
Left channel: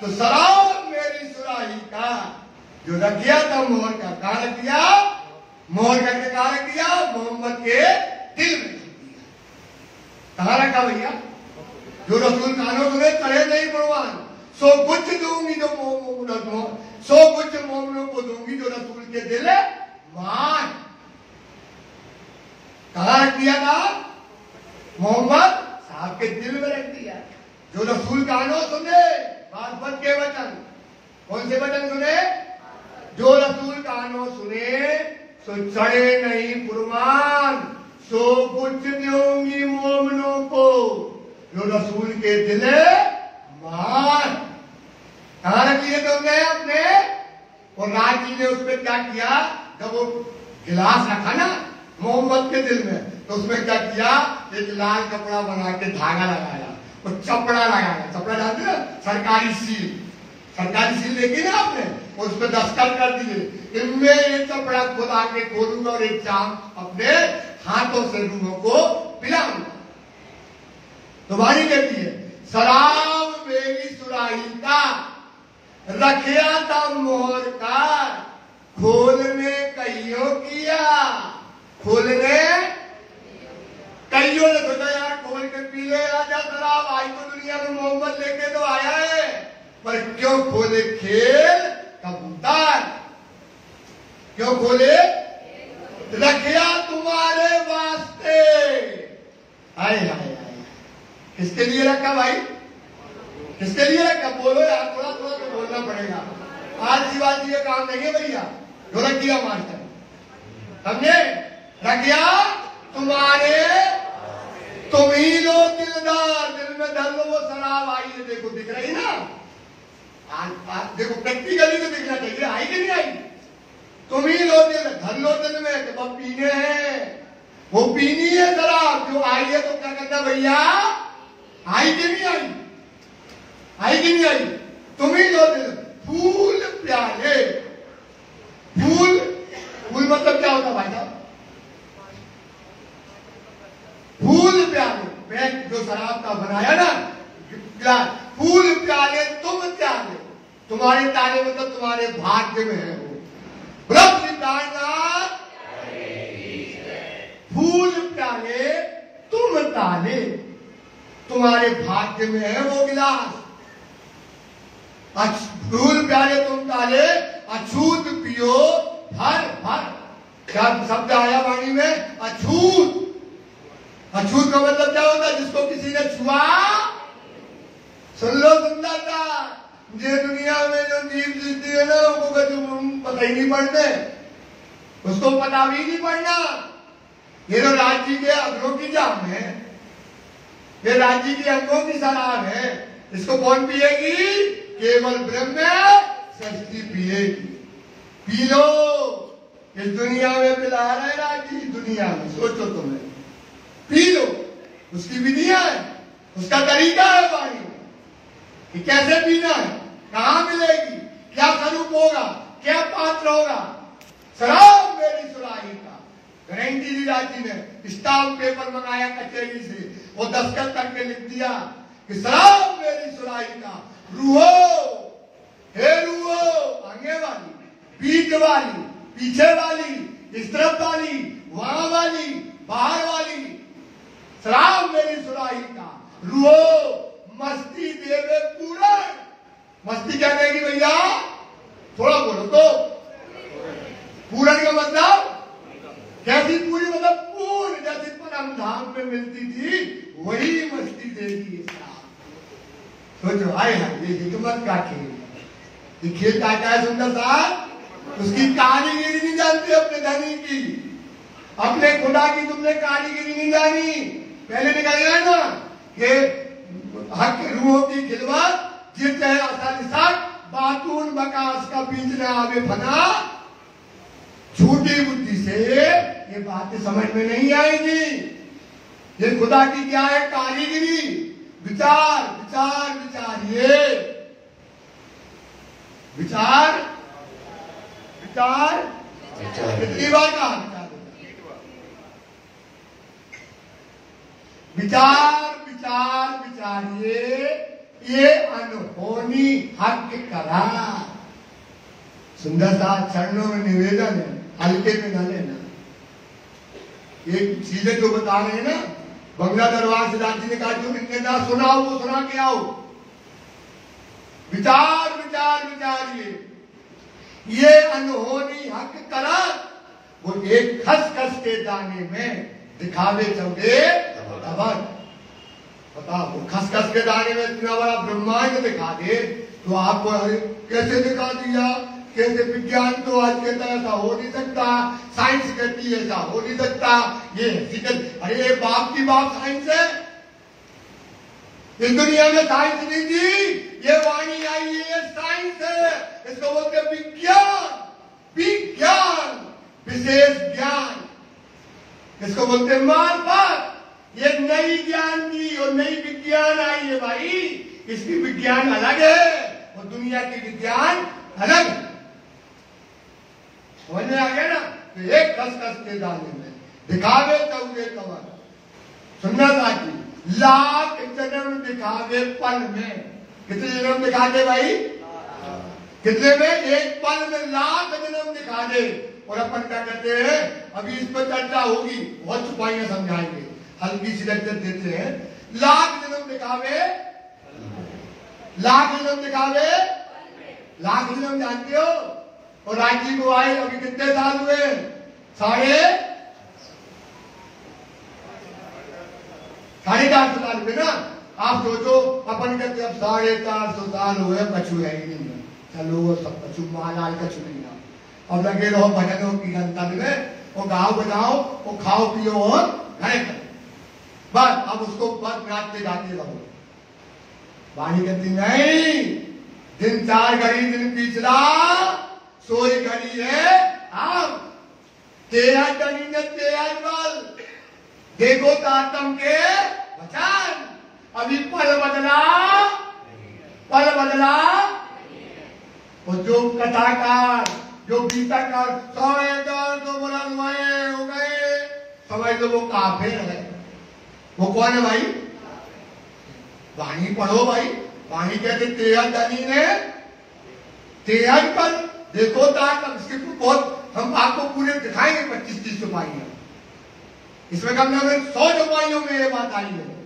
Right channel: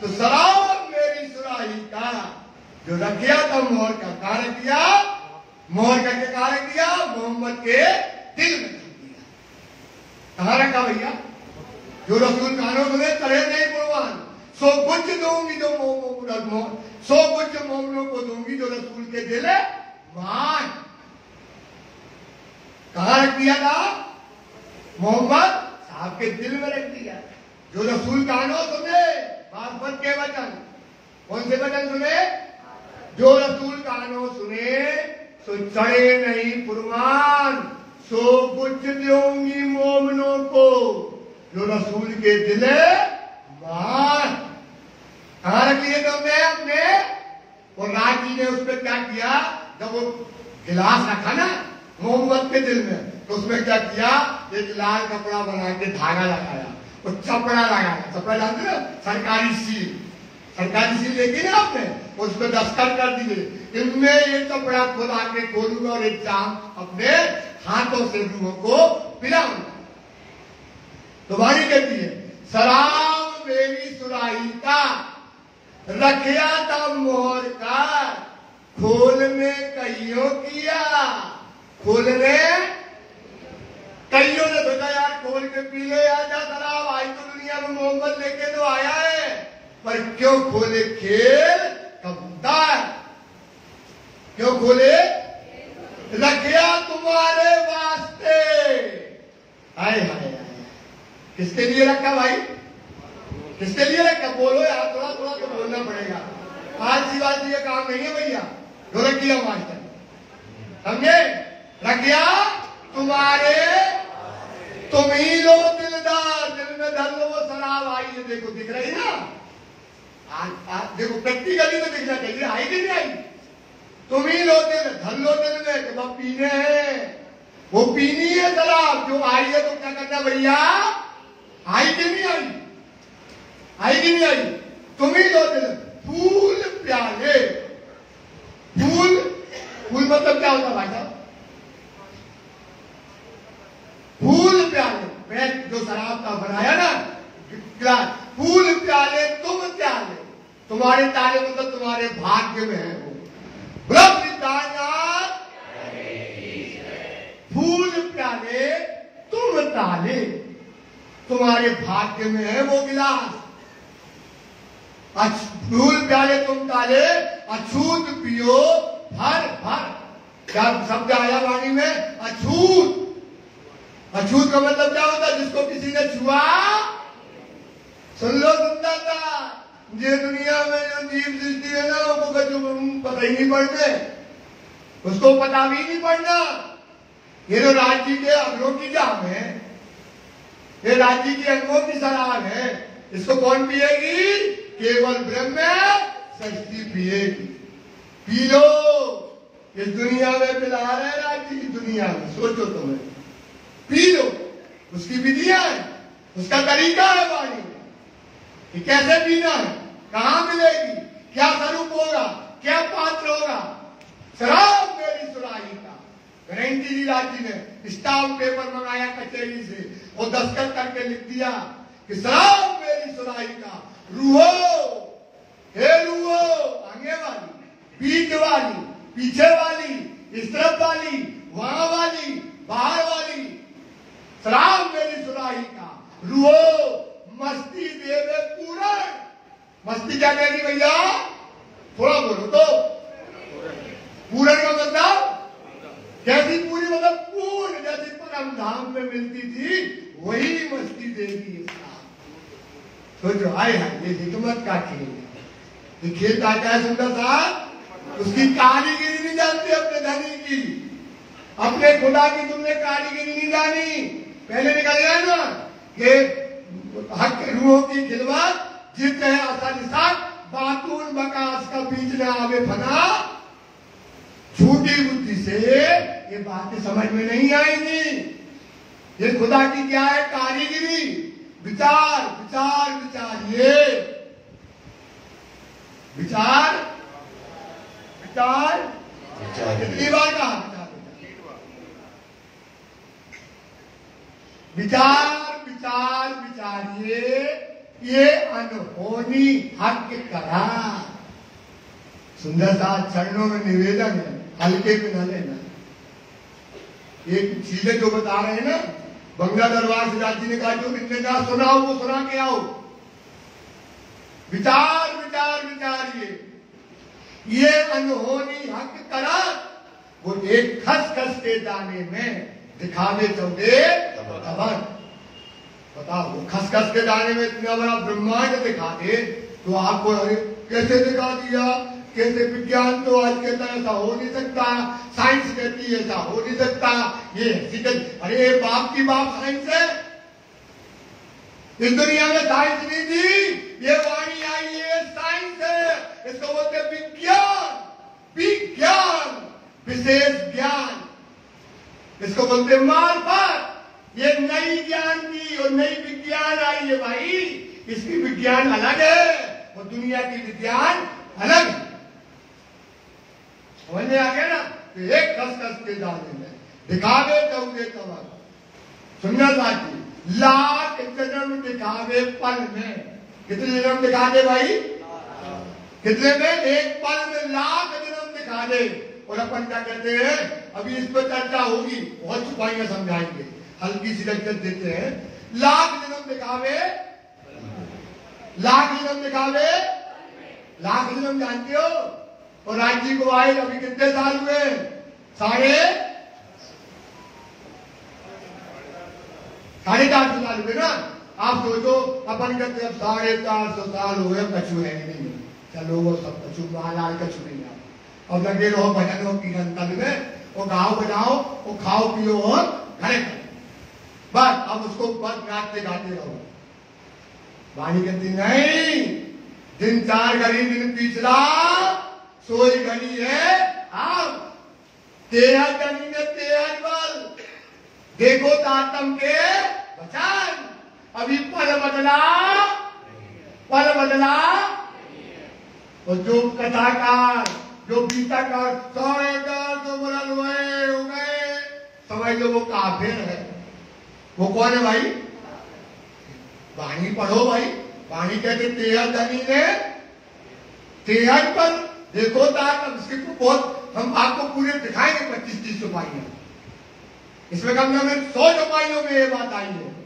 तो सलाम मेरी सुराही का जो रख दिया था मोहर का, कहा रख दिया? मोहर करके कहा रख दिया? मोहम्मद के दिल में रख दिया। कहा रखा भैया? जो रसूल कानों सुने चढ़े नहीं भगवान, सो कुछ दूंगी जो सो कुछ मोमनों को दूंगी जो रसूल के दिल मान। कहा रख दिया था? मोहम्मद साहब के दिल में रख दिया। जो रसूल कानों सुने बासमत के वचन, कौन से वचन सुने? जो रसूल कानों सुने तो चढ़े नहीं फुरमान, सो कुछ दूंगी मोमनों को जो रसूल के दिल मान। कहा रख लिए तुमने अपने? और राज जी ने उस पर क्या किया? जब वो गिलास रखा ना मोहम्मद के दिल में, तो उसमें क्या किया? एक लाल कपड़ा बना के धागा लगाया, वो चपड़ा लगाया। चपड़ा जानते ना, सरकारी सील देखी ना आपने, उस पर दस्तखत कर दिए। इनमें एक कपड़ा खुदा के खोलूंगा और एक जाम अपने हाथों से रूहों को पिलाऊंगा। तो भाई कहती है सलाम मेरी सुराही का रखिया था मोहर का, खोलने कईयों किया। खोलने कईयों ने सोचा यार खोल के पी ले आजा शराब, आज तो दुनिया में मोहम्मद लेके तो आया है, पर क्यों खोले खेल कबूतर? क्यों खोले? रखिया तुम्हारे वास्ते। हाय हाय हाय, किसके लिए रखा भाई? किसके लिए रखा? बोलो यार, थोड़ा थोड़ा तो बोलना पड़ेगा। आज की बात ये काम नहीं है भैया, जो रख दिया मानते समझे? रखिया तुम्हारे, तुम ही लो दिलदार, दिल में धर लो वो शराब आई है, देखो दिख रही ना? देखो प्रैक्टिकली तो दिखना चाहिए, आई कि नहीं आई? तुम ही लो दिल, धर लो दिल में, तो अब पीने हैं, वो पीनी है शराब जो आई है, तो क्या करना भैया? आई कि नहीं आई? आई कि नहीं आई? तुम ही लो दिल। फूल प्याले, फूल मतलब क्या होता भाई साहब? फूल प्याले, मैं जो शराब का बनाया ना गिलास, फूल प्याले तुम प्याले, तुम्हारे ताले मतलब तुम्हारे भाग्य में है वो। फूल प्याले तुम ताले, तुम्हारे भाग्य में है वो गिलास। फूल प्याले तुम ताले, अछूत पियो भर भर। क्या शब्द आया वाणी में? अछूत। अछूत का मतलब क्या होता है? जिसको किसी ने छुआ। सुन लो सुंदरता, ये दुनिया में जो जीव सृष्टि है ना, वो पता ही नहीं पढ़ने, उसको पता भी नहीं पढ़ना। ये तो राज्य के अंगों की जाम है, ये राज्य की अंगों की शराब है। इसको कौन पिएगी? केवल ब्रह्म शक्ति पिएगी। पी लो, इस दुनिया में पिला रहे राज्य की दुनिया में, सोचो तुम्हें, पी लो। उसकी विधियां है, उसका तरीका है वाणी में कि कैसे पीना है, कहां मिलेगी, क्या स्वरूप होगा, क्या पात्र होगा। शराब मेरी सुराही का गारंटी दी राज्य ने, स्टाम्प पेपर मंगाया कचहरी से और दस्तखत करके लिख दिया कि शराब मेरी सुराही का। रूहो, हे रूहो, आगे वाली, बीच वाली, पीछे वाली, इस तरफ वाली, वहां वाली, बाहर वाली, शराब मेरी सुराही का। रूहो मस्ती देवे पूर्ण। मस्ती क्या कहेगी भैया? थोड़ा बोलो तो। पूर्ण का मतलब कैसी? पूरी मतलब पूर्ण, जैसी परम धाम में मिलती थी वही मस्ती देगी। सोचो, हाय हाय, ये हिकमत का खेल है। ये खेल का क्या है सुंदर साहब? उसकी कारीगिरी नहीं जानती अपने धनी की, अपने खुदा की तुमने कारीगिरी नहीं जानी। पहले निकल गया ना कि हक रूहों की खिदमत जित है आसानी साथ, बातून बकास का बीच न आवे फना। छोटी बुद्धि से ये बातें समझ में नहीं आएंगी। ये खुदा की क्या है कारीगिरी। विचार विचार विचार, ये विचार विचार कितनी बार कहा विचार विचार विचारिए, ये अनहोनी हक करा। सुंदर सा चरणों में निवेदन है, हल्के में न लेना। ये चीजें जो बता रहे हैं ना, बंगला दरबार से राजी ने कहा जो कितने ना सुना हो वो सुना के आओ। विचार विचार विचारिए, ये अनहोनी हक करा। वो एक खस खस के दाने में दिखावे चौदे अबर। बताओ, वो खस खस के दाने में इतना बड़ा ब्रह्मांड दिखा दे तो आपको कैसे दिखा दिया? कैसे? विज्ञान तो आज कहता है ऐसा हो नहीं सकता, साइंस कहती है ऐसा हो नहीं सकता, ये अरे बाप की बाप साइंस है। इस दुनिया में साइंस नहीं थी, ये वाणी आई है, साइंस है। इसको बोलते विज्ञान, विज्ञान विशेष ज्ञान, इसको बोलते मार्फत। ये नई ज्ञान की और नई विज्ञान आई है भाई। इसकी विज्ञान अलग है और दुनिया की विज्ञान अलग है। समझ में आ गया ना? तो एक खस खस के दाने में दिखावे चौदे कमर। सुनना साथी, लाख जन्म दिखावे पल में। कितने जन्म दिखा दे भाई? कितने में? एक पल में लाख जन्म दिखा दे। और अपन क्या कहते हैं, अभी इस पर चर्चा होगी, बहुत छुपाइयां समझाएंगे, हल्की सी लज्जत देते हैं। लाख जन्म दिखावे, लाख जन्म दिखावे, लाख जन्म जानते हो? और रांची को आए अभी कितने साल हुए? 450 साल हुए ना। आप सोचो, अपन कहते अब 450 साल हुए, कछु है नहीं, चलो वो सब कछु महालाल कछु नहीं। अब लगे रहो भजनों की कीर्तन में, वो गाओ बजाओ, वो खाओ पियो और घरे करो बस। अब उसको बस नाचते गाते रहो। वाणी कहती नहीं, दिन 4 घड़ी दिन पिछला, सोई घड़ी है आप। 13 घड़ी में 13 बल, देखो तातम के बचान। अभी पल बदला, पल बदला। और जो कथाकार, जो गीताकार 450 बरस हो गए, समझ लो वो काफिर है। वो कौन है भाई? वाणी पढ़ो भाई। वाणी कहते 13 घड़ी ने 13 पल, देखो ताकत। इसके तो बहुत हम आपको पूरे दिखाएंगे 25-30 रुपये। इसमें कम से कम 100 रुपयों में ये बात आई है।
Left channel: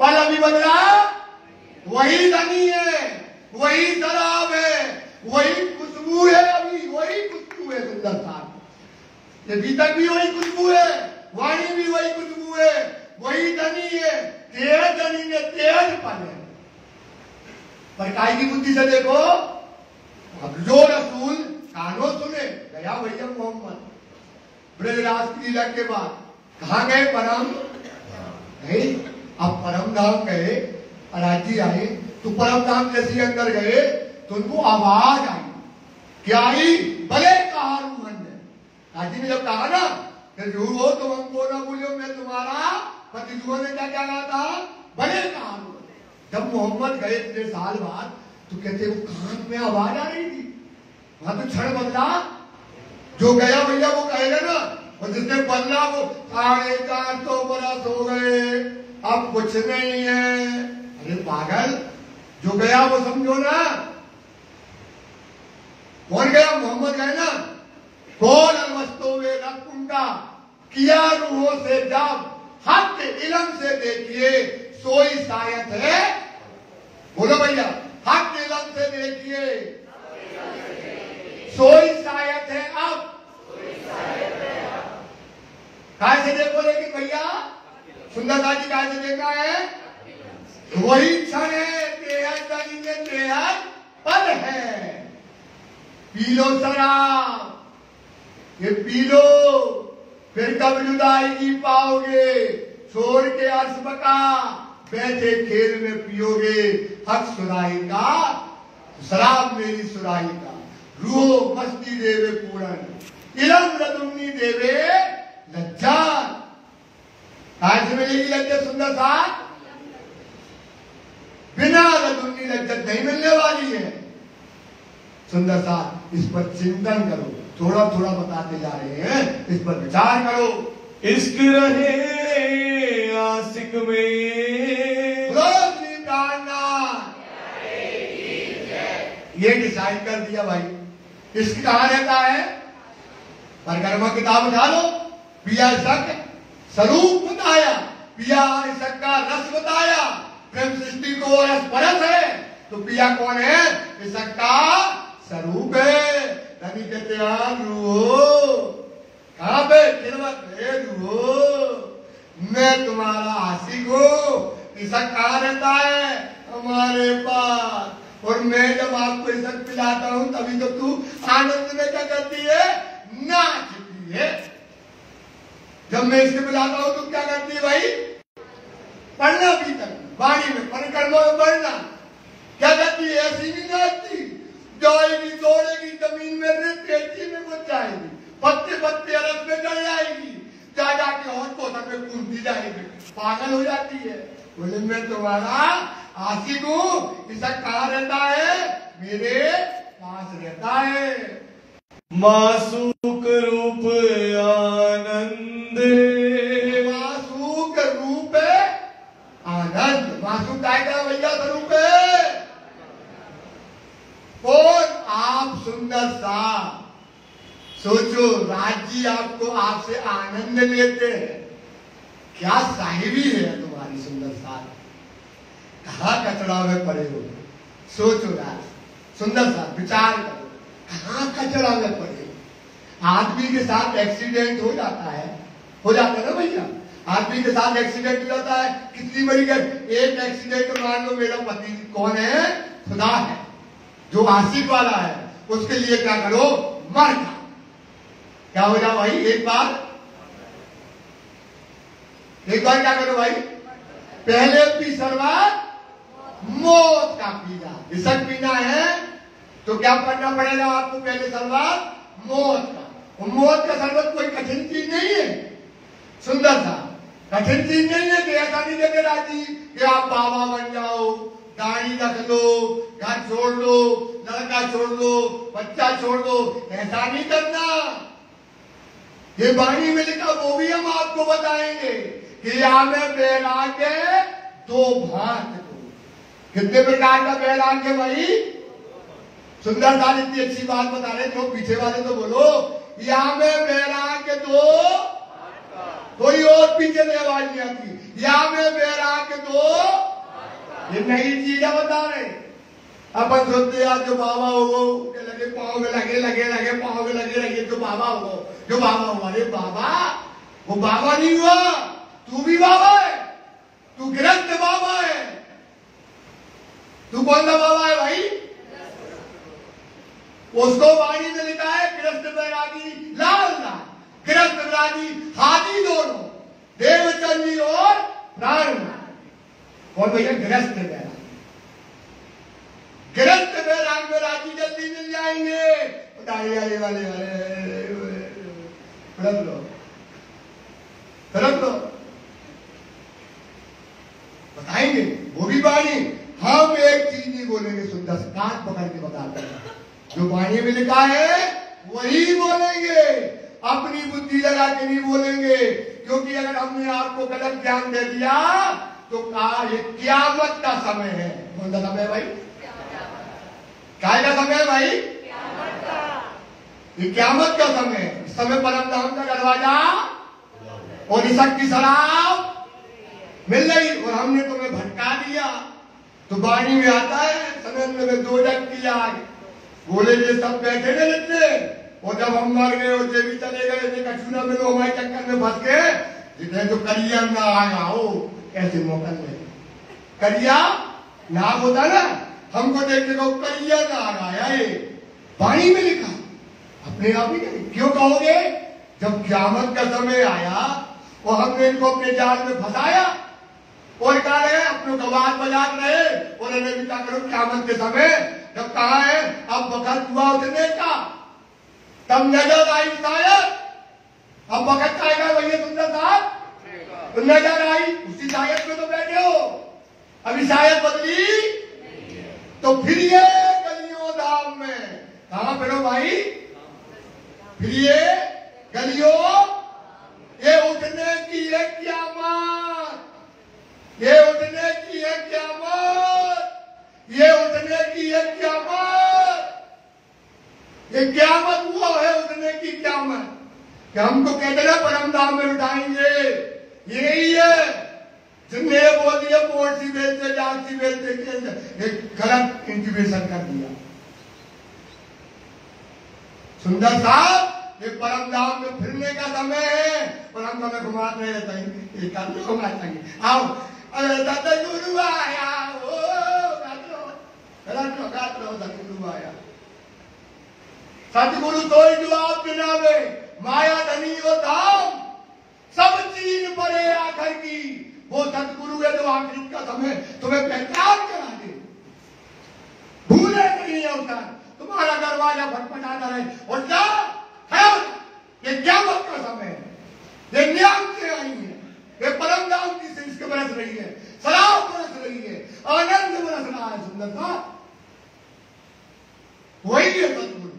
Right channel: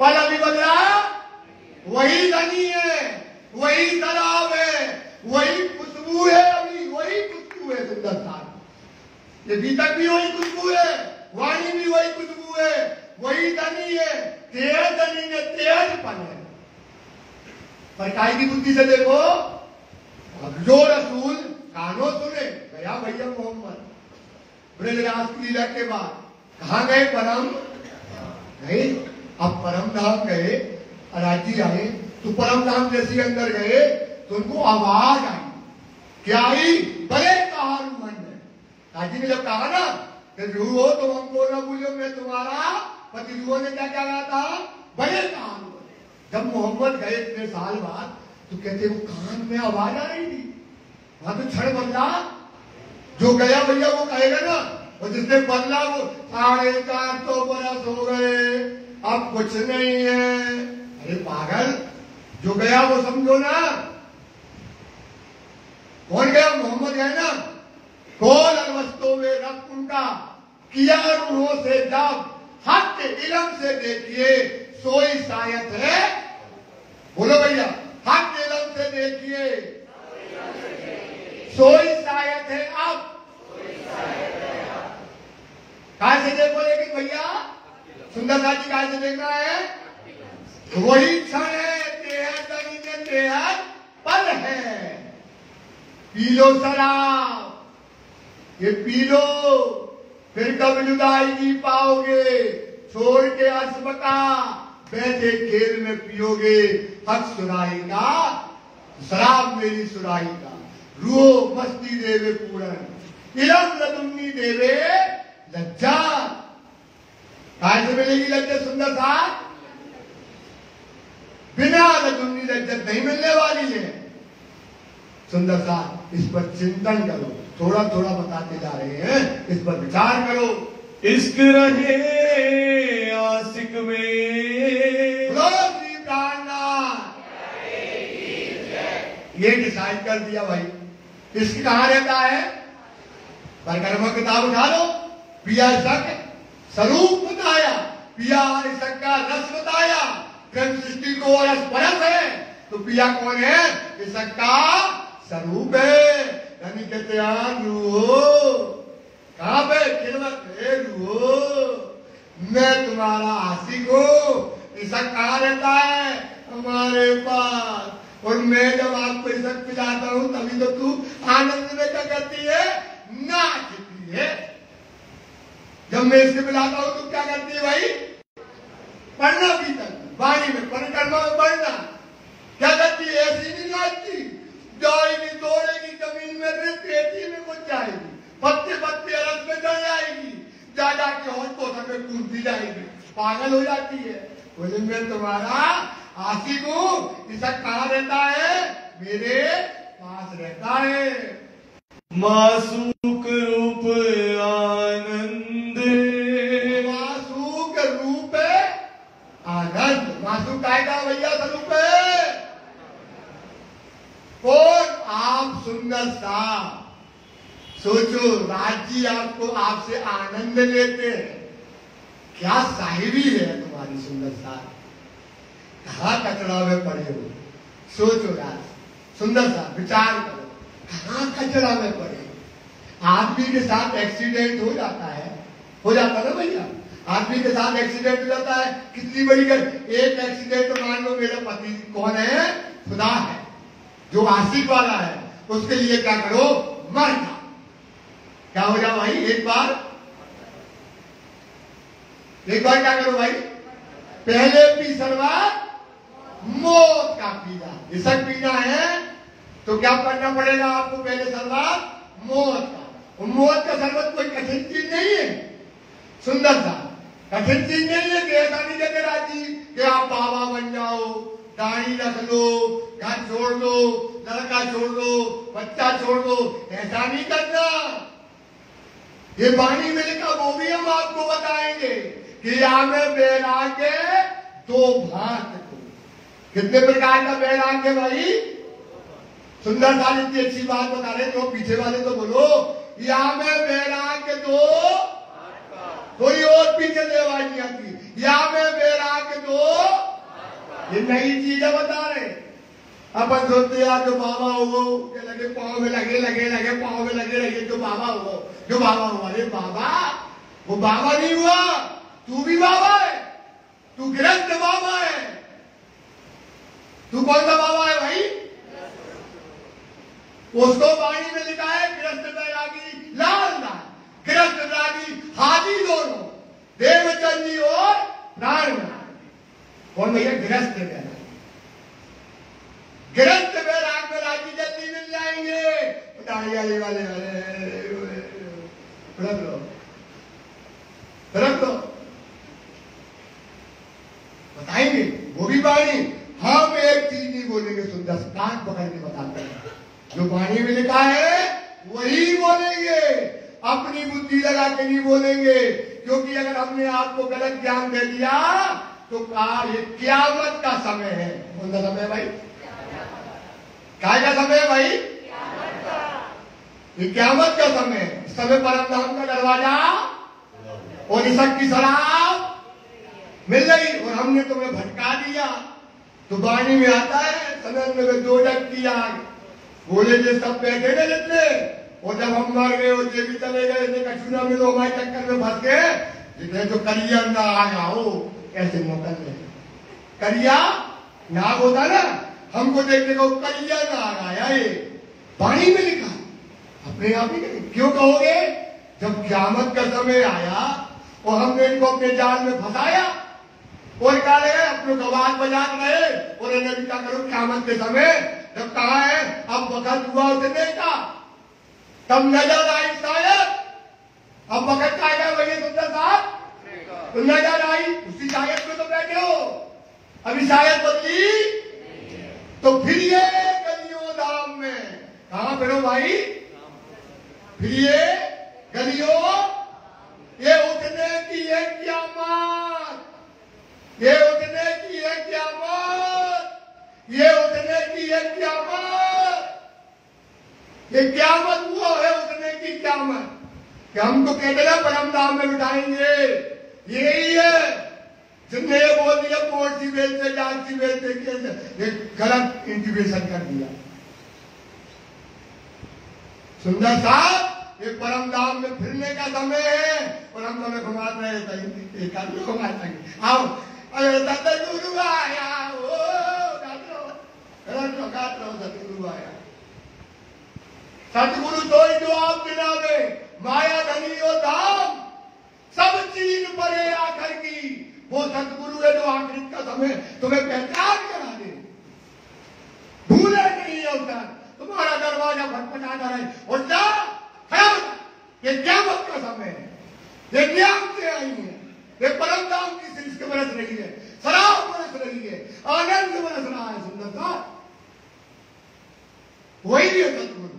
पल अभी बदला, वही धनी है, वही तालाब है, वही खुशबू है, अभी वही खुशबू है। सुंदर साथ ये बीतक भी वही खुशबू है, वाणी भी वही खुशबू है, वही धनी है। 13 धनी ने 13 पल है। पर काय की बुद्धि से देखो, अब जो रसूल कानों सुने गया भैया मोहम्मद ब्रजराज की लीला के बाद कहाँ गए? परम गए। अब परम धाम गए, अराजी आए तो परम धाम जैसे अंदर गए तो उनको आवाज आई। क्या आई? भले कहा मन में। काजी ने जब कहा ना कि रूहो तुम हमको न भूलो, मैं तुम्हारा पति। रूहो ने क्या क्या कहा था? भले कहा। जब मोहम्मद गए इतने साल बाद तो कहते वो कान में आवाज आ रही थी। वहां तो क्षण बदला, जो गया भैया वो कहेगा ना। और जिसने बदला वो 450 बरस हो गए, अब कुछ नहीं है। अरे पागल, जो गया वो समझो ना। कौन गया? मोहम्मद है ना। कौन वस्तु में रब उनका किया रूहों से जब हक इलम से देखिए, सोई शायद है। बोलो भैया, हक इलम से देखिए, सोई शायद है। अब कैसे देखो? लेकिन भैया सुंदरता जी कैसे देखा है? वही क्षण है, 13 पल है। पी लो शराब, ये पी लो, फिर कब जुदाई पाओगे। छोड़ के अर्श बका, बैठे खेत में पियोगे हक सुराही का, शराब मेरी सुराही का। रूह मस्ती देवे पूरन, इलम लदुन्नी देवे लज्जा। आज से मिलेगी लज्जत सुंदर साथ, बिना लदुनी लज्जत नहीं मिलने वाली है। सुंदर साथ इस पर चिंतन करो, थोड़ा थोड़ा बताते जा रहे हैं, इस पर विचार करो। इश्क रहे आशिक में, ये डिसाइड कर दिया भाई। इश्क कहाँ रहता है? परिक्रमा किताब उठा लो, पिया इश्क स्वरूप बताया, पिया इश्क का रस बताया, प्रेम सृष्टि को रस परस है, तो पिया कौन है? इश्क का स्वरूप है। नबी कहते हैं रूहो, कहां पे? खिदमत है रूहो, मैं तुम्हारा आशिक हूं। इश्क कहां रहता है? हमारे पास। और मैं जब आपको इश्क पिलाता हूं तभी तो तू आनंद में क्या करती है? नाचती है। जब मैं इसके पिलाता हूं तो क्या करती है भाई? पढ़ना भी करती, वाणी में परिक्रमा में पढ़ना। क्या करती है? ऐसी नहीं नाचती, जाएगी दौड़ेगी जमीन में, रेती में कुछ जाएगी, पत्ते पत्ते अरस में चढ़ जाएगी, जा जाके हौसलों तक में कूदती जाएगी, पागल हो जाती है। बोले मैं तुम्हारा आशिक हूं। इश्क कहां रहता है? मेरे पास रहता है। मासूक रूप आनंद, मासूक रूप आनंद। मासूक काय का भैया स्वरूप है? कौन? आप सुंदर सा। सोचो, राज्य आपको आपसे आनंद लेते हैं, क्या साहिबी है तुम्हारी सुंदर सा। कहाँ कचरा में पड़े हो? सोचो यार, सुंदर सा विचार करो, कहाँ कचरा में पड़े हो? आदमी के साथ एक्सीडेंट हो जाता है, हो जाता है ना भैया? आदमी के साथ एक्सीडेंट हो जाता है, कितनी बड़ी एक एक्सीडेंट मान लो, मेरा पति कौन है? खुदा है, जो आशिक वाला है, उसके लिए क्या करो? मर जाओ। क्या हो जाओ भाई? एक बार क्या करो भाई? पहले पी सरवा मौत का पीना। इश्क पीना है तो क्या करना पड़ेगा आपको? पहले शरबत मौत का। मौत का शरबत कोई कठिन चीज नहीं है, सुंदर सा कठिन चीज नहीं है। कि ऐसा नहीं कहते राजी कि आप बाबा बन जाओ, दाढ़ी रख लो, घर छोड़ लो, लड़का छोड़ लो, बच्चा छोड़ लो, ऐसा नहीं करना। ये वाणी में लिखा, वो भी हम आपको बताएंगे कि यहाँ में वैराग्य दो भाग। कितने प्रकार का वैराग्य भाई? सुंदर साल इतनी अच्छी बात बता रहे, तो पीछे वाले तो बोलो, यहाँ में वैराग्य दो, थोड़ी और पीछे से आवाज नहीं आती। यहाँ में वैराग्य दो, ये नई चीजें बता रहे। अपन सोचते यार जो बाबा हो लगे पाँव में लगे पाँव में लगे जो बाबा हो, जो बाबा हुआ। अरे बाबा, वो बाबा नहीं हुआ, तू भी बाबा है, तू गृहस्थ बाबा है। तू कौन सा बाबा है भाई? उसको वाणी में लिखा है गृहस्थ बैरागी लाल लाल, गृहस्थ बैरागी हाथी दोनों, देवचंदी और प्राण। कौन भैया? गृहस्थ बैरागी। गृहस्थ बैराग में राजी जल्दी मिल जाएंगे। दाढ़ी वाले रख लो बताएंगे, वो भी वाणी। हम एक चीज नहीं बोलेंगे, सुंदर से कान पकड़ के बताते हैं, जो वाणी में लिखा है वही बोलेंगे, अपनी बुद्धि लगा के नहीं बोलेंगे। क्योंकि अगर हमने आपको गलत ज्ञान दे दिया तो कहा ये क़यामत का समय है। कौन सा समय भाई? काय का समय है भाई? ये क़यामत का समय है। इस समय परम धाम का दरवाजा और इश्क की शराब मिल रही, और हमने तुम्हें भटका दिया। तो वाणी में आता है समय में दो जग की आग, बोले थे सब बैठे न लेते, और जब हम मर गए और भी चले गए, कछुना मिलो हमारे चक्कर में फंस गए, जितने जो करिया ना आ जाओ ऐसे मौका नहीं। करिया नाग होता ना, हमको देखने को करिया ना आ गया, ये वाणी में लिखा, अपने आप ही। क्यों कहोगे? जब क़यामत का समय आया और हमने इनको अपने जाल में फंसाया और क्या रहे अपने गवार बजा रहे, और इन्हें क्या करो क़यामत के समय जब कहा है अब वक्त हुआ उठने का, तब नजर आई शायद, अब वक्त आएगा वही सुंदर साहब, नजर अभी शायद बदली तो फिर ये गलियों धाम में कहां फिरो भाई, फिर ये गलियों, ये उठने की है क़यामत, ये उठने की है क़यामत, ये उठने की है क़यामत। ये क़यामत वो है उठने की क़यामत कि हम तो कहते ना परम धाम में उठाएंगे, ये ही है। जिनने ये बोल दिया बोर्ड सी बेचते डाक सी बेचते एक गलत इंटीमेशन कर दिया। सुंदर साहब, ये परम धाम में फिरने का समय है और हम तुम्हें घुमाते रहते हैं। आओ, अरे सतगुरु आया, ओ सतगुरु आया। सतगुरु तो ही जवाब दिलावे, माया धनी और धाम सब चीज परे आखिर की। वो सतगुरु है जो आखिर का समय तुम्हें पहचान करा दे, भूले नहीं होता। तुम्हारा दरवाजा खटखटाता रहे और क्या ये क़यामत का समय है, ये न्याम से आई है, ये परम धाम की सिरिश्त बरस रही है, शराब बरस रही है, आनंद बरस रहा है। सुंदरता वही है सतगुरु,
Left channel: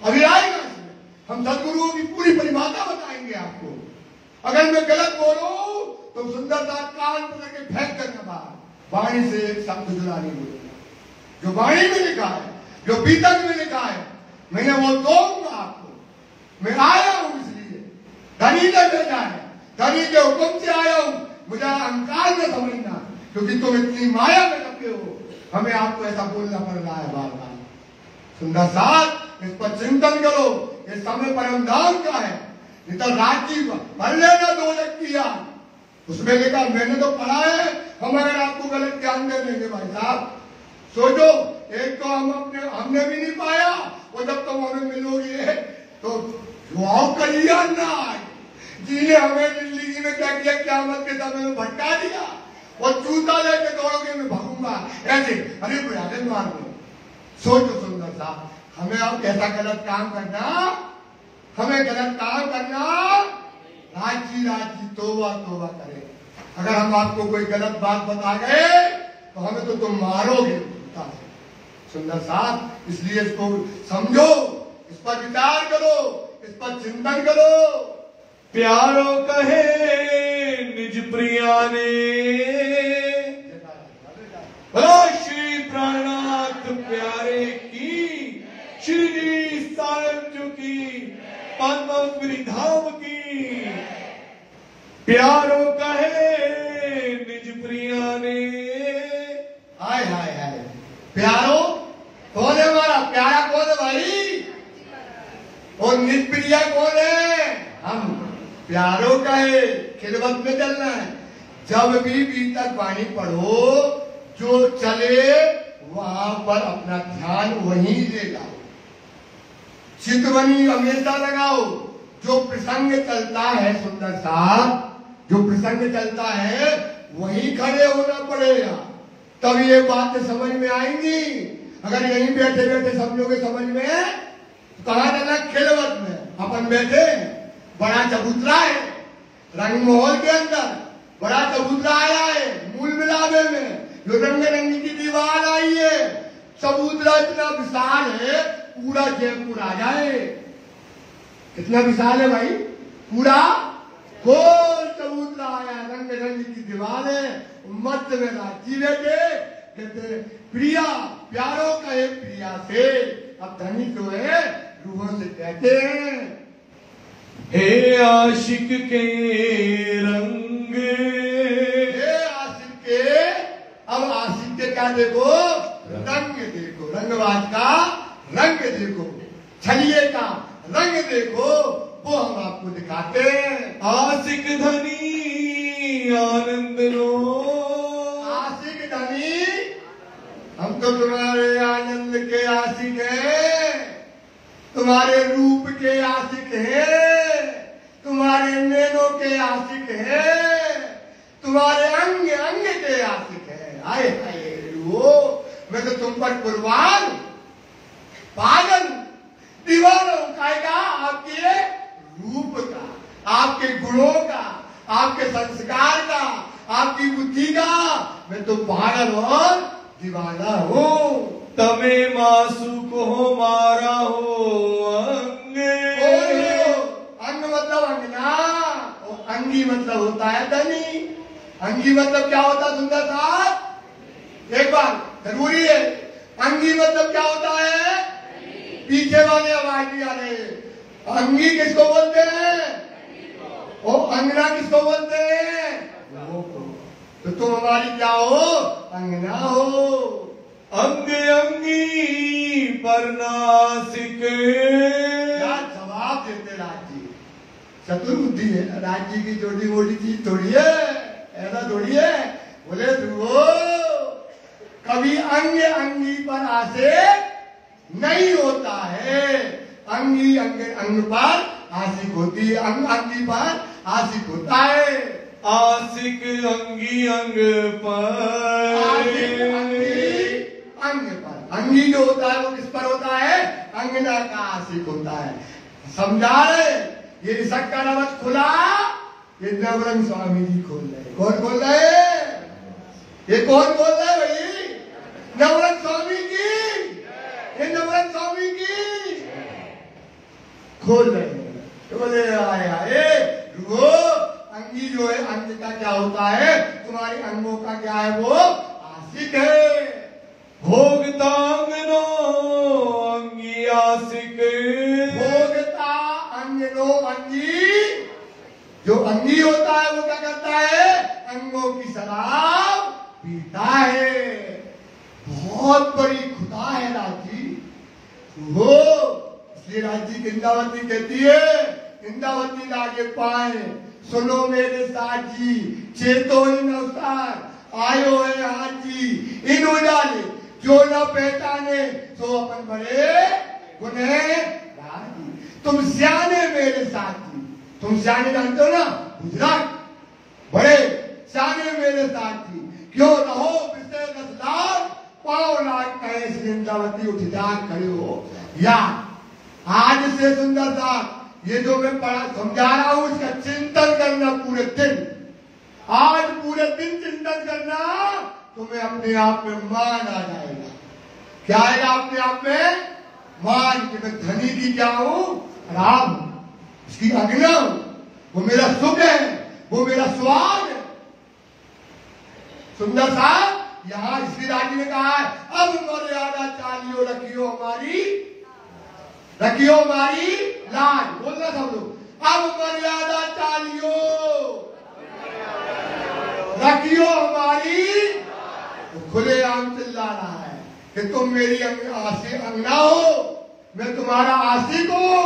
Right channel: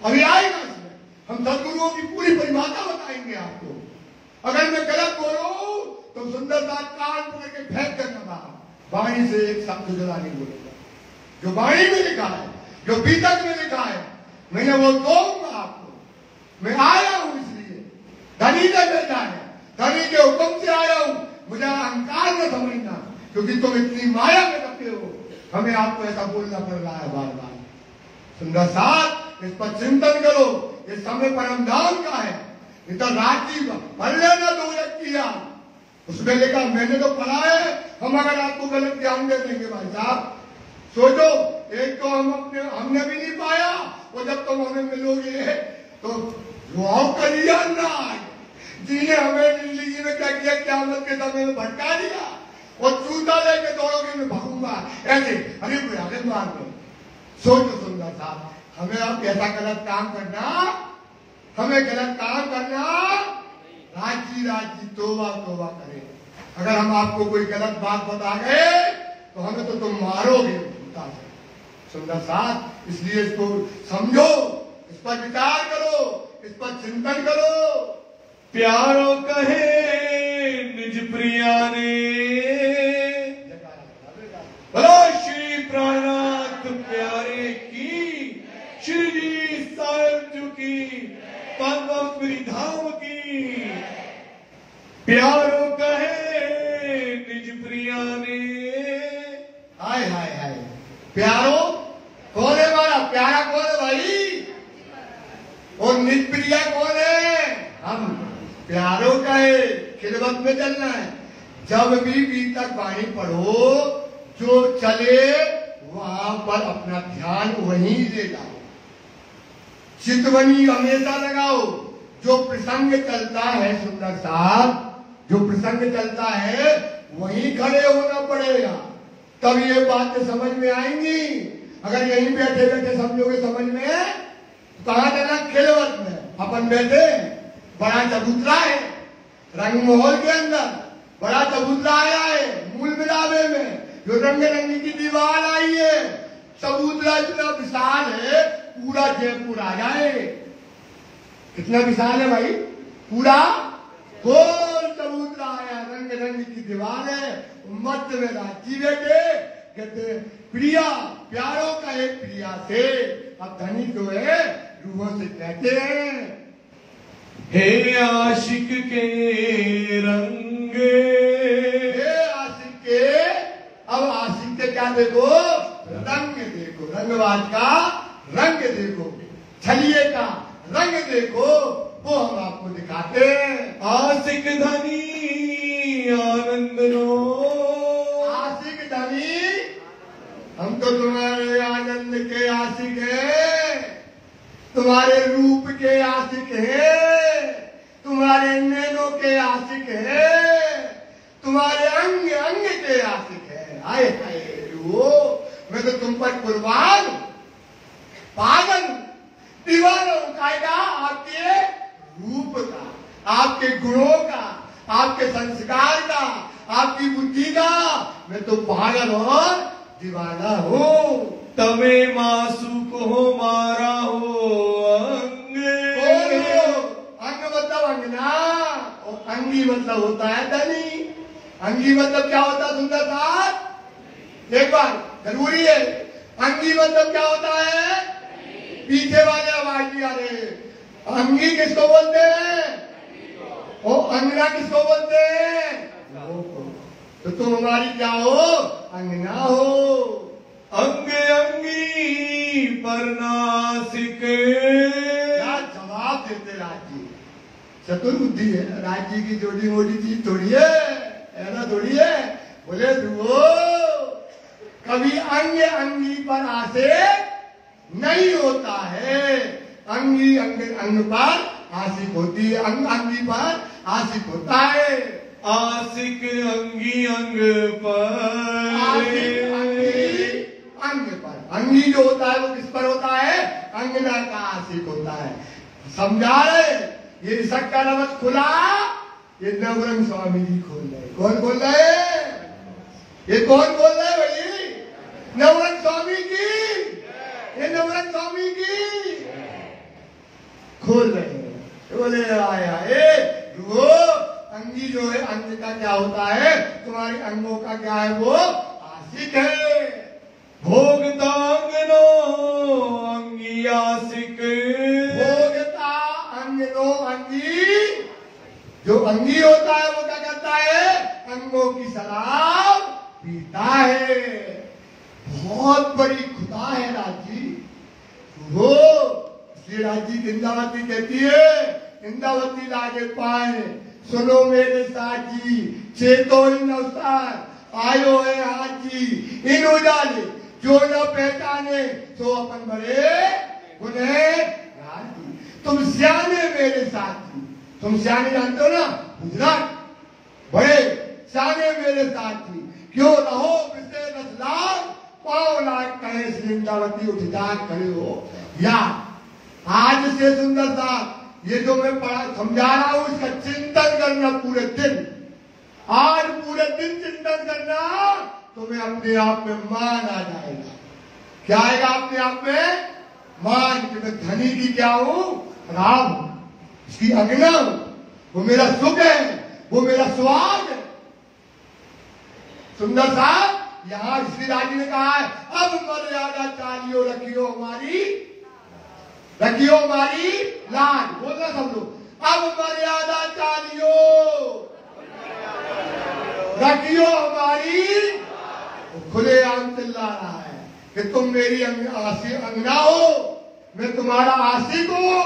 अभी आएगा इसमें। हम सतगुरुओं की पूरी परिभाषा बताएंगे आपको। अगर मैं गलत बोलूं तो सुंदरता कान पर के फेंक कर वाणी से एक शब्द जुड़ा नहीं बोलेगा। जो वाणी में लिखा है, जो बीतक में लिखा है, मैंने वो दूंगा आपको। मैं आया हूं इसलिए, धनी ने भेजा है, धनी के हुक्म से आया हूं। मुझे अहंकार न समझना, क्योंकि तुम इतनी माया में करते हो, हमें आपको ऐसा बोलना पड़ रहा है बार बार। सुंदर साथ इस पर चिंतन करो, ये समय परम धाम का है। नहीं तो राजी पढ़ लेना 2 किया, उसमें लिखा मैंने तो पढ़ा है। हम अगर आपको गलत ज्ञान दे देंगे भाई साहब, सोचो, एक तो हमने भी नहीं पाया, और जब तुम हमें मिलोगे तो दुआओं करिया ना जिन्हें हमें जिंदगी में क्या किया, क़यामत के समय में भटका दिया और जूता लेके दौड़ोगे मैं भागूंगा ऐसे। अरे कोई आगे मार दो। सोचो सुंदर साहब, हमें अब कैसा गलत काम करना, हमें गलत काम करना, राजी राजी तोबा तोबा करे। अगर हम आपको कोई गलत बात बता गए तो हमें तो तुम मारोगे। सुंदर साहब, इसलिए इसको समझो, इस पर विचार करो, इस पर चिंतन करो। प्यारो कहे निज प्रिया ने, श्री प्राणनाथ प्यारे की, श्री सायं की, पद्मपुरी धाम की। प्यारो कहे निज प्रिया ने। हाय हाय हाय, प्यारो कौन है? हमारा प्यारा कौन है भाई? और निज प्रिया कौन है? हम। प्यारो कहे खिदमत में चलना है। जब भी बीतक वाणी पढ़ो, जो चले वहां पर अपना ध्यान वहीं ले जाओ, चितवनी हमेशा लगाओ। जो प्रसंग चलता है सुंदर साहब, जो प्रसंग चलता है वहीं खड़े होना पड़ेगा, तब ये बातें समझ में आएंगी। अगर यहीं बैठे बैठे समझोगे समझ में, तो कहा जाना खिलवत में अपन बैठे, बड़ा चबूतरा है रंग महल के अंदर, बड़ा चबूतरा आया है मूल मिलावे में, जो रंग रंगी की दीवार आई है। चबूतरा इतना विशाल है, पूरा जयपुर आ जाए। कितना विशाल है भाई, पूरा गोल चबूतरा आया, रंग रंग की दीवार है, मध्य में राजी बैठे, कहते प्रिया, प्यारों का एक प्रिया से। अब धनी जो है रूहों से कहते हैं, हे आशिक के रंग, हे आशिक के। अब आशिक के क्या देखो, रंग देखो, रंगवाज का रंग देखो, छलिए का रंग देखो, वो हम आपको दिखाते हैं। आशिक धनी आनंद लो, आशिक धनी, हम तो तुम्हारे आनंद के आशिक हैं, तुम्हारे रूप के आशिक हैं, तुम्हारे नैनों के आशिक हैं, तुम्हारे अंग अंग के आशिक हैं। आए हाय वो, मैं तो तुम पर कुर्बान, पागल, दीवाना उठाएगा आपके रूप का, आपके गुणों का, आपके संस्कार का, आपकी बुद्धि का, मैं तो पागल और दीवाना हूँ। तमे मासूक हो मारा हो अंग। अंग मतलब अंगना, और अंगी मतलब होता है धनी। अंगी मतलब क्या होता है सुंदर साहब? एक बार जरूरी है, अंगी मतलब क्या होता है? पीछे वाले आवाज दिया रहे, अंगी किसको बोलते हैं? और अंगना किसको बोलते हैं? तो तुम हमारी क्या हो? अंगना हो। अंग अंगी पर नासिक। क्या जवाब देते राजी? चतुर बुद्धि है राजी की, छोटी मोटी चीज थोड़ी है, ऐसा थोड़ी है। बोले तू कभी अंग अंगी पर आशिक नहीं होता है। अंगी अंग पर आशिक होती है, अंग अंगी पर आशिक होता है। आशिक अंगी अंग पर। आशिक अंगी अंग पर। अंगी जो होता है वो किस पर होता है? अंगना का आशिक होता है। समझा रहे? ये ऋषक का नमक खुला, ये नवरंग स्वामी जी खोल रहे। कौन खोल रहे? ये कौन बोल रहे भाई? नवरंग स्वामी जी। ये नवरंग स्वामी जी खोल रहे हैं। तो बोले आया रुको, अंगी जो है अंग का क्या होता है? तुम्हारे अंगों का क्या है? वो आशिक है। भोगता अंगनो अंगी आशिक। भोगता अंगनो अंगी, जो अंगी होता है वो क्या करता है? अंगों की शराब पीता है। बहुत बड़ी खुदा है राजी वो। इसलिए राजी इंद्रावती कहती है, इंद्रावती लागे पाए सुनो मेरे साथी, चेतो इन अवसर आयो है हाजी। इन उजाले जो न पहचाने तो अपन बड़े गुने राजी। तुम सियाने मेरे साथी, तुम सियाने जानते हो ना, गुजरात बड़े सियाने मेरे साथी। क्यों रहो विषय रसलाल, पाओ लाट कहे इंद्रावती उठा खड़े हो। या आज से सुंदर सा ये जो मैं समझा रहा हूं, इसका चिंतन करना पूरे दिन। आज पूरे दिन चिंतन करना, तुम्हें अपने आप में मान आ जाएगा। क्या आएगा अपने आप में? मान कि मैं धनी की क्या हूं? राम हूं, इसकी अग्नि हूं। वो मेरा सुख है, वो मेरा स्वाद है। सुंदर साहब यहां श्री राजी ने कहा है, अब मर्यादा चालियो रखियो हमारी, रखियो हमारी लाज। बोलना सब लोग, अब मर्यादा चालियो रखियो हमारी। तो खुलेआम चिल्ला रहा है कि तुम मेरी अंगना हो, मैं तुम्हारा आशिक हूं,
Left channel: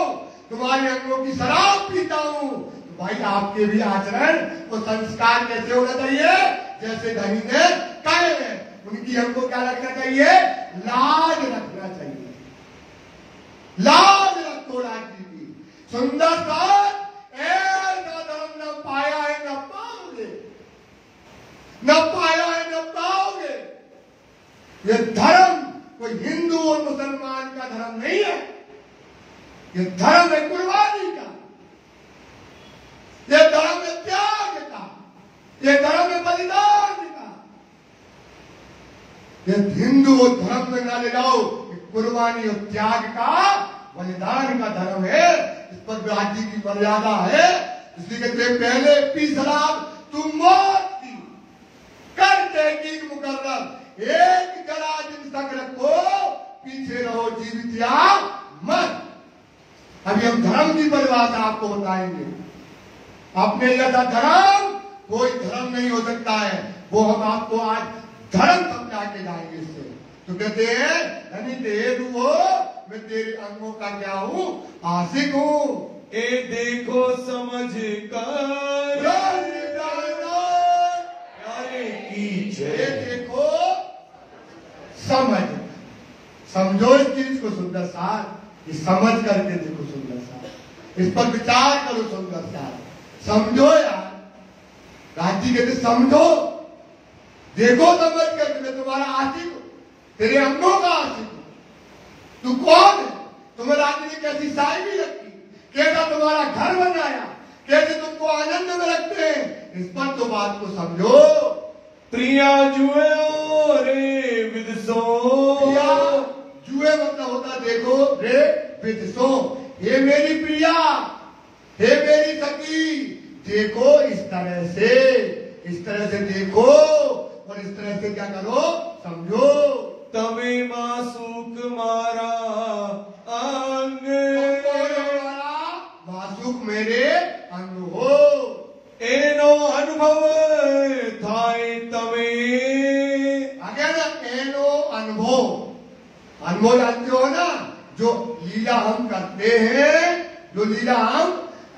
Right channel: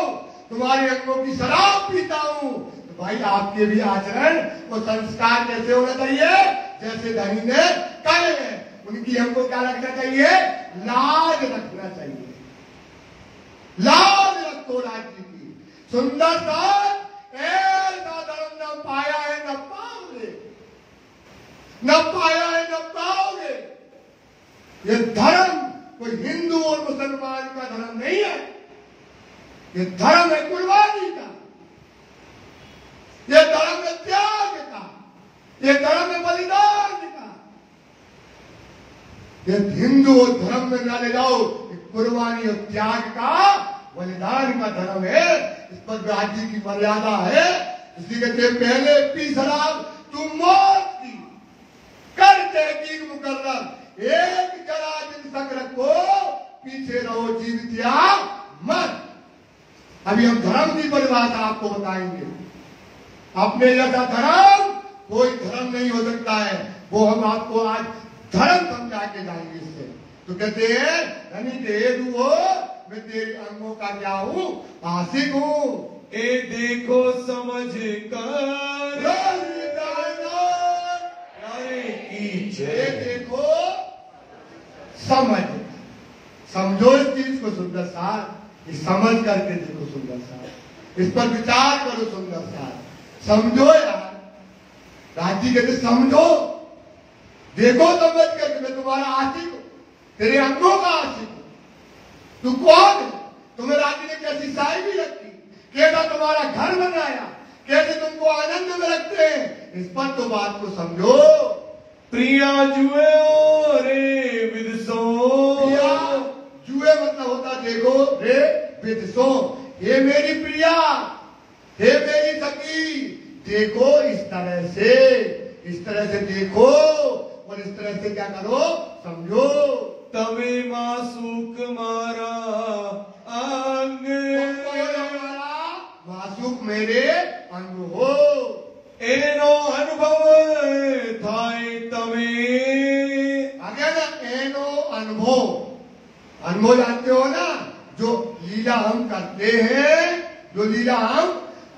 तुम्हारे अंगों की शराब पीता हूं। तो भाई आपके भी आचरण और संस्कार कैसे होना चाहिए? जैसे धनी ने कहे हैं, उनकी हमको क्या रखना चाहिए? लाज रखना चाहिए। लाज रखो राज्य की। सुंदर सा न धर्म न पाया है न पाओगे, न पाया है न पाओगे। ये धर्म कोई हिंदू और मुसलमान का धर्म नहीं है, ये धर्म है कुर्बानी का, ये धर्म है त्याग का, ये धर्म है बलिदान का। ये हिंदू धर्म में ना ले जाओ, कुर्बानी और त्याग का, बलिदान का धर्म है। इस पर राज्य की मर्यादा है। इसलिए कहते पहले पी शराब तुम मौत की, कर तहकीक मुकर्रर एक जरा दिन तक रखो, पीछे रहो जीवित या मत। अभी हम धर्म की परिभाषा आपको बताएंगे। अपने जैसा धर्म कोई धर्म नहीं हो सकता है, वो हम आपको आज धर्म समझा के जाएंगे इससे। तो कहते हैं धनी तेज हो, मैं तेरे अंगों का क्या हूं? आशिक हूं। ए देखो समझ कर प्यारे की जय। देखो समझ, समझो इस चीज को सुंदर साथ, समझ करके देखो सुंदर साथ, इस पर विचार करो सुंदर साथ। समझो यार, राजी कहते समझो, देखो समझ करके मैं तुम्हारा आशिक हूं, तेरे अंगों का आशिक हूं। तू कौन है? तुम्हें राज्य ने कैसी साइकी रखी, कैसा तुम्हारा घर बनाया, कैसे तुमको आनंद में रखते हैं, इस पर तो बात को समझो। प्रिया जुए रे विदसो, प्रिया जुए मतलब होता देखो रे विदसो, हे मेरी प्रिया, हे मेरी सखी, देखो इस तरह से देखो और इस तरह से क्या करो समझो। तवे मासूक मारा अंग, मासूक मेरे अंग हो, एनो अनुभव थाय तवे, अगर एनो अनुभव जानते हो ना, जो लीला हम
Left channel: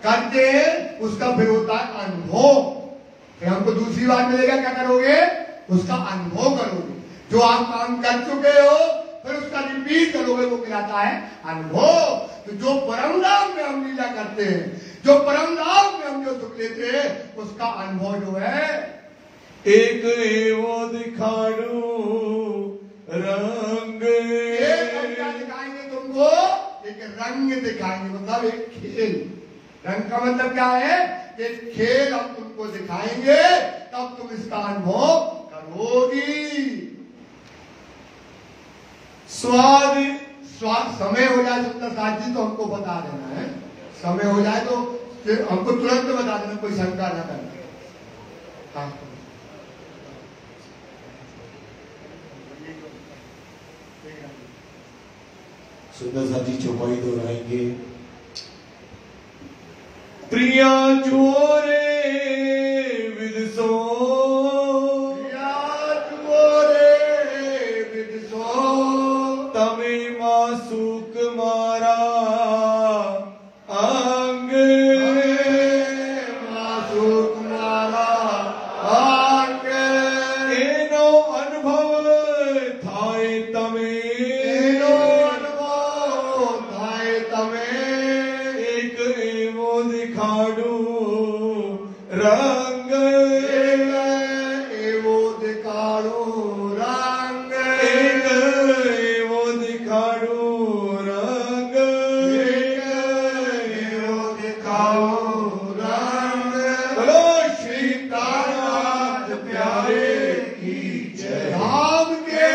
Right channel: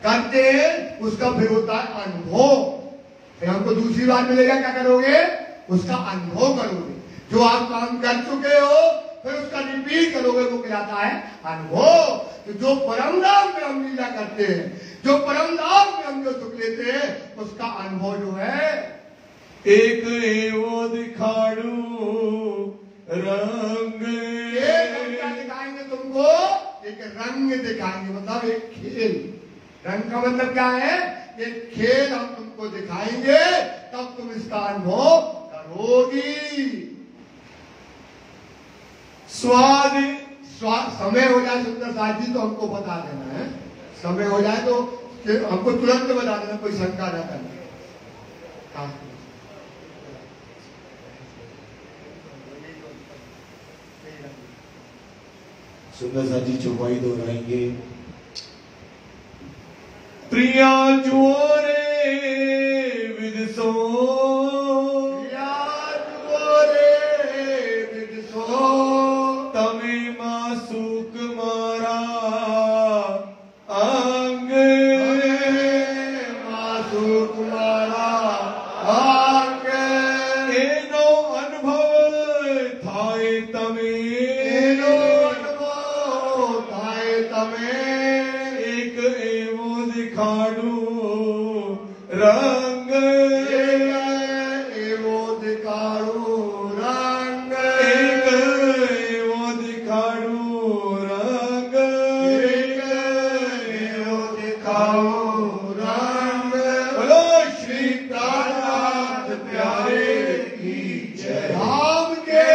करते हैं उसका फिर होता है अनुभव। फिर हमको दूसरी बात मिलेगा, क्या करोगे, उसका अनुभव करोगे। जो आप काम कर चुके हो फिर उसका रिपीट करोगे, वो कहलाता है अनुभव। तो जो परम धाम में हम लीला करते हैं, जो परम धाम में हम जो सुख लेते हैं, उसका अनुभव जो है एक एवो दिखाड़ू रंग, दिखाएंगे तुमको, एक रंग दिखाएंगे, मतलब एक खेल। रंग का मतलब क्या है, एक खेल हम तुमको दिखाएंगे, तब तुम इसका अनुभव करोगी। स्वाद समय हो जाए सुंदर साथ जी तो हमको बता देना है, समय हो जाए तो हमको तुरंत बता देना, कोई शंका ना करना। हाँ। सुंदर साथ जी चौपाई दोहराएंगे। प्रिया जोरे विदसो, तवे मासूक मारा अंग, मासूक मारा अंग, एनो अनुभव थाय तवे, एनो अनुभव थाय तवे, एक एवो दिखाड़ू रंग, एवो दिखाड़ू रंग, एक एवो दिखाड़ू रंग, एवो दिखाड़ू रंग। बोलो श्री कान्हानाथ प्यारे की जय। धाम के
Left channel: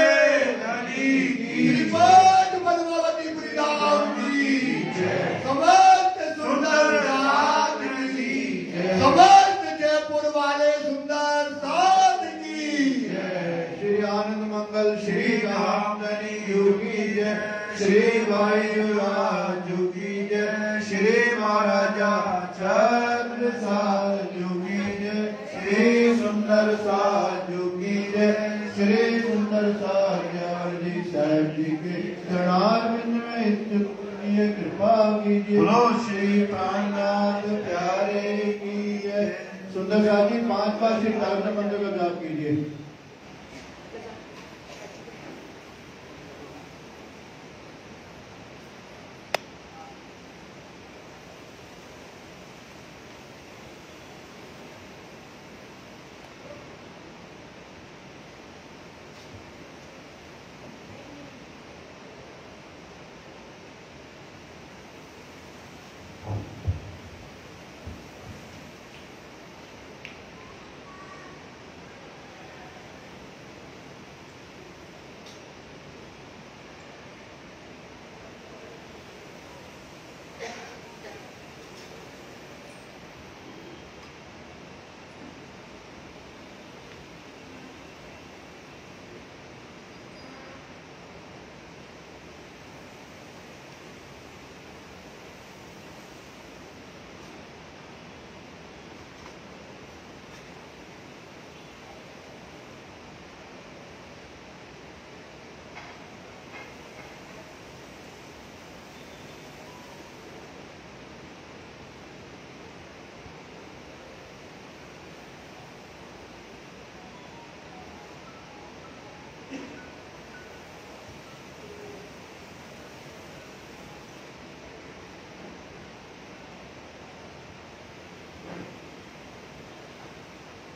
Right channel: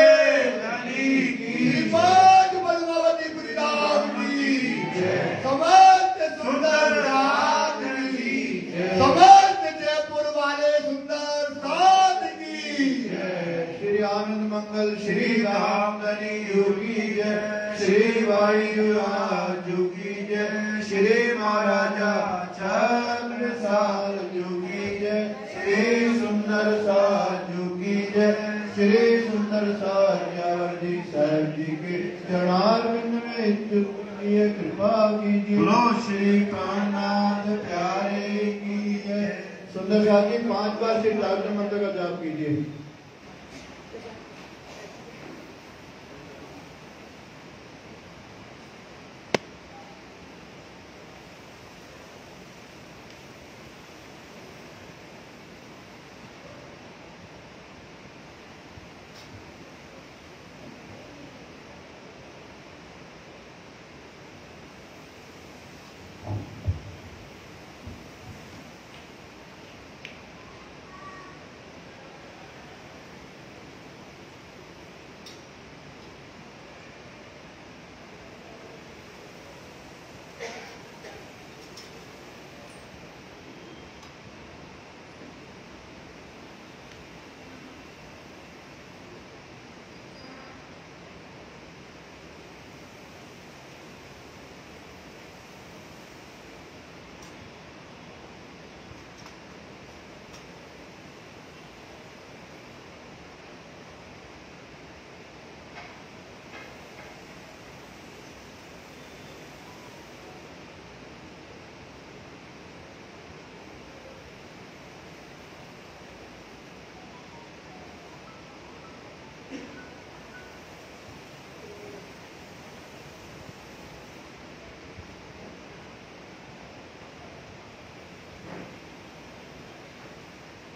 धनी की बात पद्मावती गुरुराम की जय। समस्त सुंदर रात की जय। समस्त जयपुर वाले सुंदर साथ की जय। श्री आनंद मंगल श्री राम धनी की जय। श्री भाई राजू की जय। श्री महाराजा छत्रसाल की जय। श्री सुंदर साजू की जय। श्री सुंदर साज जी साहब जी के चरणारविंद में इतनी कृपा कीजिए। बोलो श्री कान्हानाथ प्यारे की जय। सुंदर साहब जी 5 बार श्री प्रार्थना मंत्र का जाप कीजिए।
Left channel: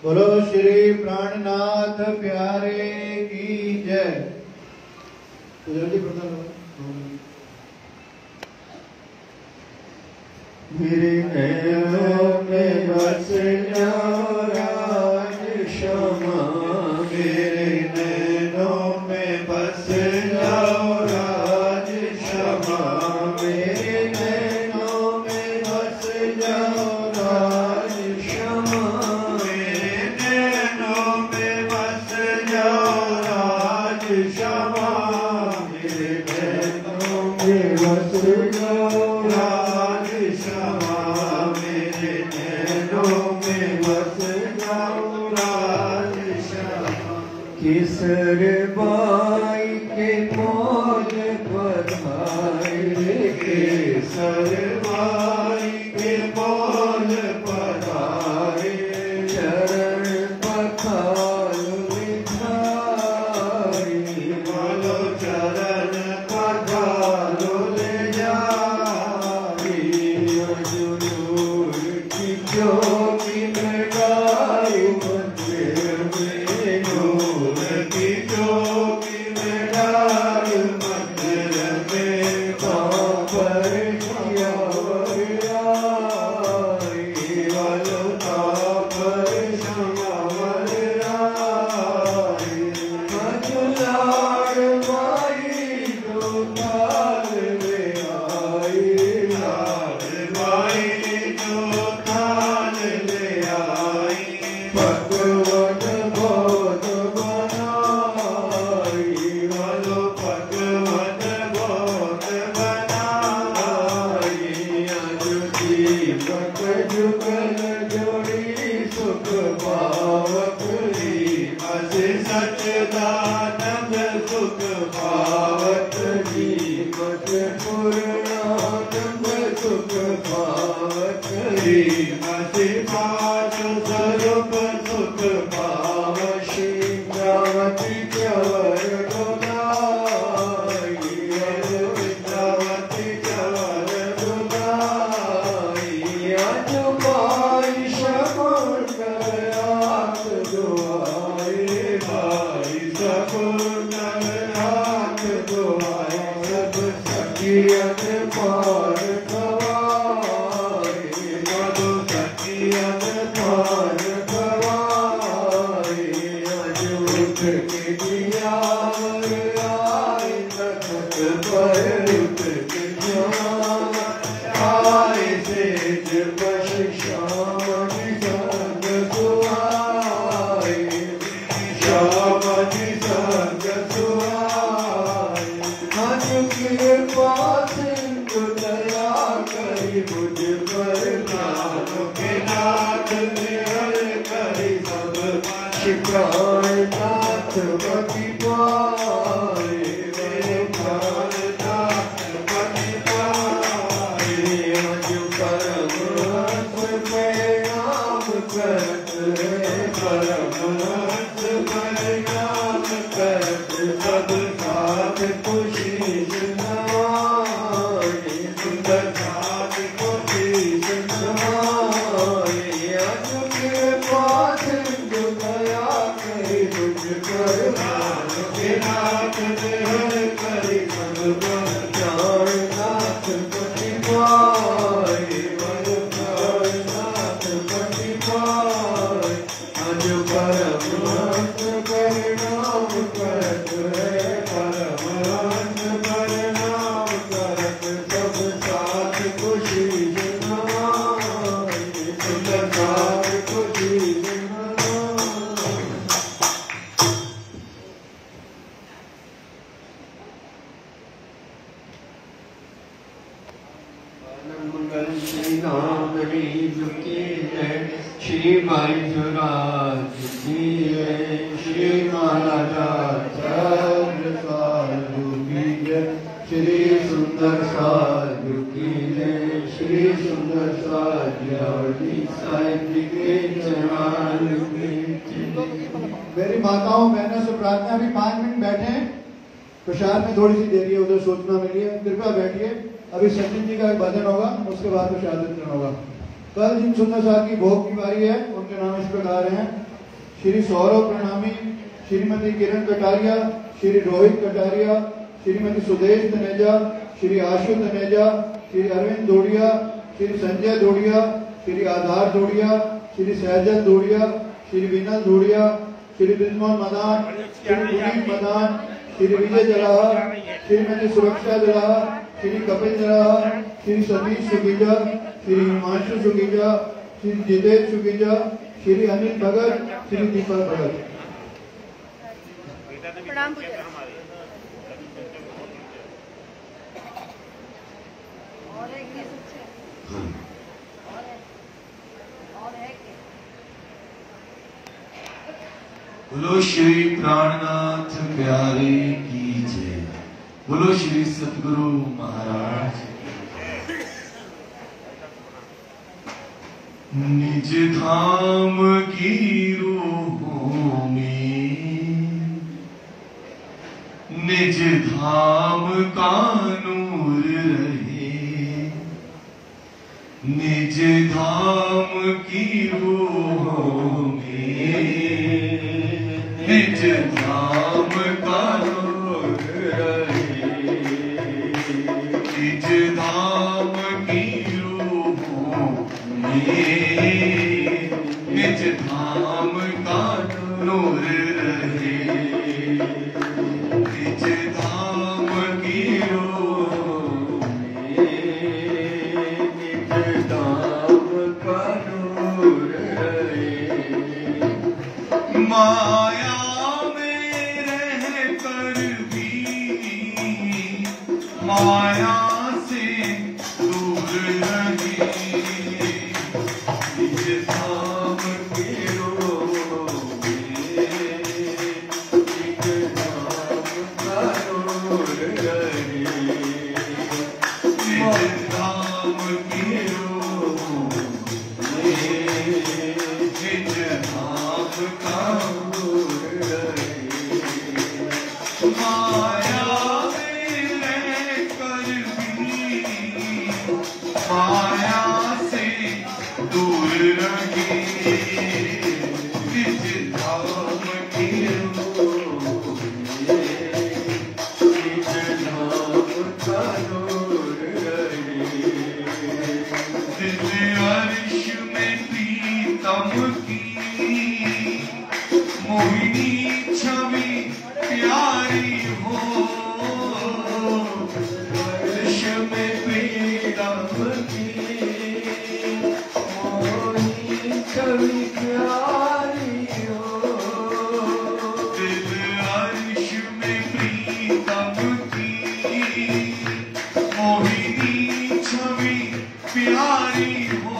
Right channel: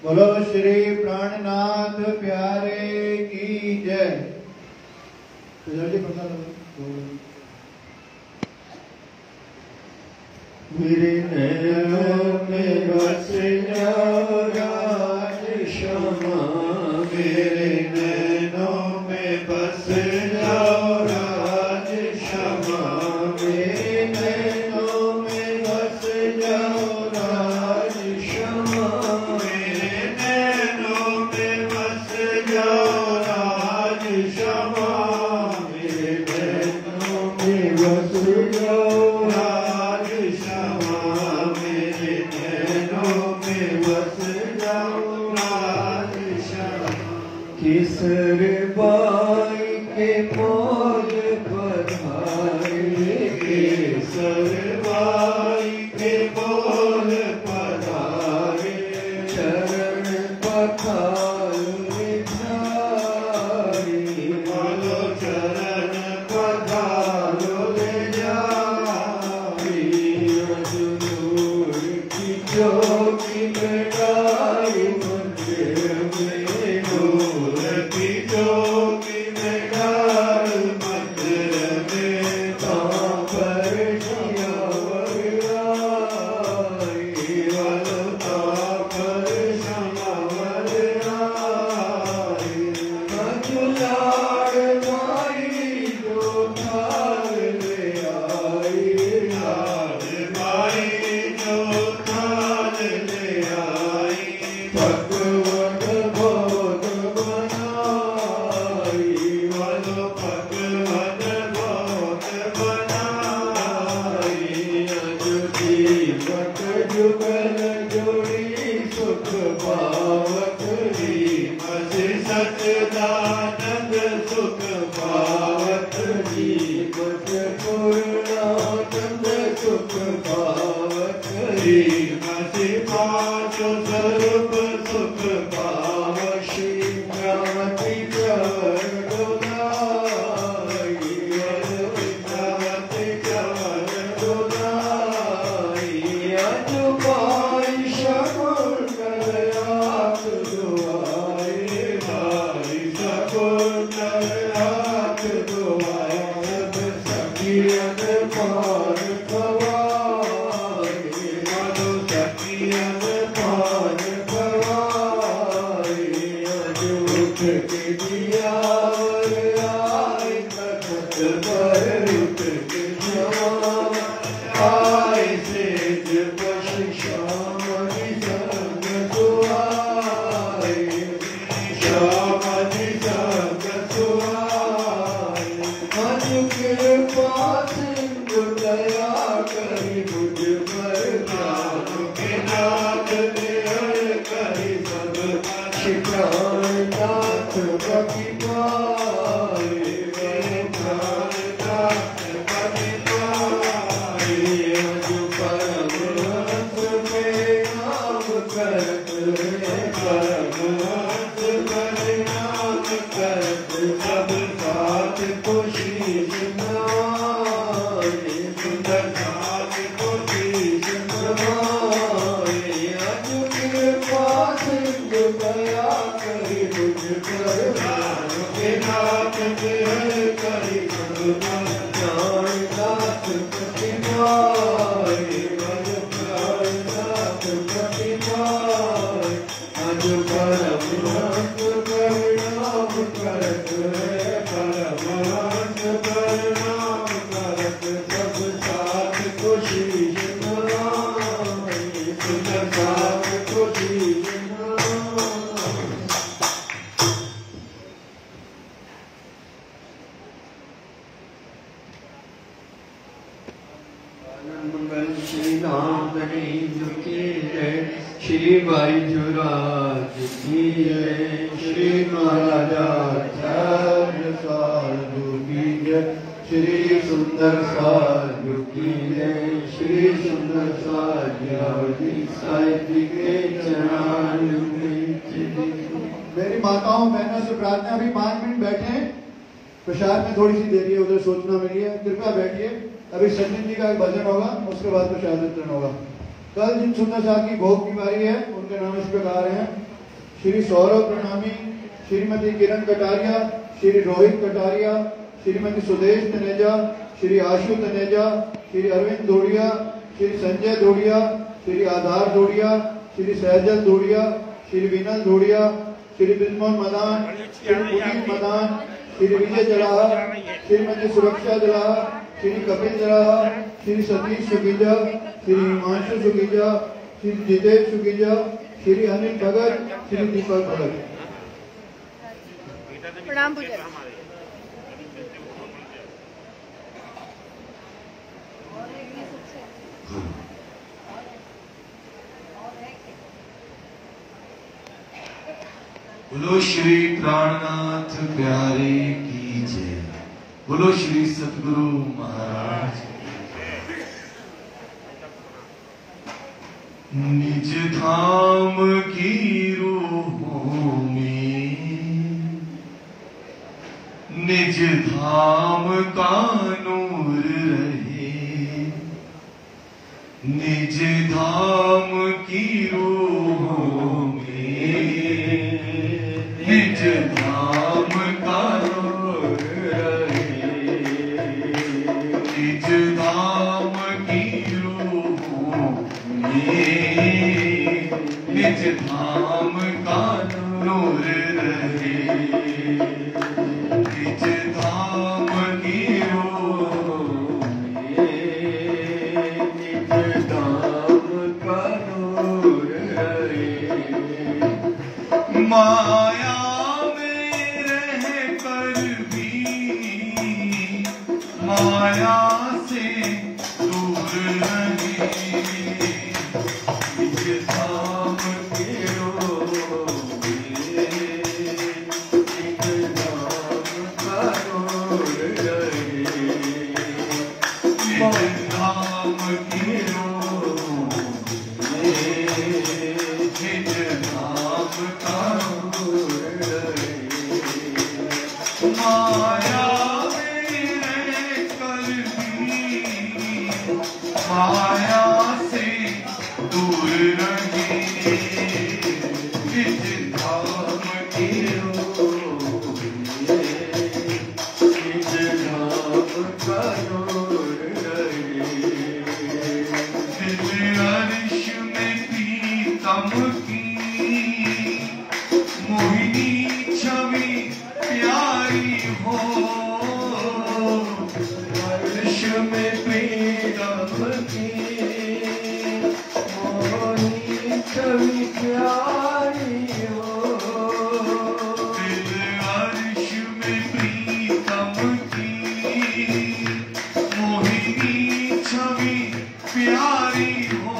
बोलो श्री प्राणनाथ प्यारे की जय। तो जल्दी पता मेरे नैनों में बस जाओ बस जाओ राज श्यामा मेरे नैनों में बस जाओ राज श्यामा। किसर बाई के मौज पधारे केसर बाई के मौज पधारे चरण पखालो निधारी बोलो चरण पखालो ले जारी हजूर की ज्योति में गाई मंदिर में नूर की ज्योति में गाई मंदिर में पर किया वराई वलता पर क्षमा वराई मजुलाड़ माई जो थाल ले आई लाड माई जो थाल ले आई भगवत भोग बनाई वलो भगवत भोग बनाई दीपक जुगल जोड़ी सुख पावक अस सचदानंद सुख पावत दीपक पूर्णानंद सुख पावत अस पाठ स्वरूप सुख पाव श्री गावती चवर डोलाई गावती चवर डोलाई अज पाई शकुन करात दुआई भाई शकुन करात दुआई सब सखियत पार गवाई मधु सखियत पार गवाई अज उठ के दियावर आई तखत पर उठ के श्याम आए सेज बश श्याम संग सुहाए श्याम संग सुहाए हज के पास दया करी बुझ पर नाम के नाथ ने करी सब शिकार नाथ बगी पाए मेरे प्राण नाथ बगी पाए अज परम हंस में नाम करत परम हंस में नाम करत सब साथ खुशी सुनाए सुंदर साथ खुशी सुनाए अज के पास गया करी बुझ कर नाम के नाथ करी प्राण नाथ पति पाए मन प्राण नाथ पति पाए अज परम हंस प्रणाम करत परम हंस प्रणाम करत सब साथ खुशी सुनाए सुंदर साथ खुशी सुनाए। मंगल श्री राम की जय श्री भाई जुराज की जय श्री महाराजा साधु की जय श्री सुंदर साधु की जय श्री सुंदर साधु साहिब जी के चरण मेरी माताओं बहनों से प्रार्थना अभी 5 मिनट बैठे प्रसाद में थोड़ी सी देरी है उधर सोचना मिली है कृपया बैठिए। अभी संजय जी का एक भजन होगा उसके बाद प्रसाद वितरण होगा। कल जिन सुंदर साहब की भोग बीमारी है उनके नाम इस प्रकार हैं श्री सौरभ प्रणामी श्रीमती किरण कटारिया श्री रोहित कटारिया श्रीमती सुदेश तनेजा श्री आशु तनेजा श्री अरविंद धोड़िया श्री संजय धोड़िया श्री आधार धोड़िया श्री सहजल धोड़िया श्री विनल धोड़िया श्री ब्रिजमोहन मदान श्री पुनीत मदान श्री विजय जराहा श्रीमती सुरक्षा जराहा श्री कपिल जराहा श्री सतीश सुगीजा श्री हिमांशु सुगीजा श्री जितेश सुगीजा श्री अनिल भगत श्री दीपक भगत। बोलो श्री प्राणनाथ प्यारे की जय। बोलो श्री सतगुरु महाराज। निज धाम की रूहों में निज धाम का नूर रहे। निज धाम की रूहों में निज धाम का नूर रहे। निज धाम की रूहों में निज धाम का नूर रहे। निज धाम की रूहों में निज धाम का नूर रहे। माया में रह कर भी माया से दूर रहे। निज धाम की रूहों में निज धाम का नूर रहे। निज धाम की रूहों में निज धाम का नूर रहे। माया में रह कर भी माया से दूर रहे। निज धाम की रूहों में निज धाम का नूर रहे। दिल अर्श में प्रीतम की मोहिनी छवि प्यारी हो। अर्श में प्रीतम की मोहिनी छवि प्यारी हो। दिल अर्श में प्रीतम की मोहिनी छवि प्यारी हो।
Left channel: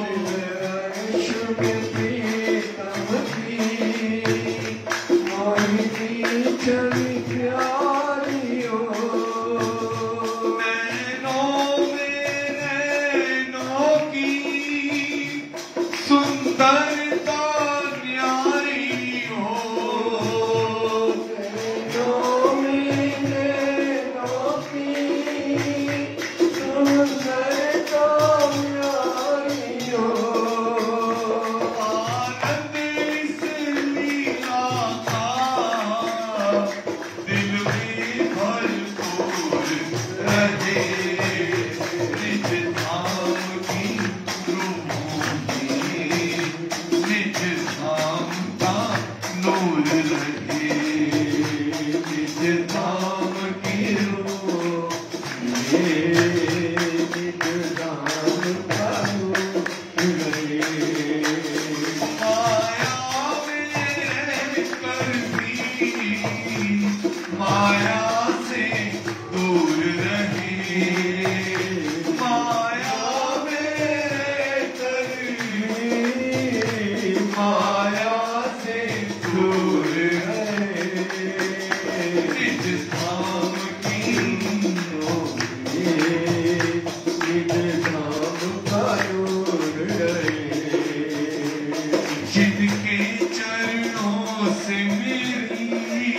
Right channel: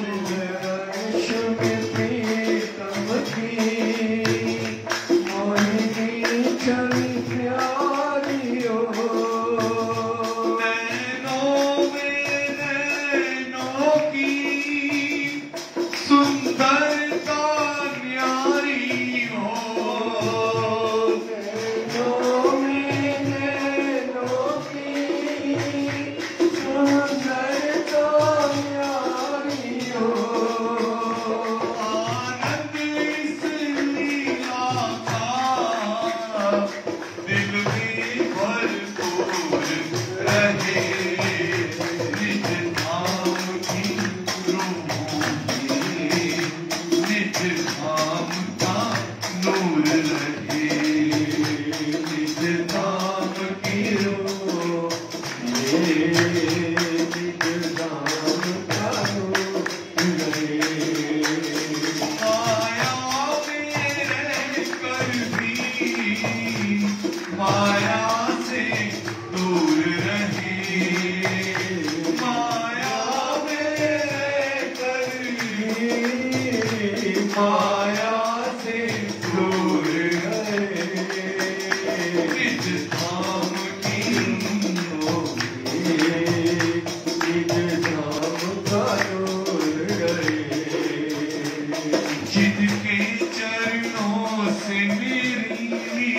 अर्श में प्रीतम की मोहिनी छवि प्यारी हो। नैनों में नैनों की सुंदरता न्यारी हो। नैनों में नैनों की सुंदरता न्यारी हो। आनंद इस लीला का दिल में भरपूर रहे। निज धाम की रूहों में निज धाम का नूर रहे। निज धाम की रूहों में निज धाम का नूर रहे। माया में रह कर भी माया से दूर रहे। माया में रह कर भी माया से दूर रहे। निज धाम की रूहों में निज धाम का नूर रहे। जिनके चरणों से मेरी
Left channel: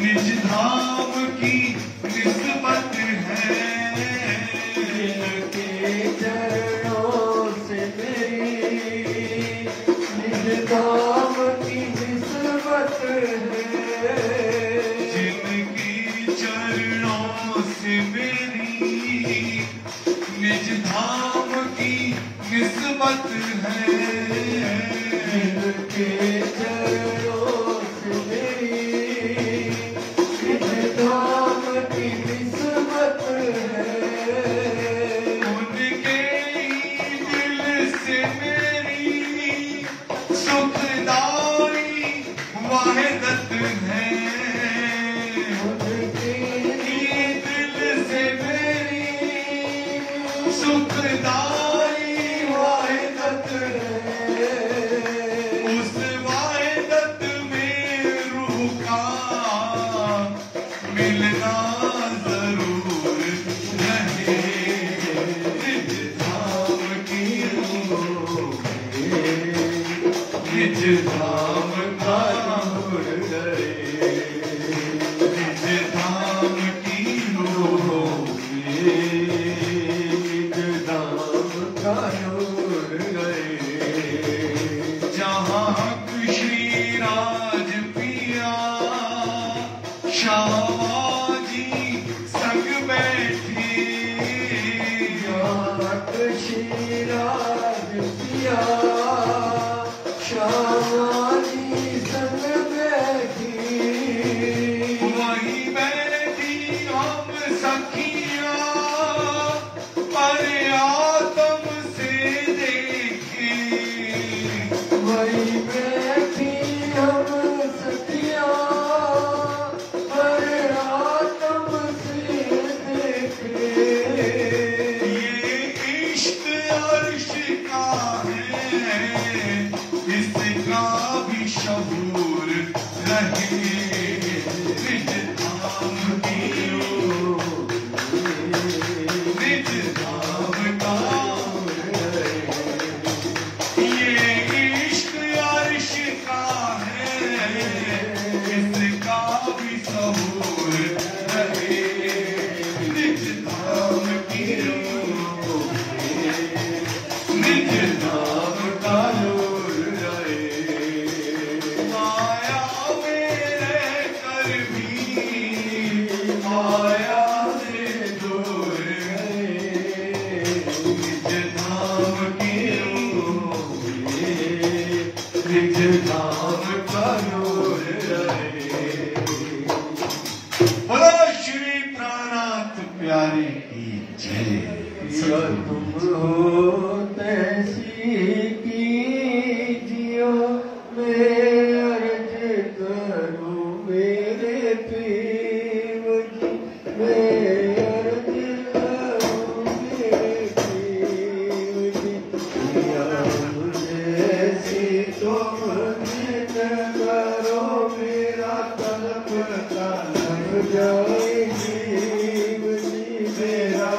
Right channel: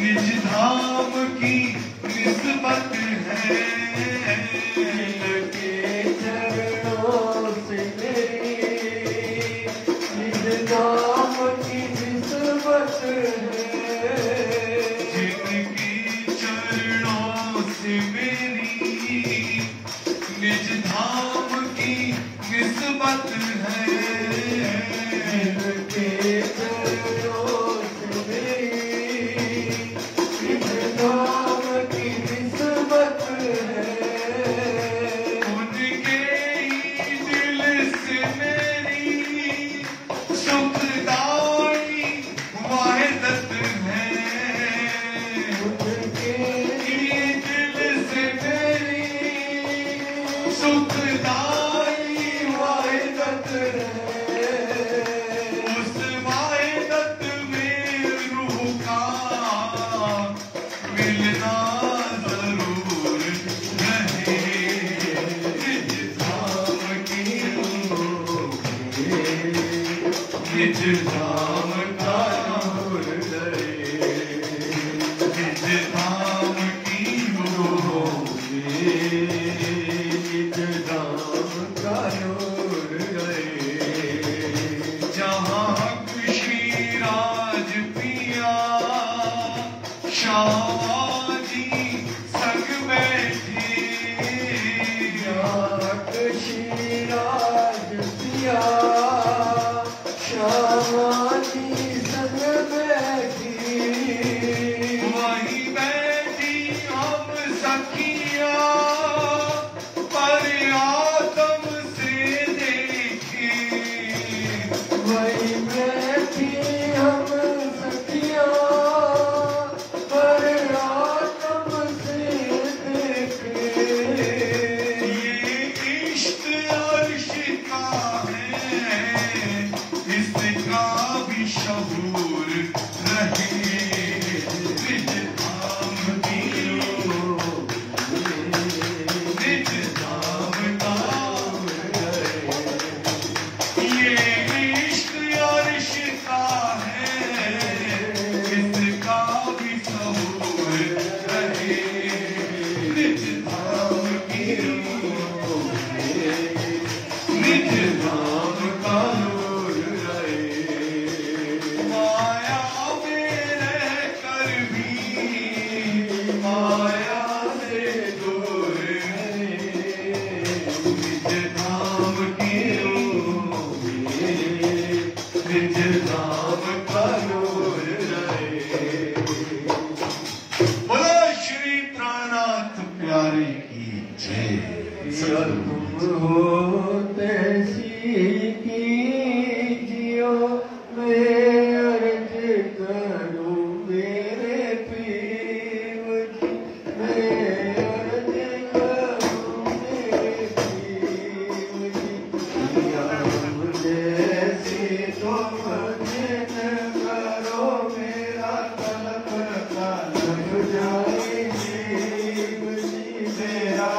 निज धाम की निस्बत है। जिनके चरणों से मेरी निज धाम की निस्बत है। जिनके चरणों से मेरी निज धाम की निस्बत है। जिनके चरणों से मेरी निज धाम की निस्बत है। उनके ही दिल से मेरी सुखदाई वाहिदत है। उनके ही दिल से मेरी मिलना जरूर रहे, निज धाम की निज धाम का निज धाम की निज धाम का जहाँ कृषि राज पिया श्यामा जी संग बैठे, जहाँ कृषि राज पिया श्यामा जी संग बैठी, वही बैठी हम सखिया पर आत्म से देखे, वही बैठी हम सखिया पर आत्म से देखे, ये इश्क अर्श का है, इसका भी शऊर रहे, निज धाम की निज धाम का ये इश्क अर्श का है, इसका भी शऊर रहे, निज धाम की निज धाम का नूर रहे, माया में रहकर भी माया से दूर रहे, निज धाम की निज धाम का नूर रहे। बोलो श्री प्राणनाथ प्यारे की जय। तैसी कीजियो मैं अर्ज करूं मेरे पीर जी, मैं अर्ज करूं मेरे पीर जी, जैसी तुम जिद करो मेरा तलब तलब जाएगी जी, मेरा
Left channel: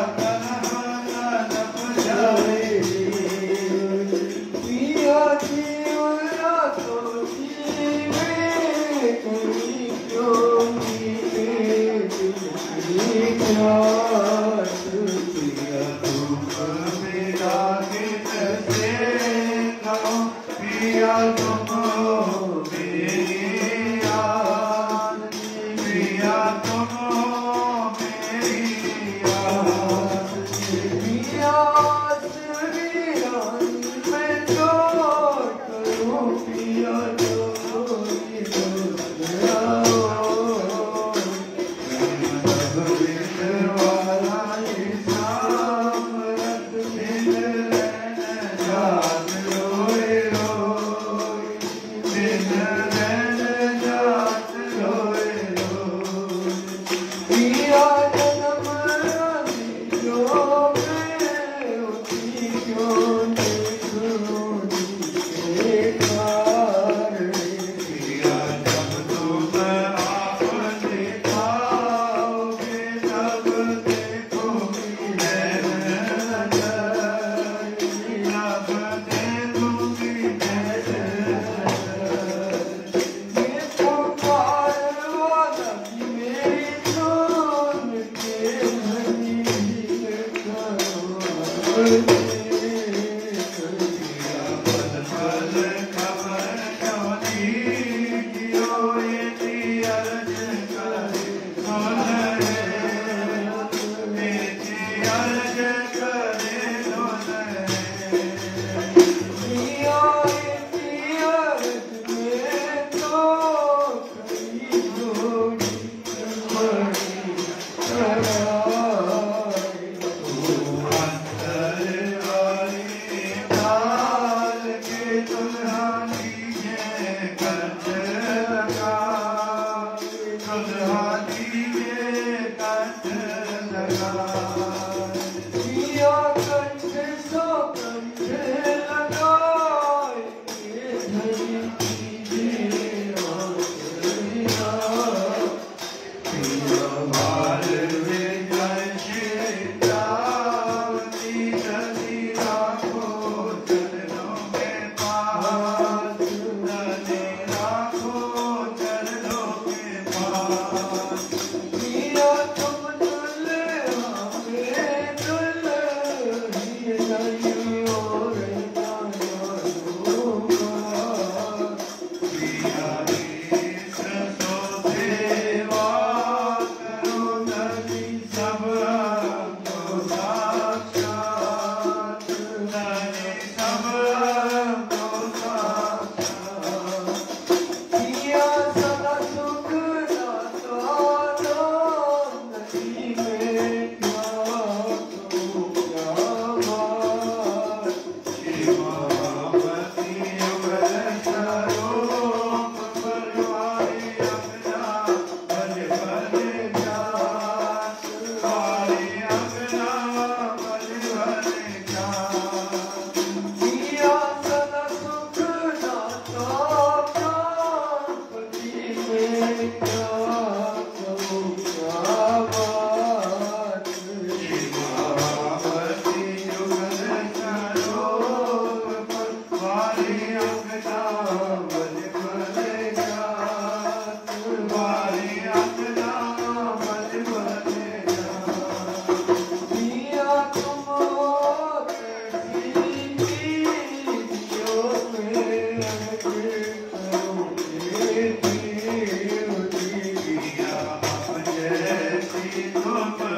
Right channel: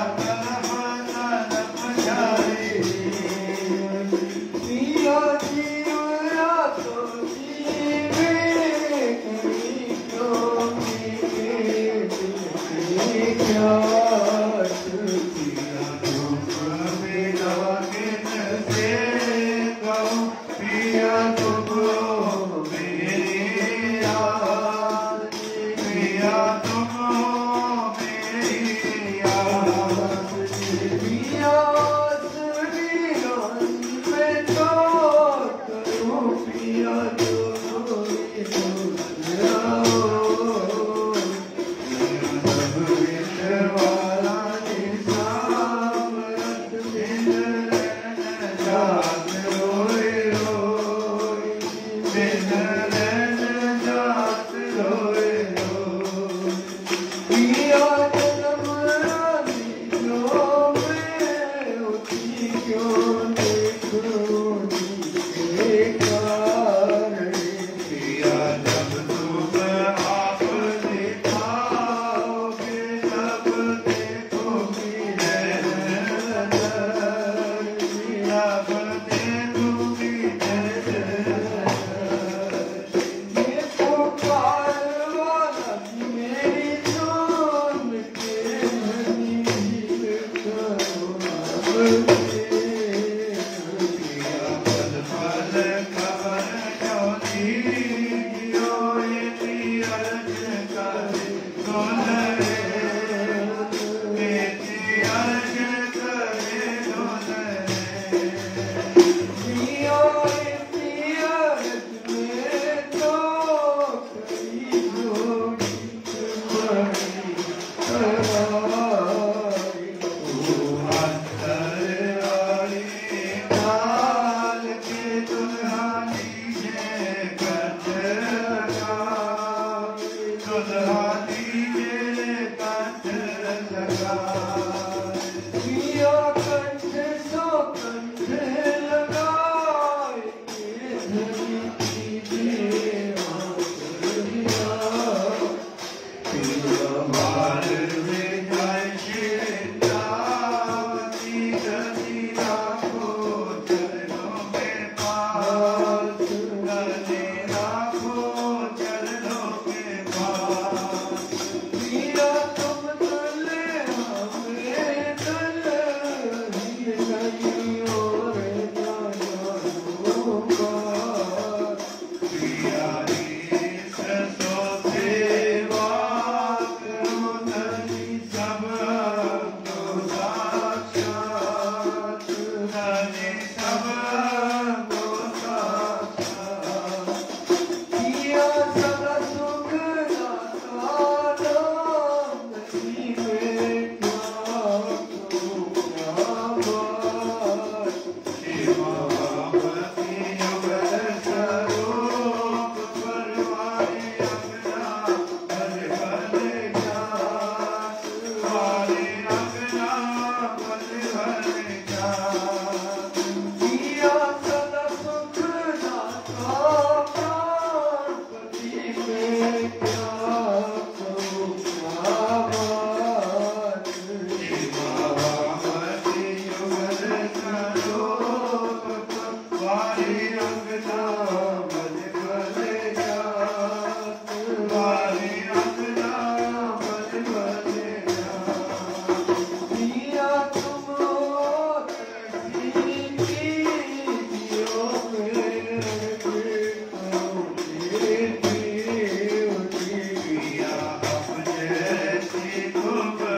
तो